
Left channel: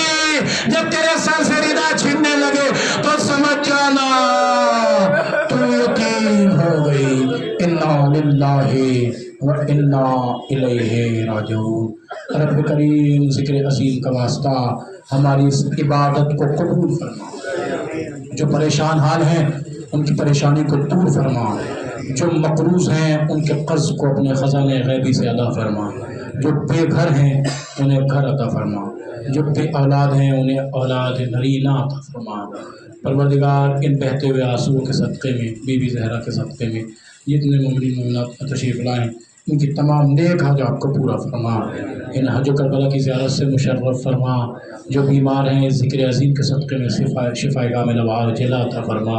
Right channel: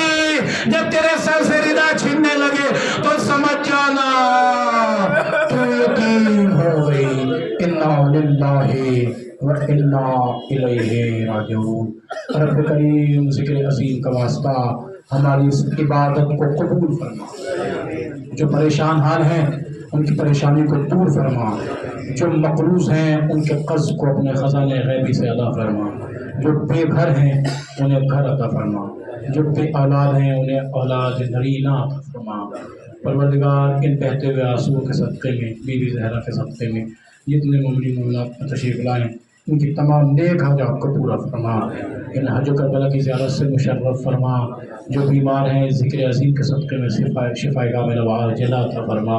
جب تیرے سر سے ردا چھننے لگے، تو سمجھ جانا تو یتیم ہو گئی۔ انا للہ و انا الیہ راجعون۔ رب کریم ذکر عظیم کا واسطہ ہماری اس عبادت کو قبول فرما، جو پریشان حال ہیں ان کی پریشانی کو دور فرما، جو مقروض ہیں ان کے قرض کو اپنے خزانے غیبی سے ادا فرما، جو بے گھر ہیں انہیں گھر عطا فرما، جو بے اولاد ہیں انہیں اولاد نرینہ عطا فرما۔ پروردگار ان بہتے ہوئے آنسوؤں کے صدقے میں، بی بی زہرا کے صدقے میں جتنے مومنین مومنات تشریف لائیں ان کی تمام نیک حاجات کو پورا فرما، ان حج و کربلا کی زیارت سے مشرف فرما، جو بیمار ہیں ذکر عظیم کے صدقے میں شفا کاملہ عاجلہ عطا فرما۔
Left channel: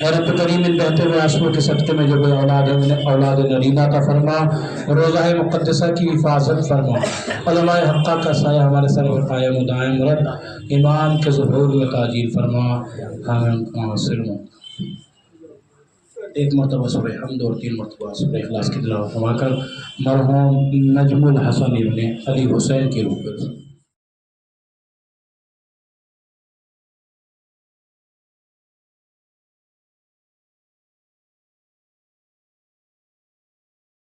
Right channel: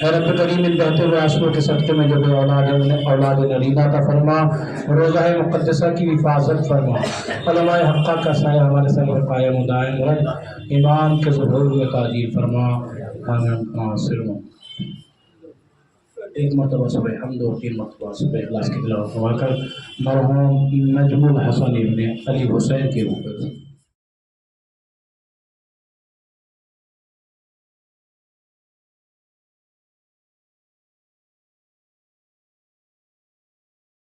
اے رب کریم ان بہتے ہوئے آنسوؤں کے صدقے میں جو بے اولاد ہیں انہیں اولاد نرینہ عطا فرما، روضہ مقدسہ کی حفاظت فرما، علماء حقہ کا سایہ ہمارے سر پر قائم و دائم رکھ، ایمان کے ظہور و تاجیل فرما، آمین سرما۔ ایک مرتبہ سورہ حمد اور 3 مرتبہ سورہ اخلاص کی تلاوت فرما کر مرحوم نجم الحسن ابن علی حسین کی روح